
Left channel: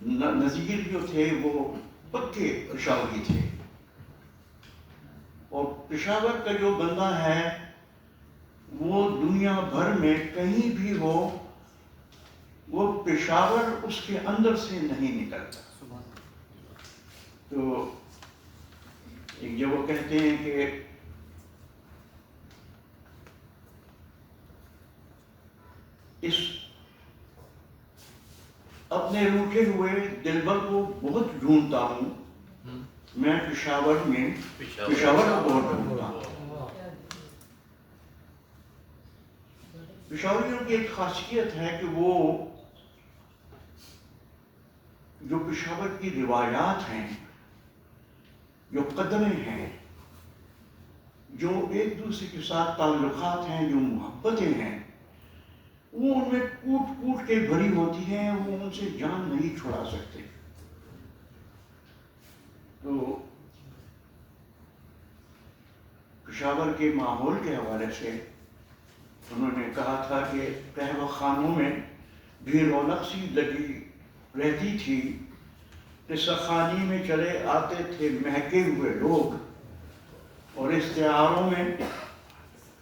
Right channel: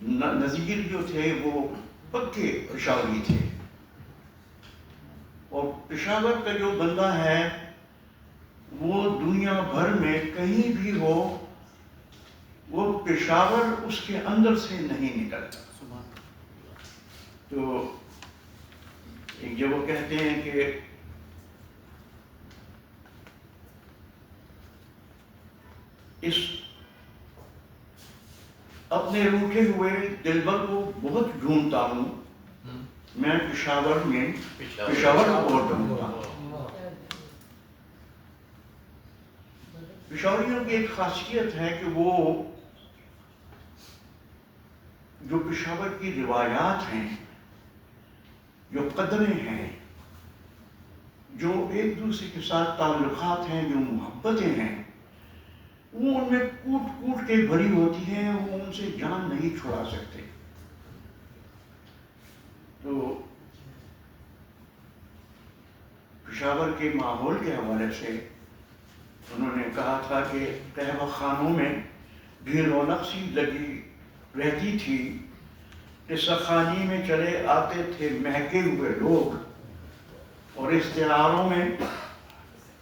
نذیر جو تھے وہ پکے پشاوری تھے، اور پشاور کا جو بندہ ہے وہ دنیا بھر میں کہیں بھی ہو وہ پشاور اس کے اندر سے نہیں نکلتا. تو ایک جب وہ کہتے ہیں کہ اس اپنے روٹھے ہوئے دلبر کو بہت ڈھونڈتا ہوں، میں پشاور میں پشاور کو ڈھونڈتا ہوں. پشاوریوں کی ایک خاصیت ہے کہ وہ جو پشاور کی روایات ہیں، جو قدریں ہیں، جو ایک دوسرے کے ساتھ تعلقات ہیں، جو محبتیں ہیں، وہ ان میں کوٹ کوٹ کے بھری ہوتی ہیں، وہ ان سے جان نہیں چھڑا سکتے. تو پشاور کے ماحول کے حوالے سے انہوں نے کہا تھا کہ قہوہ خانوں میں بھی رونق سی لگی رہتی تھی، قصہ میں چلے آتے تھے مہکے ہوئے لوگ، اور استعاروں میں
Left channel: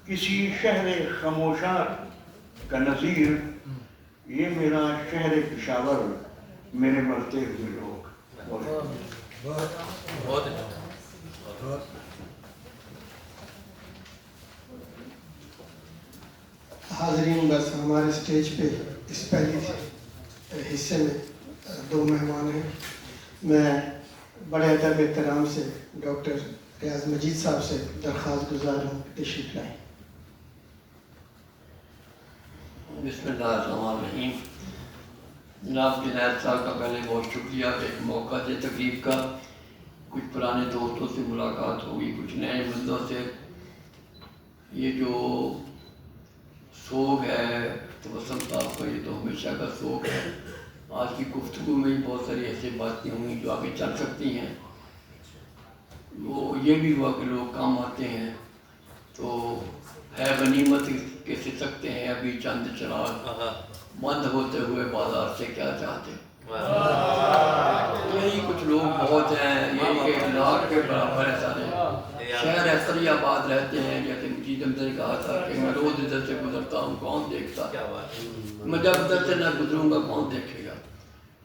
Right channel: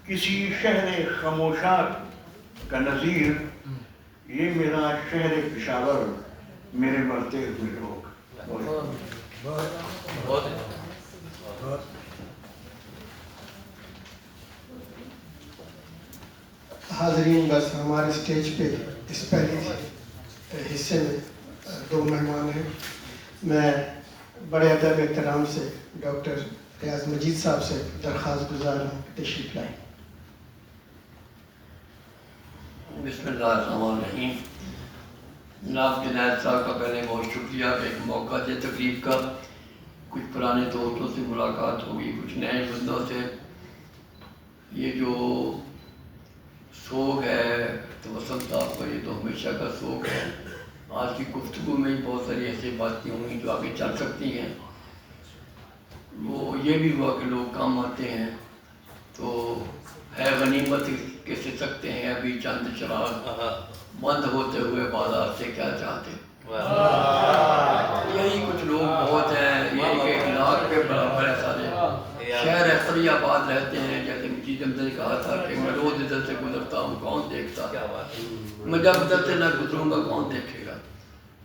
کسی شہر خاموشاں کا نظیر، یہ میرا شہر پشاور، میرے مرتے ہوئے لوگ. حاضرین، بس ہمارے اسٹیج پہ اس پہلی حصے میں 2 مہمان ہیں. میں بڑے ادب احترام سے ڈاکٹر ریاض مجید صاحب سے درخواست گزار ہوں کہ تشریف لائیں. بسم اللہ الرحمن الرحیم. جناب جنید صاحب کا پہلے بہت شکریہ کہ ایک موقع دے تقریب کا. کچھ پرانے دوستوں سے ملاقات ہوگی، کچھ نئے بندوں سے. یہ جو سوگ ہے توسم صاحب کا، یہ تو ہمیشہ کا سوگ ہے. آج کی گفتگو میں ہی بہت ساری ایسی باتیں ہوئیں جو آگے چل سکتی ہیں. وہ یہ بھی ہوا کہ لوگ کام آتے ہیں تو ہے غنیمت کیسے سکتے ہیں ابھی چند چراغ، بند ہوتے ہوئے بازار سے کیا چاہتے. یہی کچھ لوگ بہت ہیں، یہ 1 لاکھ کے برابر ہے سارے. شہر ایسری آباد رہتے ہیں، جیسے مجید احمد نے کہا تھا کہ میں روز ادھر سے گزرتا ہوں، کون دیکھتا، میں جب ادھر سے نہ گزروں گا کون دیکھے گا.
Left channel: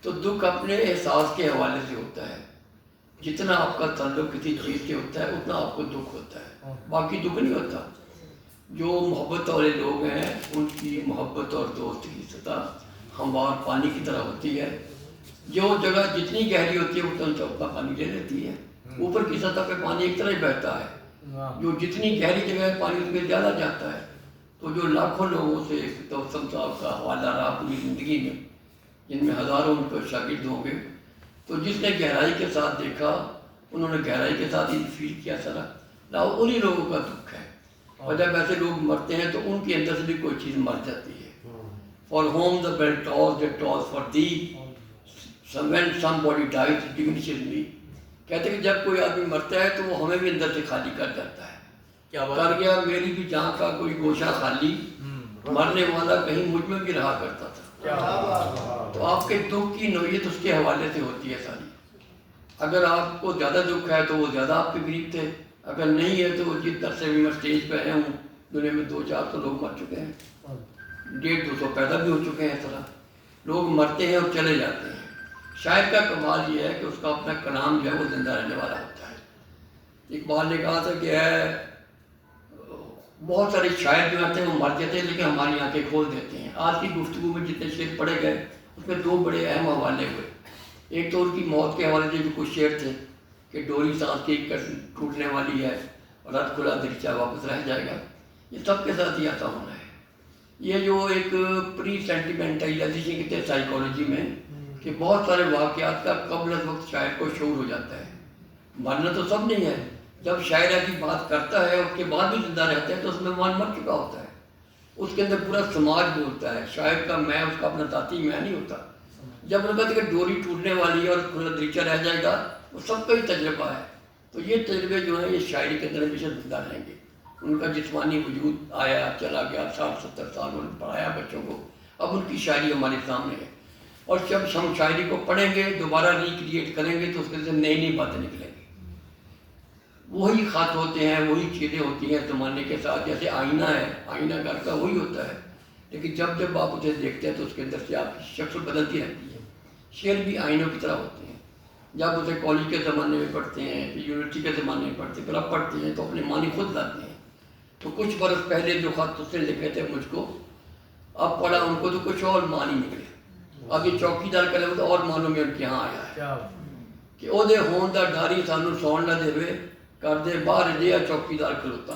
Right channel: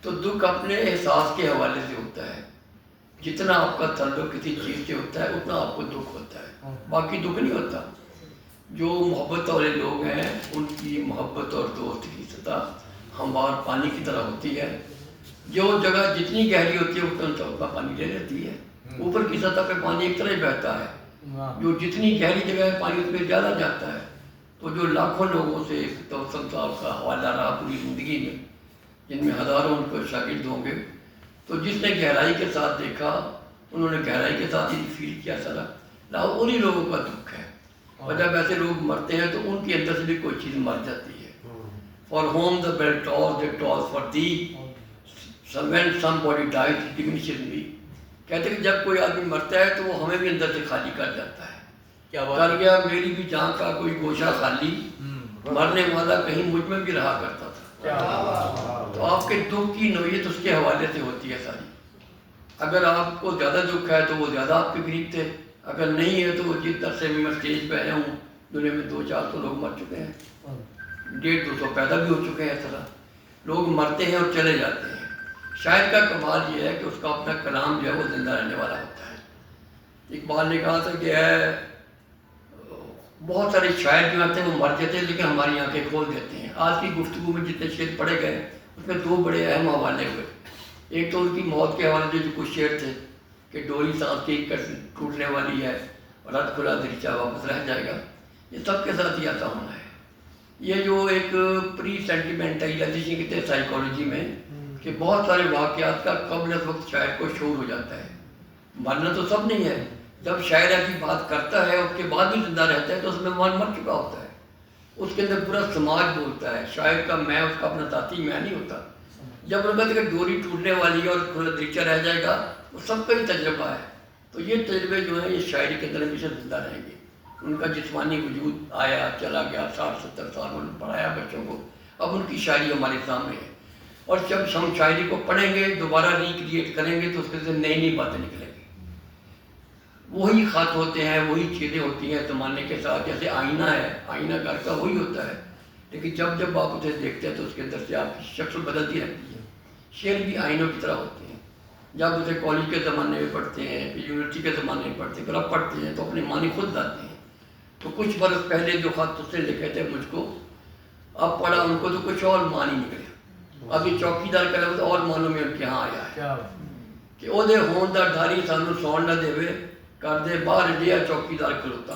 تو دکھ اپنے احساس کے حوالے سے ہوتا ہے. جتنا آپ کا تعلق کسی چیز سے ہوتا ہے اتنا آپ کو دکھ ہوتا ہے، باقی دکھ نہیں ہوتا. جو محبت والے لوگ ہیں ان کی محبت اور دوست کی سطح ہموار پانی کی طرح ہوتی ہے. جو جگہ جتنی گہری ہوتی ہے اتنا چوکا پانی لے لیتی ہے. اوپر کی سطح پہ پانی ایک طرح ہی بہتا ہے، جو جتنی گہری جگہ ہے پانی اس میں زیادہ جاتا ہے. تو جو لاکھوں لوگوں سے توسم صاحب کا حوالہ رہا پوری زندگی میں، جن میں ہزاروں ان کو شاگرد ہوں گے، تو جس نے گہرائی کے ساتھ دیکھا انہوں نے گہرائی کے ساتھ ہی فیل کیا سارا. انہی لوگوں کا دکھ ہے. اور جب ایسے لوگ مرتے ہیں تو ان کے اندر سے بھی کوئی چیز مر جاتی ہے. For whom the bell tolls thee tolls for thee, when somebody dies diminishes me. کہتے ہیں کہ جب کوئی آدمی مرتا ہے تو وہ ہمیں بھی اندر سے خالی کر جاتا ہے. کر گیا میری بھی جان کا کوئی گوشہ خالی، مرنے والا کہیں مجھ میں بھی رہا کرتا تھا. تو آپ کے دکھ کی نوعیت اس کے حوالے سے ہوتی ہے ساری. اگر آپ کو زیادہ دکھ ہے تو وہ زیادہ آپ کے قریب تھے، اگر نہیں ہے تو جس عرصے میں میں اسٹیج پہ آیا ہوں دنیا میں 200-400 لوگ مر چکے ہیں، 150-200 پیدا بھی ہو چکے ہیں. اس طرح لوگ مرتے ہیں اور چلے جاتے ہیں. شاعر کا کمال یہ ہے کہ اس کا اپنا کلام جو ہے وہ زندہ رہنے والا ہوتا ہے. اقبال نے کہا تھا کہ بہت سارے شاعر جو آتے ہیں وہ مر جاتے ہیں لیکن ہماری آنکھیں کھول دیتے ہیں. آج کی گفتگو میں جتنے شعر پڑھے گئے اس میں 2 بڑے اہم حوالے ہوئے. ایک تو ان کی موت کے حوالے سے جو کچھ شعر تھے کہ ڈوری سانس کی ٹوٹنے والی ہے اور رد کھلا دریچہ واپس رہ جائے گا. یہ سب کے ساتھ ہی آتا ہونا ہے. یہ جو ایک پری سینٹیمنٹ ہے یا جسے کہتے ہیں سائیکالوجی میں کہ بہت سارے واقعات کا قبل از وقت شاعر کو شعور ہو جاتا ہے. مرنا تو سب نہیں ہے، جب شاعر ایسی بات کرتا ہے اس کے بعد بھی زندہ رہتا ہے تو اس میں مر چکا ہوتا ہے. اس کے اندر پورا سماج بولتا ہے. شاعر کا میں اس کا اپنا ذاتی میں نہیں ہوتا. جب انہوں نے کہا کہ ڈوری ٹوٹنے والی ہے اور کھلا دریچہ رہ جائے گا، وہ سب کا ہی تجربہ ہے. تو یہ تجربے جو ہیں یہ شاعری کے اندر ہمیشہ زندہ رہیں گے. ان کا جسمانی وجود آیا چلا گیا، 60-70 سال انہوں نے پڑھایا بچوں کو، اب ان کی شاعری ہمارے سامنے ہے. اور جب ہم شاعری کو پڑھیں گے دوبارہ ریکریٹ کریں گے تو اس کے اندر نئی نئی باتیں نکلیں گی. وہی خط ہوتے ہیں, وہی چیزیں ہوتی ہیں زمانے کے ساتھ. جیسے آئینہ ہے, آئینہ گھر کا وہی ہوتا ہے, لیکن جب آپ اسے دیکھتے ہیں تو اس کے اندر سے آپ کی شکل بدلتی رہتی ہے. شعر بھی آئینوں کی طرح ہوتے ہیں. جب اسے کالج کے زمانے میں پڑھتے ہیں, پھر یونیورسٹی کے زمانے میں پڑھتے ہیں, پھر اب پڑھتے ہیں تو اپنے معنی خود لاتے ہیں. تو کچھ برس پہلے جو خط اس نے لکھے تھے مجھ کو, اب پڑھا ان کو تو کچھ اور معنی نکلے. اب یہ چوکیدار کا لفظ اور معنوں میں ان کے ہاں آیا ہے کہ او دے ہون دا ڈاری سانو سون نہ دے کر دے باہر جیا چوکیدار کھلوتا.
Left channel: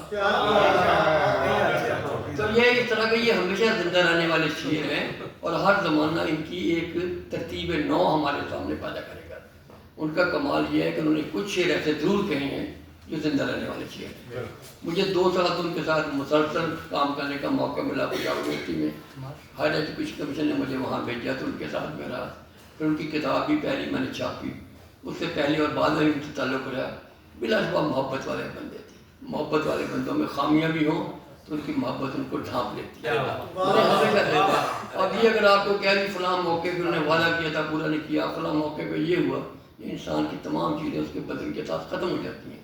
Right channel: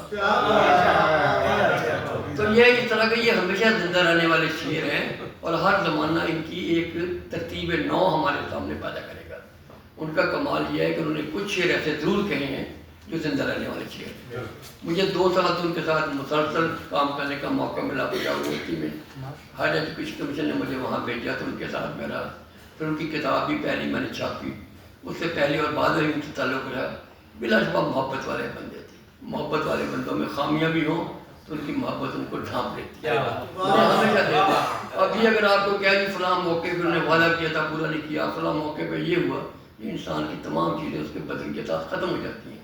تو یہ اس طرح کے یہ ہمیشہ زندہ رہنے والے شعر ہیں, اور ہر زمانہ ان کی ایک ترتیب نو ہمارے سامنے پیدا کرے گا. ان کا کمال یہ ہے کہ انہوں نے کچھ شعر ایسے ضرور کہے ہیں جو زندہ رہنے والے شعر ہیں. مجھے 2 سال ان کے ساتھ مسلسل کام کرنے کا موقع ملا پنجاب یونیورسٹی میں. ہائر ایجوکیشن کمیشن نے مجھے وہاں بھیجا تو ان کے ساتھ میرا, پھر ان کی کتاب بھی پہلی میں نے چھاپی. اس سے پہلے اور بعد میں ان سے تعلق رہا. بلا شبہ محبت والے بندے تھے. محبت والے بندوں میں خامیاں بھی ہوں تو ان کی محبت ان کو ڈھانپ لیتی ہے. میں نے ہمیشہ دیکھا. اب یہ اگر آپ کو کہہ کہ فلاں موقع پہ انہوں نے وعدہ کیا تھا پورا نہیں کیا, فلاں موقع پہ یہ ہوا, یہ انسان کی تمام چیزیں اس کے بدن کے ساتھ ختم ہو جاتی ہیں.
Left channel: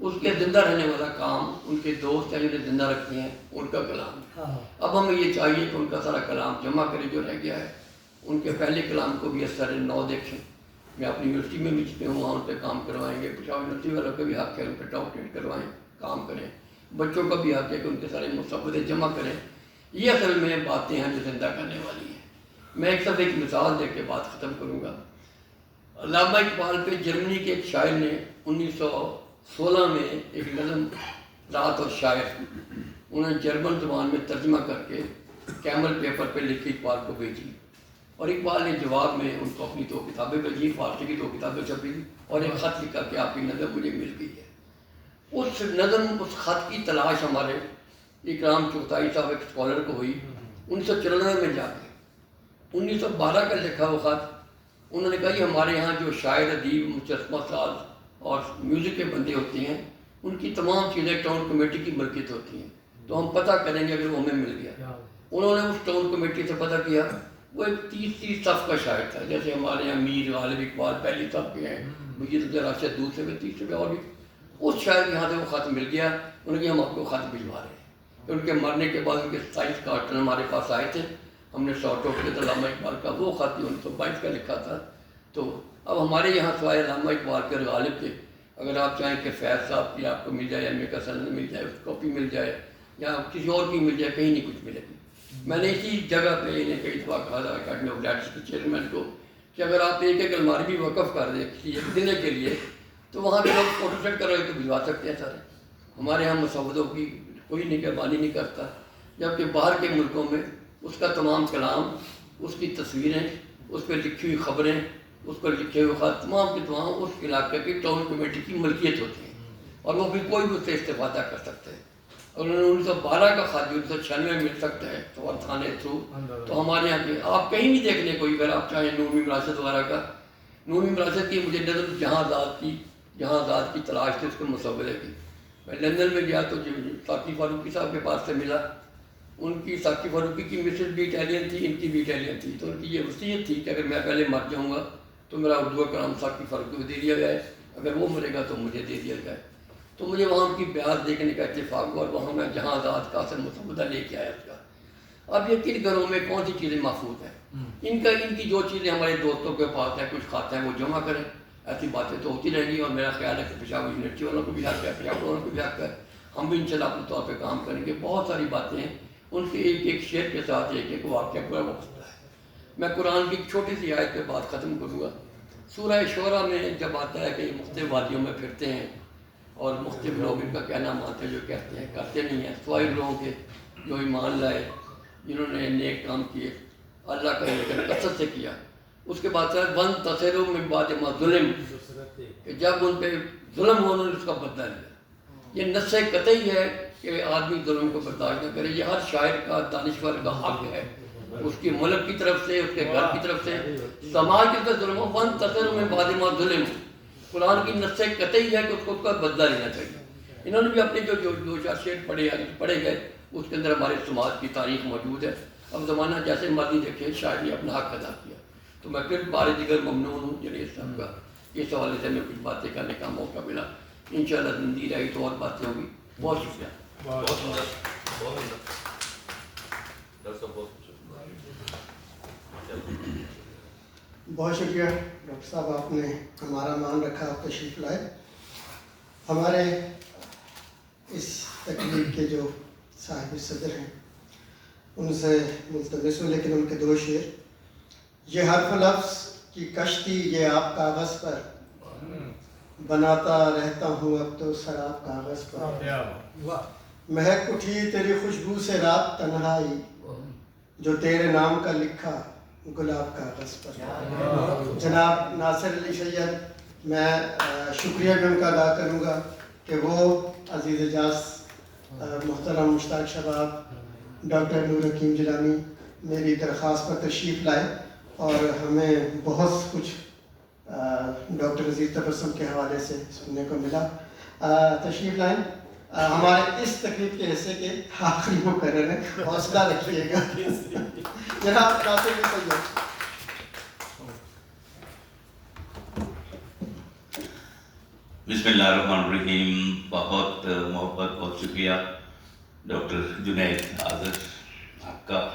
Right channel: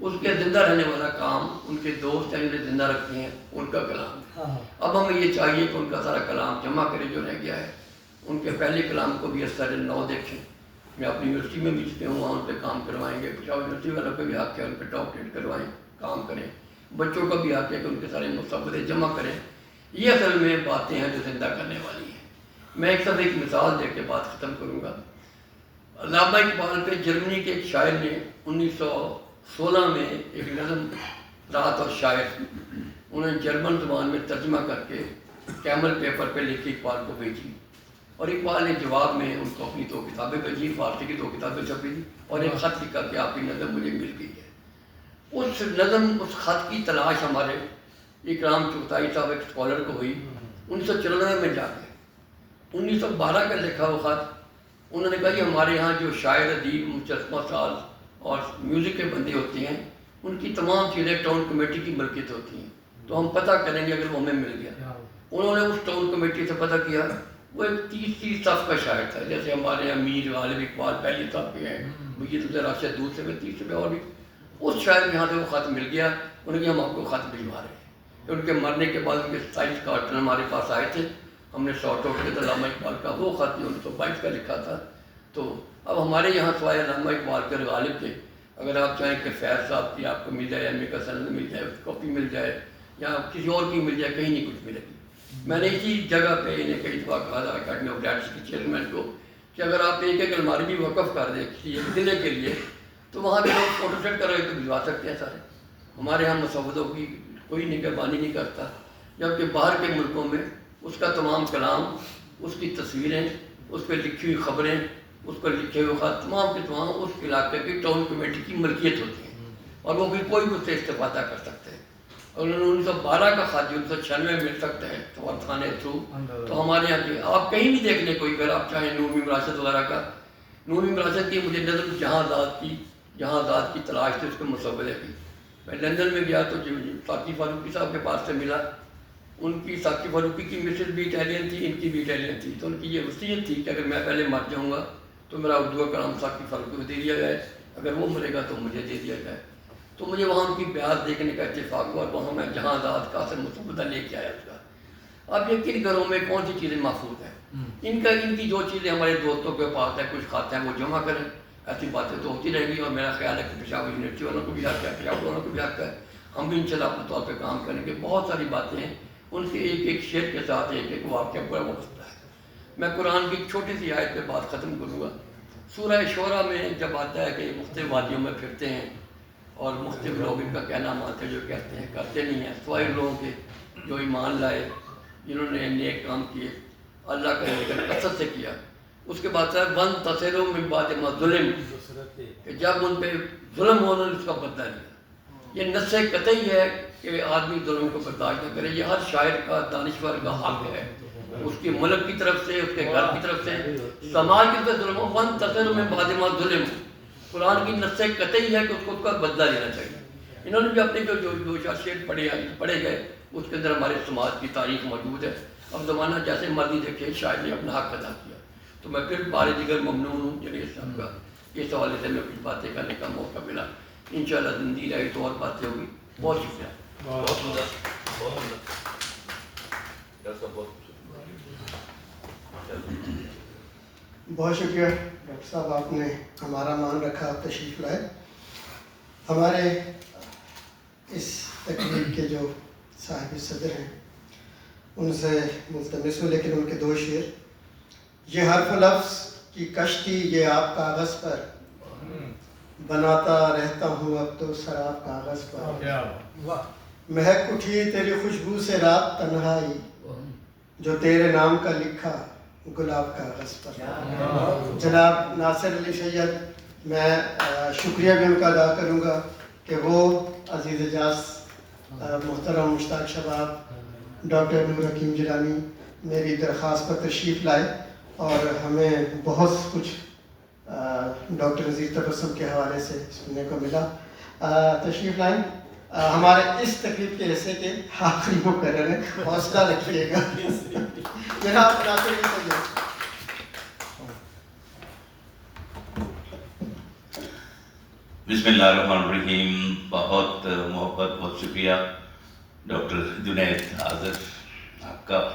اس کے زندہ رہنے والا کام ان کے دوست ہیں جنہیں زندہ رکھتے ہیں, ان کا کلام. اب ہمیں یہ چاہیے کہ ان کا سارا کلام جمع کرے جو رہ گیا ہے. ان کے پہلے کلام کو بھی اثر نو دیکھیں. میں اپنی یونیورسٹی میں بھی جتنے ہوں وہاں ان پہ کام کروائیں گے. پشاور یونیورسٹی والوں کا بھی حق ہے ان پہ ڈاکٹریٹ کروائیں, کام کریں. بچوں کا بھی حق ہے کہ ان کے سارے مسودے جمع کریں. یہ اصل میں باتیں ہیں جو زندہ کرنے والی ہیں. میں ایک سب ایک مثال دے کے بات ختم کروں گا. علامہ اقبال پہ جرمنی کے ایک شاعر نے 1916 میں ایک نظم رات اور شاعر انہیں جرمن زبان میں ترجمہ کر کے کیمل پیپر پہ لکھ کے اقبال کو بھیجی, اور اقبال نے جواب میں ان کو اپنی 2 کتابیں بھیجی, فارسی کی 2 کتابیں چھپی اور ایک خط لکھا کہ آپ کی نظم مجھے مل گئی ہے. اس نظم, اس خط کی تلاش ہمارے اکرام چغتائی صاحب ایک اسکالر کو ہوئی 1994 میں جا کے. 1912 کا لکھا وہ خط. انہوں نے کہا کہ ہمارے یہاں جو شاعر, ادیب, مجسمہ ساز اور میوزک کے بندے ہوتے ہیں ان کی تمام چیزیں ٹاؤن کمیٹی کی ملکیت ہوتی ہیں, تو ہم پتہ کریں گے اگر وہ ہمیں مل گیا. انہوں نے اس ٹاؤن کمیٹی سے پتہ کیا. وہ ایک 30 صف کا شاعر تھا, جیسے ہمارے یہاں میر غالب اقبال پہلی صف پہ ہیں, مجید راشد دوسرے پہ, تیسرے پہ, اور بھی. اس شاعر کے یہاں سے وہ خط مل گیا. انہوں نے کہا ہم آپ کو خط بھجوا رہے ہیں. کہ ان کے مرنے کے بعد ان کے 27 کارٹن ہمارے پاس آئے تھے, ہم نے سارٹ آؤٹ کیا تھا. علامہ اقبال کا وہ خط 1922 کا لکھا تھا. تو اب ہمارے یہاں سوائے علامہ اقبال کے غالب کے اگر آپ چاہیں کہ فیض صاحب کی آپ کو مل جائے, ایم اے کا سند مل جائے, اس کاپی مل جائے, یا کسی اور کی مل جائے, کہیں نہیں کچھ ملے گی. میں نے اسی جگہ پہ انہیں کئی دفعہ کہا تھا اکیڈمی آف رائٹرز کے چیئرمین کو کہ اگر آپ ایک الماری بھی وقف کر دیں کسی ایک ضلع کے لیے تو وہاں کے لوگ فوٹو سیٹ کروائے تو بھجوا سکتے ہیں سارے. ہمارے یہاں مسودوں کی کوئی نگہبانی نہیں کرتا, جبکہ باہر کے ملکوں میں اس کا تمام کلام, اس کی تصویریں, اس پہ لکھی ہوئی خبریں, اس پر لکھے ہوئے خط تمام کے تمام اس علاقے کی ٹاؤن کمیٹی کی ملکیت ہوتی ہیں, اور وہ پھر کوئی بھی اس سے استفادہ کر سکتے ہیں. اور 1912 کا خط جو 1996 میں مل سکتا ہے سفارت خانے تھرو, تو ہمارے یہاں کے آپ کہیں بھی دیکھ لیں کوئی, اگر آپ چاہیں نور میم راشد وغیرہ کا, نور میم راشد کی مجھے نظم جہاں آزاد کی تلاش تھی اس کے مسودے کی. میں لندن میں گیا تو ساقی فاروقی صاحب کے پاس سے ملا. ان کی ساقی فاروقی کی مسز بھی اٹیلین تھی, ان کی بھی اٹیلین تھی. تو ان کی یہ وصیت تھی کہ اگر میں پہلے مر جاؤں گا تو میرا اردو کا کلام ساقی فاروقی کو دے دیا جائے, اگر وہ مرے گا تو مجھے دے دیا جائے. تو مجھے وہاں ان کی بیعت دیکھنے کا اتفاق ہوا, اور وہاں میں جہاں آزاد کا سے مسودہ لے کے آیا اس کا. اب یہ کن گھروں میں کون سی چیزیں محفوظ ہیں؟ ان کی جو چیزیں ہمارے دوستوں کے پاس ہیں, کچھ کھاتے ہیں, وہ جمع کریں. ایسی باتیں تو ہوتی رہیں گی, اور میرا خیال ہے کہ پشاور یونیورسٹی والوں کو بھی حق ہے, پشاور والوں کو بھی حق ہے. ہم بھی انشاءاللہ اپنے طور پہ کام کریں گے. بہت ساری باتیں ہیں, ان کے ایک ایک شعر کے ساتھ ایک ایک واقعہ پورا وابستہ ہے. میں قرآن کی چھوٹی سی آیت پہ بات ختم کروں گا. سورہ شعراء میں جب آتا ہے کہ مختلف وادیوں میں پھرتے ہیں اور مختلف لوگ ان کا کہنا مانتے ہیں, جو کہتے ہیں کرتے نہیں ہیں, سوائے لوگوں کے جو ایمان لائے, جنہوں نے نیک کام کیے, اللہ کا ذکر کثرت سے کیا. اس کے بعد ہے ون تصرو من بعد ما ظلم, کہ جب ان پہ ظلم ہو انہوں نے اس کا بدلہ لیا. یہ نص قطعی ہے کہ آدمی ظلم کو برداشت نہ کرے. یہ ہر شاعر کا, دانشور کا حق ہے, اس کی ملک کی طرف سے, اس کے گھر کی طرف سے, سماج کی طرف سے ظلم ہو. ون تصرو من بعد ما ظلم, قرآن کی نص قطعی ہے کہ اس کو اس کا بدلہ لینا چاہیے. انہوں نے بھی اپنے جو شعر پڑھے گئے اس کے اندر ہمارے سماج کی تاریخ موجود ہے. اب زمانہ جیسے مرضی دیکھے, شاعر نے اپنا حق ادا کیا. تو میں پھر بارے دیگر ممنون ہوں جنید صاحب کا، اس حوالے سے میں کچھ باتیں کرنے کا موقع ملا. انشاءاللہ زندگی رہی تو اور باتیں ہوگی. بہت شکریہ. بہت شکریہ ڈاکٹر صاحب، آپ نے ہمارا مان رکھا، تشریف لائے. ہمارے اس تقریب کے جو صاحب صدر ہیں ان سے ملتمس ہوں، لیکن ان کے 2 شعر. یہ حرف لفظ کی کشتی یہ آپ کاغذ پر، بناتا رہتا ہوں اب تو سراب کاغذ پر. مہک اٹھی تیری خوشبو سے رات تنہائی، جو تیرے نام کا لکھا گلاب کاغذ پر. جناب ناصر علی سید، میں شکریہ بھی ان کا ادا کروں گا کہ وہ عزیز اجاز محترم مشتاق شباب ڈاکٹر نور حکیم جیلانی میری درخواست پر تشریف لائے اور ہمیں بہت کچھ ڈاکٹر عزیز تبسم کے حوالے سے سننے کو ملا. تشریف لائیں. ہمارے اس تقریب کے حصے کے آخری مقرر ہیں، حوصلہ رکھیے گا. جناب ناصر علی سید. بسم اللہ الرحمن الرحیم. بہت محبت، بہت شکریہ ڈاکٹر جنید حاضر، آپ کا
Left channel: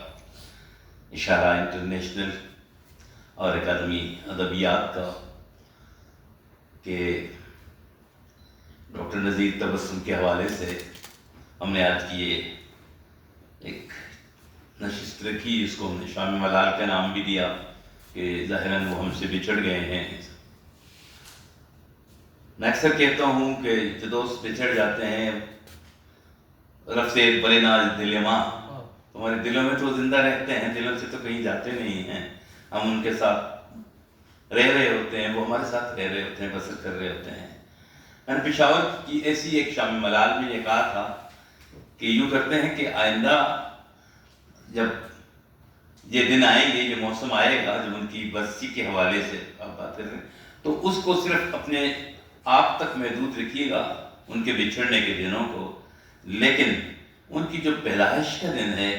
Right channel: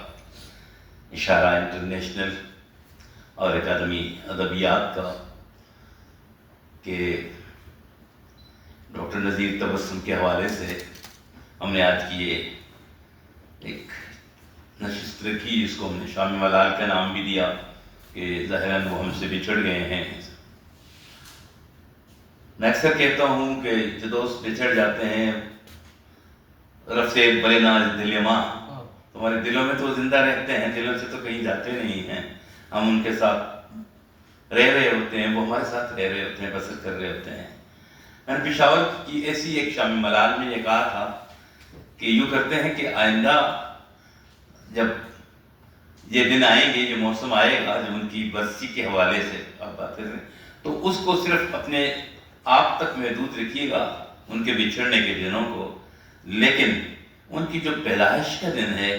اشارہ انٹرنیشنل اور اکیڈمی ادبیات کا، کہ ڈاکٹر نذیر تبسم کے حوالے سے ہم نے آج کی یہ ایک نشست رکھی، جس کو ہم نے شام ملال کا نام بھی دیا، کہ ظاہراً وہ ہم سے بچھڑ گئے ہیں. میں اکثر کہتا ہوں کہ جو دوست بچھڑ جاتے ہیں، رب سے بلے ناز دل ماں، ہمارے دلوں میں تو زندہ رہتے ہیں، دلوں سے تو کہیں جاتے نہیں ہیں. ہم ان کے ساتھ رہ رہے ہوتے ہیں، وہ ہمارے ساتھ رہ رہے ہوتے ہیں، بسر کر رہے ہوتے ہیں. میں نے پشاور کی ایسی ایک شام ملال میں یہ کہا تھا کہ یوں کرتے ہیں کہ آئندہ جب یہ دن آئیں گے، جو موسم آئے گا، جب ان کی برسی کے حوالے سے آپ بات کریں، تو اس کو صرف اپنے آپ تک محدود رکھیے گا، ان کے بچھڑنے کے دنوں کو، لیکن ان کی جو پیدائش کا دن ہے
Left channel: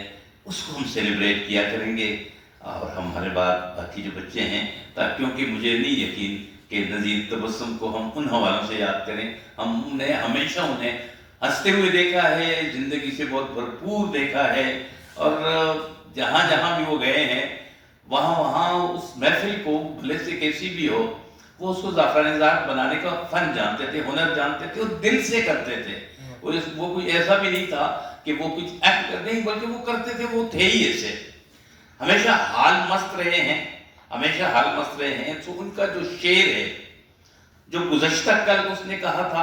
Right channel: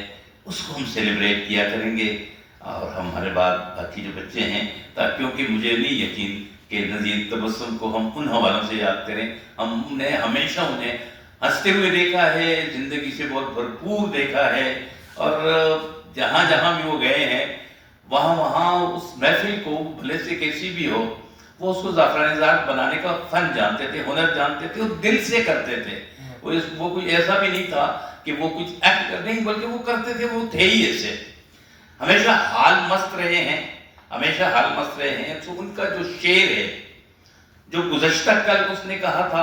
اس کو ہم سیلیبریٹ کیا کریں گے. اور ہمارے بعد باقی جو بچے ہیں، کیونکہ مجھے نہیں یقین کہ نذیر تبسم کو ہم ان حوالوں سے یاد کریں. ہم نے ہمیشہ انہیں ہنستے ہوئے دیکھا ہے، زندگی سے بہت بھرپور دیکھا ہے، اور جہاں جہاں بھی وہ گئے ہیں وہاں وہاں اس محفل کو بھلے سے کیسی بھی ہو، وہ اس کو زعفران زاغ بنانے کا فن جانتے تھے، ہنر جانتے تھے، وہ دل سے کرتے تھے. وہ کوئی ایسا بھی نہیں تھا کہ وہ کچھ ایکٹ کر نہیں، بلکہ وہ کرتے تھے، وہ تھے ہی ایسے. ہمیشہ حال مست رہے ہیں، ہمیشہ حال مست رہے ہیں. تو ان کا جو شعر ہے، جو گزشتہ کل اس نے کہا تھا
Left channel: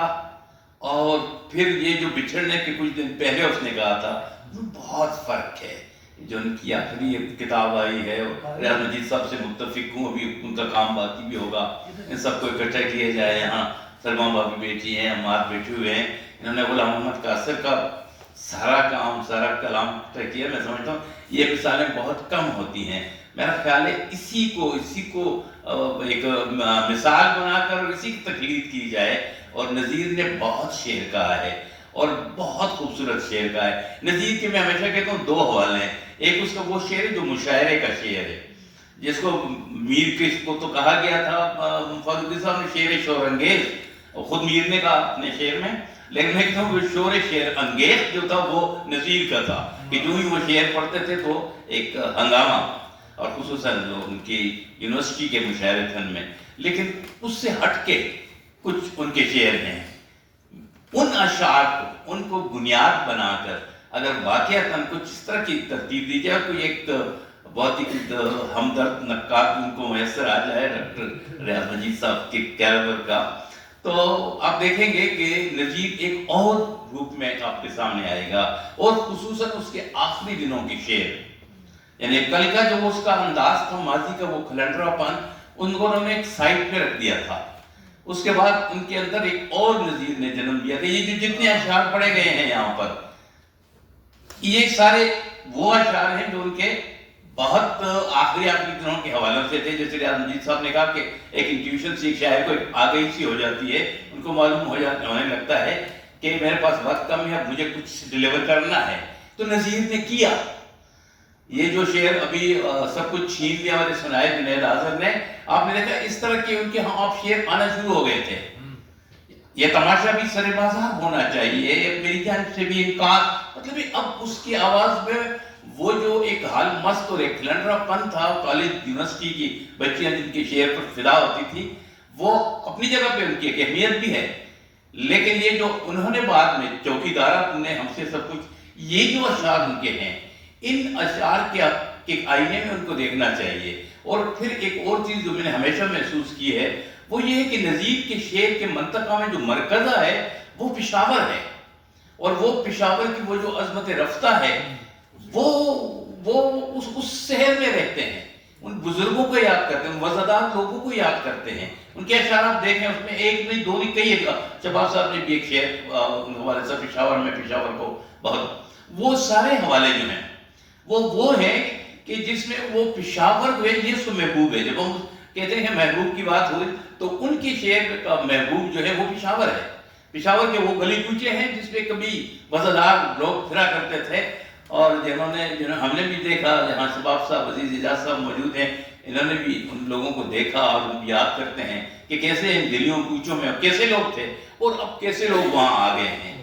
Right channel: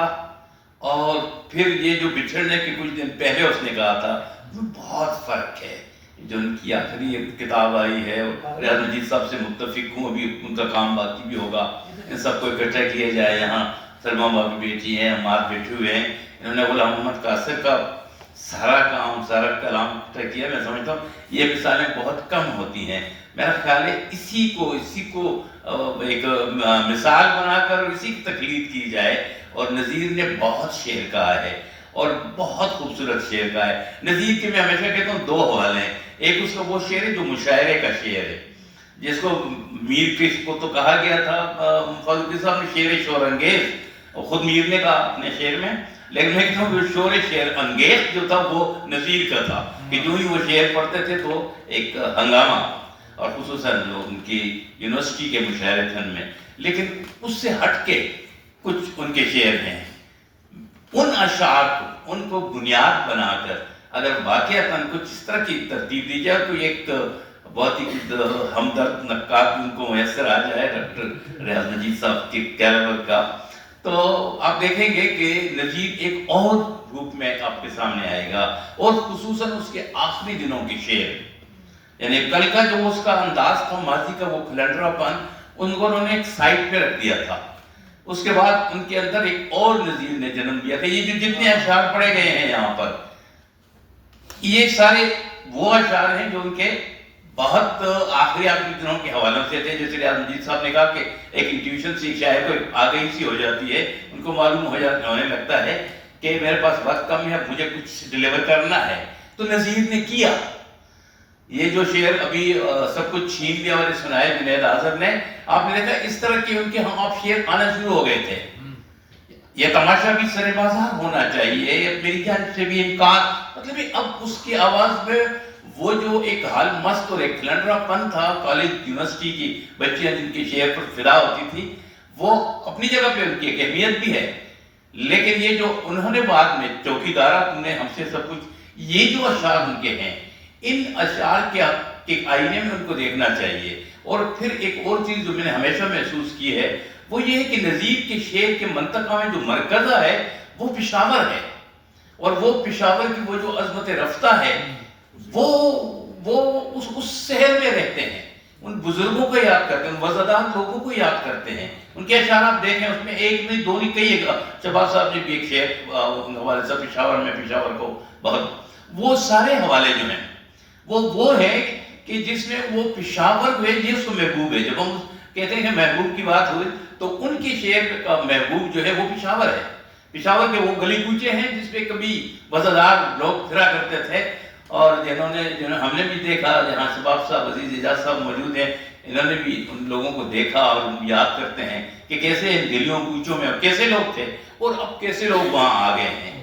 اور پھر یہ جو بچھڑنے کے کچھ دن پہلے اس نے کہا تھا، وہ بہت فرق ہے. جو ان کی آخری کتاب آئی ہے، ریاض مجید صاحب سے متفق ہوں، ابھی ان کا کام باقی بھی ہوگا. ان سب کو اکٹھا کیا جائے. یہاں سلما بابی بیٹی ہیں، عمار بیٹھے ہوئے ہیں، انہوں نے غلام محمد قاصر کا سارا کام، سارا کلام اکٹھا کیا. میں سمجھتا ہوں یہ مثالیں بہت کم ہوتی ہیں. میرا خیال ہے اسی کو ایک مثال بنا کر اسی کی تقلید کی جائے. اور نذیر نے بہت شعر کہا ہے اور بہت خوبصورت شعر کہا ہے. نذیر کے میں ہمیشہ کہتا ہوں 2 حوالے ہیں. ایک اس کا وہ شعر ہے جو مشاعرے کا شعر ہے، جس کو میر کس کو تو کہا گیا تھا، فاروقی صاحب نے شعر شور انگیز، خود میر نے کہا اپنے شعر میں، لیکن میں کہتا ہوں کہ شعر انگیز جو تھا وہ نذیر کا تھا، کہ جو ہی وہ شعر پڑھتے تھے تو ایک ہنگامہ، اور خصوصاً جو ان کی یونیورسٹی کے مشاعرے فن میں. لیکن اس سے ہٹ کے کچھ ان کے شعر ہیں، ان اشعار کو، ان کو بنیاد بنا کر اگر واقعتاً کچھ اس طرح کی ترتیب دی جائے، کوئی ایک بہت ہی ہمدرد نقاد ان کو میسر آ جائے ڈاکٹر ریاض مجید صاحب کے کیریبر کا، تو آپ دیکھیں گے کہ نذیر ایک اور روپ میں آپ کے سامنے آئے گا. اور خصوصاً اس کے آخری دنوں کے شعر، یعنی کل کا جو اس کا انداز تھا، ماضی کا وہ کھلنڈرا پن، انہوں نے ایک سائٹ پہ رکھ دیا تھا. اس کے بعد ان کے اندر ایک اور نذیر نے جنم لیا تھا. یہ جو جتنے اشعار پڑھے گئے ہیں یہاں پر، یہ سارے وہ اشعار ہیں جو ان کے بہت آخری دنوں کے حوالوں سے تھے. جیسے ریاض مجید صاحب نے کہا کہ ایک انٹیوشن سی شاعر کو آگہی سی ہو جاتی ہے، ان کو معلوم ہونے لگتا ہے کہ میرے پاس وقت کم ہے، اب مجھے کچھ ڈیلیور کرنا ہے. تو نذیر نے کیا، یہ جو شعر ابھی سب کچھ چھین لیا والے سنائے جنید آذر نے، آپ نے دیکھا اس طرح کے ان کے ہاں آپ شعر آنا شروع ہو گئے تھے. یہ تماشا بھی سر بازار ہونا چاہیے، میری جانب سے بھی امکان، مطلب اب اس کی آواز میں وہ جو ایک حال مست اور ایک کھلنڈرا پن تھا کالج یونیورسٹی کی بچیاں جن کے شعر پر فدا ہوتی تھی، وہ اپنی جگہ پہ ان کی ایک اہمیت بھی ہے. لیکن یہ جو انہوں نے بعد میں چوکیدارہ تم نے ہم سے سب کچھ، یہ جو اشعار ان کے ہیں، ان اشعار کے آئینے میں ان کو دیکھنا چاہیے. اور پھر ایک اور چیز جو میں نے ہمیشہ محسوس کی ہے وہ یہ ہے کہ نظیر کے شعر کے منطقہ میں جو مرکزہ ہے وہ پشاور ہے، اور وہ پشاور کی وہ جو عظمت رفتہ ہے وہ اس شہر میں رہتے ہیں، ان بزرگوں کو یاد کرتے ہیں، ان وزادار لوگوں کو یاد کرتے ہیں. ان کے اشعار آپ دیکھیں، اس میں ایک نہیں دو نہیں کئی ایک، شہباز صاحب نے بھی ایک شعر حوالے سے پشاور میں پشاور کو بہت، وہ سارے حوالے جو ہیں وہ ہیں کہ جس میں وہ پشاور جو ہے یہ اس کو محبوب ہے. جب ہم کہتے ہیں کہ محبوب کی بات ہوئی تو ان کے شعر کا محبوب جو ہے وہ پشاور ہے. پشاور کے وہ گلی کوچے ہیں جس پہ کبھی وزادار لوگ پھرا کرتے تھے، اور جنہوں ہم نے بھی دیکھا، جہاں شباب صاحب عزیز اعجاز صاحب موجود ہیں، انہوں نے بھی ان لوگوں کو دیکھا اور ان یاد کرتے ہیں کہ کیسے ان گلیوں کوچوں میں اب کیسے لوگ تھے اور اب کیسے لوگ وہاں آ گئے ہیں.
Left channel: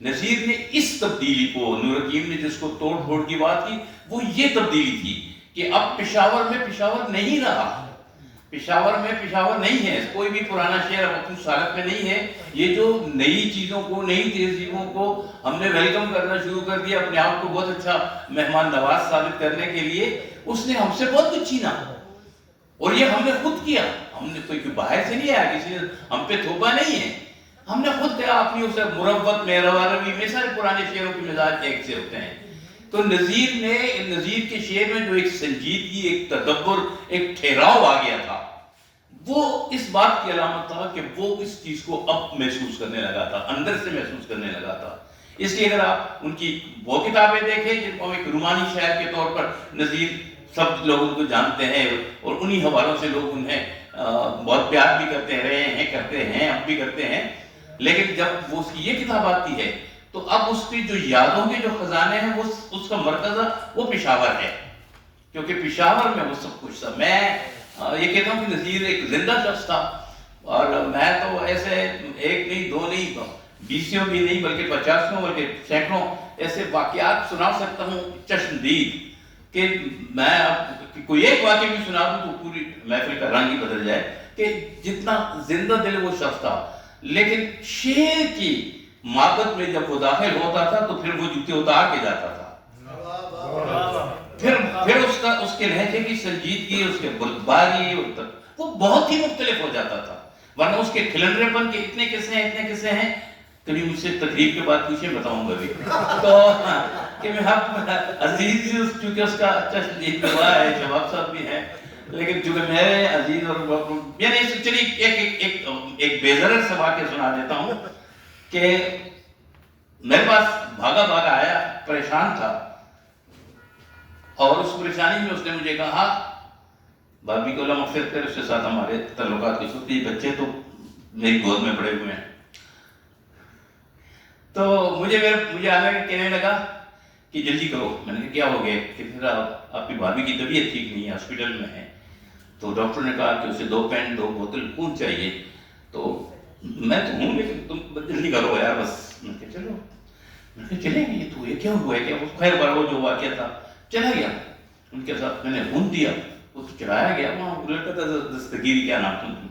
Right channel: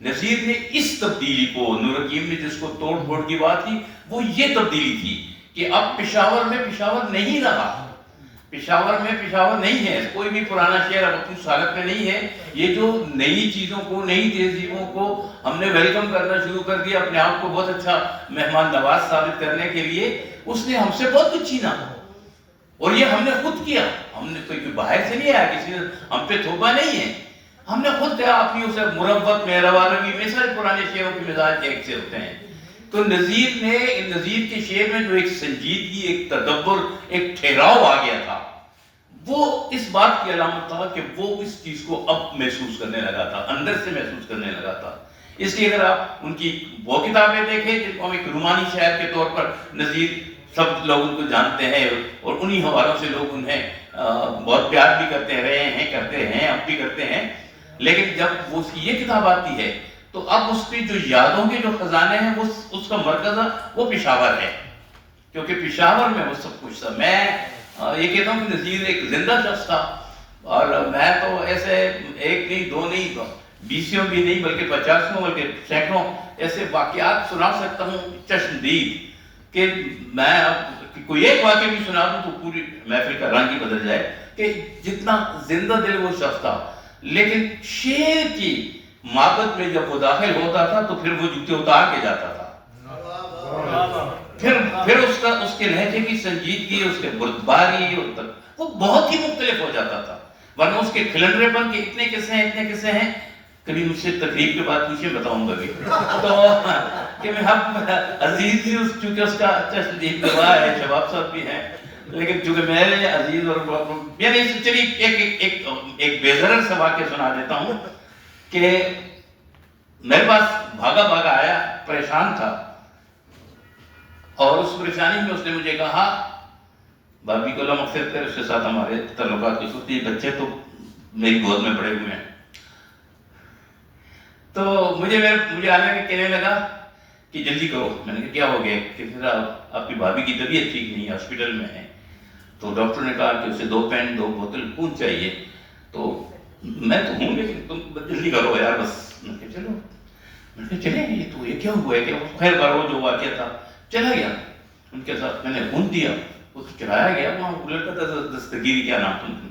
نذیر نے اس تبدیلی کو، نور حکیم نے جس کو توڑ پھوڑ کی بات کی، وہ یہ تبدیلی تھی کہ اب پشاور میں پشاور نہیں رہا، پشاور میں پشاور نہیں ہے، کوئی بھی پرانا شہر اب اپنی حالت میں نہیں ہے. یہ جو نئی چیزوں کو، نئی تہذیبوں کو ہم نے ویلکم کرنا شروع کر دیا، اپنے آپ کو بہت اچھا مہمان نواز ثابت کرنے کے لیے، اس نے ہم سے بہت کچھ چھینا، اور یہ ہم نے خود کیا. ہم نے کوئی باہر سے نہیں آیا، کسی نے ہم پہ تھوپا نہیں ہے، ہم نے خود کیا. اپنی اسے مروت میں، روی میں، سارے پرانے شعروں کے مزاج ایک سے ہوتے ہیں. تو نذیر کے شعر میں جو ایک سنجیدگی، ایک تدبر، ایک ٹھہراؤ آ گیا تھا، وہ اس بات کی علامت تھا کہ وہ اس چیز کو اب محسوس کرنے لگا تھا، اندر سے محسوس کرنے لگا تھا. اس لیے اگر آپ ان کی وہ کتابیں دیکھیں جن کو ایک رومانی شاعر کے طور پر نذیر سب لوگ ان کو جانتے ہیں، اور انہی حوالوں سے لوگ انہیں بہت پیار بھی کرتے رہے ہیں، کرتے ہیں، اب بھی کرتے ہیں. لیکن جب وہ اس کی یہ کتاب آتی ہے تو اب اس پہ جو یادوں کے جو خزانے ہیں، وہ اس کا مرکز وہ پشاور ہے، کیونکہ پشاور میں وہ سب کچھ تھا. میں یہ کہتا ہوں کہ نذیر ایک زندہ شخص تھا، اور میں تو ایسے ایک نہیں دو نہیں 20 بھی نہیں بلکہ 50 بلکہ سینکڑوں ایسے واقعات سنا سکتا ہوں چشمدید، کہ میں اب کوئی ایک واقعہ بھی سنا دوں تو پوری محفل کا رنگ ہی بدل جائے کہ جتنا زندہ دل وہ شخص تھا. لیکن شعر کی محبت میں جب وہ داخل ہوتا تھا تو پھر وہ جوتے اتار کے جاتا تھا. پھر اس کے لہجے کی سنجیدگی، اس کے بردباری، وہ بہت ہی مختلف ہو جاتا تھا. ورنہ اس کے کھلنڈرے پن کے اتنے قصے ہیں کبھی مجھ سے تقریب کے بعد پوچھے بتاؤں گا بھی. تو کہ میں عزیز جی چونکہ اس کا اچھا شدید گواہ ہے، شباب صاحب بھی ہیں، لیکن چونکہ میرے عزیز اور یعنی چلیے ایک بےضرر سے واقعہ سنا دیتا ہوں کہ میرے پاس بھاگا آیا، پریشان تھا، اور اس پریشانی میں اس نے مجھے کہا، بابی کو اللہ مغفرت کرے، اس کے ساتھ ہمارے تعلقات کی صورت، یہ بچے تو میری گود میں پڑے ہوئے ہیں. تو مجھے آنے کے کہنے لگا کہ جلدی کرو. میں نے کہا کیا ہو گیا؟ کہ آپ کی بھابھی کی طبیعت ٹھیک نہیں ہے، ہاسپٹل میں ہے. تو ڈاکٹر نے کہا کہ اسے 2 پین 2 بوتل خون چاہیے. تو میں تو ہوں لیکن تم جلدی کرو یار بس. میں نے کہا چلو. میں نے کہا چلیں گے. تو یہ کیا ہوا ہے کہ خیر بار وہ جو واقعہ تھا چلا گیا ان کے ساتھ. میں نے خون دیا، اس کو چلایا گیا، وہاں لڑکا تھا دستگیری کیا نام تھا.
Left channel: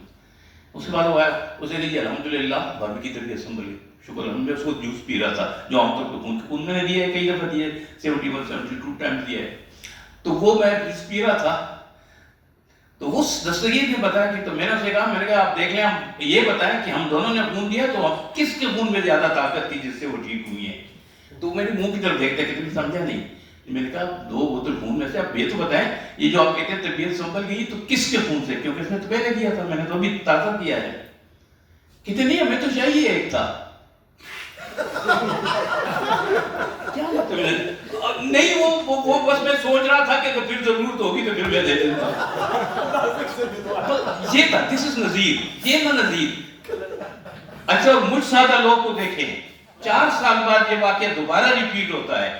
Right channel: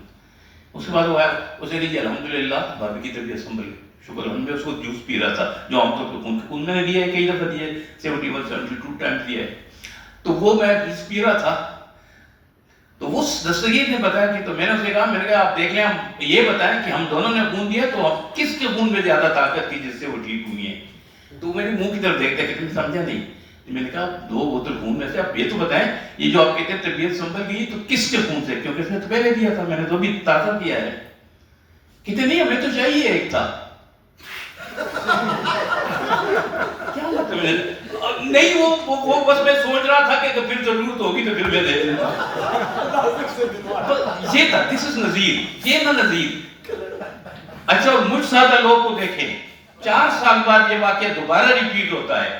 اس کے بعد وہ آیا، اسے لیجیے الحمدللہ بھابھی کی طبیعت سنبھل گئی، شکر الحمد. اس کو جوس پی رہا تھا جو عام طور پہ خون میں نے دیا ہے، کئی دفعہ دیا ہے، 71 72 ٹائمز دیا ہے. تو وہ میں جوس پی رہا تھا. تو اس دستگیر نے بتایا کہ، تو میں نے اسے کہا، میں نے کہا آپ دیکھ لیں، ہم یہ بتائیں کہ ہم دونوں نے خون دیا تو اب کس کے خون میں زیادہ طاقت تھی جس سے وہ ٹھیک ہوئی ہے. تو میرے منہ کی طرف دیکھتے کہ تم سمجھا نہیں. میں نے کہا 2 بوتل خون میں سے آپ یہ تو بتائیں، یہ جو آپ کہتے ہیں طبیعت سنبھل گئی تو کس کے خون سے؟ کیونکہ اس نے تو پہلے دیا تھا، میں نے تو ابھی تازہ کیا ہے. کہتے نہیں ہمیں تو چاہیے ایک تھا. کیا مطلب ہے؟ نہیں وہ بس میں سوچ رہا تھا کہ تو پھر ضرورت ہوگی تو پھر میں دے دیتا. یہ تھا، دس از نذیر، یہ نا نذیر. اچھا، اور مجھ سادہ لوگ کو دیکھیں، 4 سال بعد یہ واقعہ دوبارہ ریپیٹ ہوتا ہے.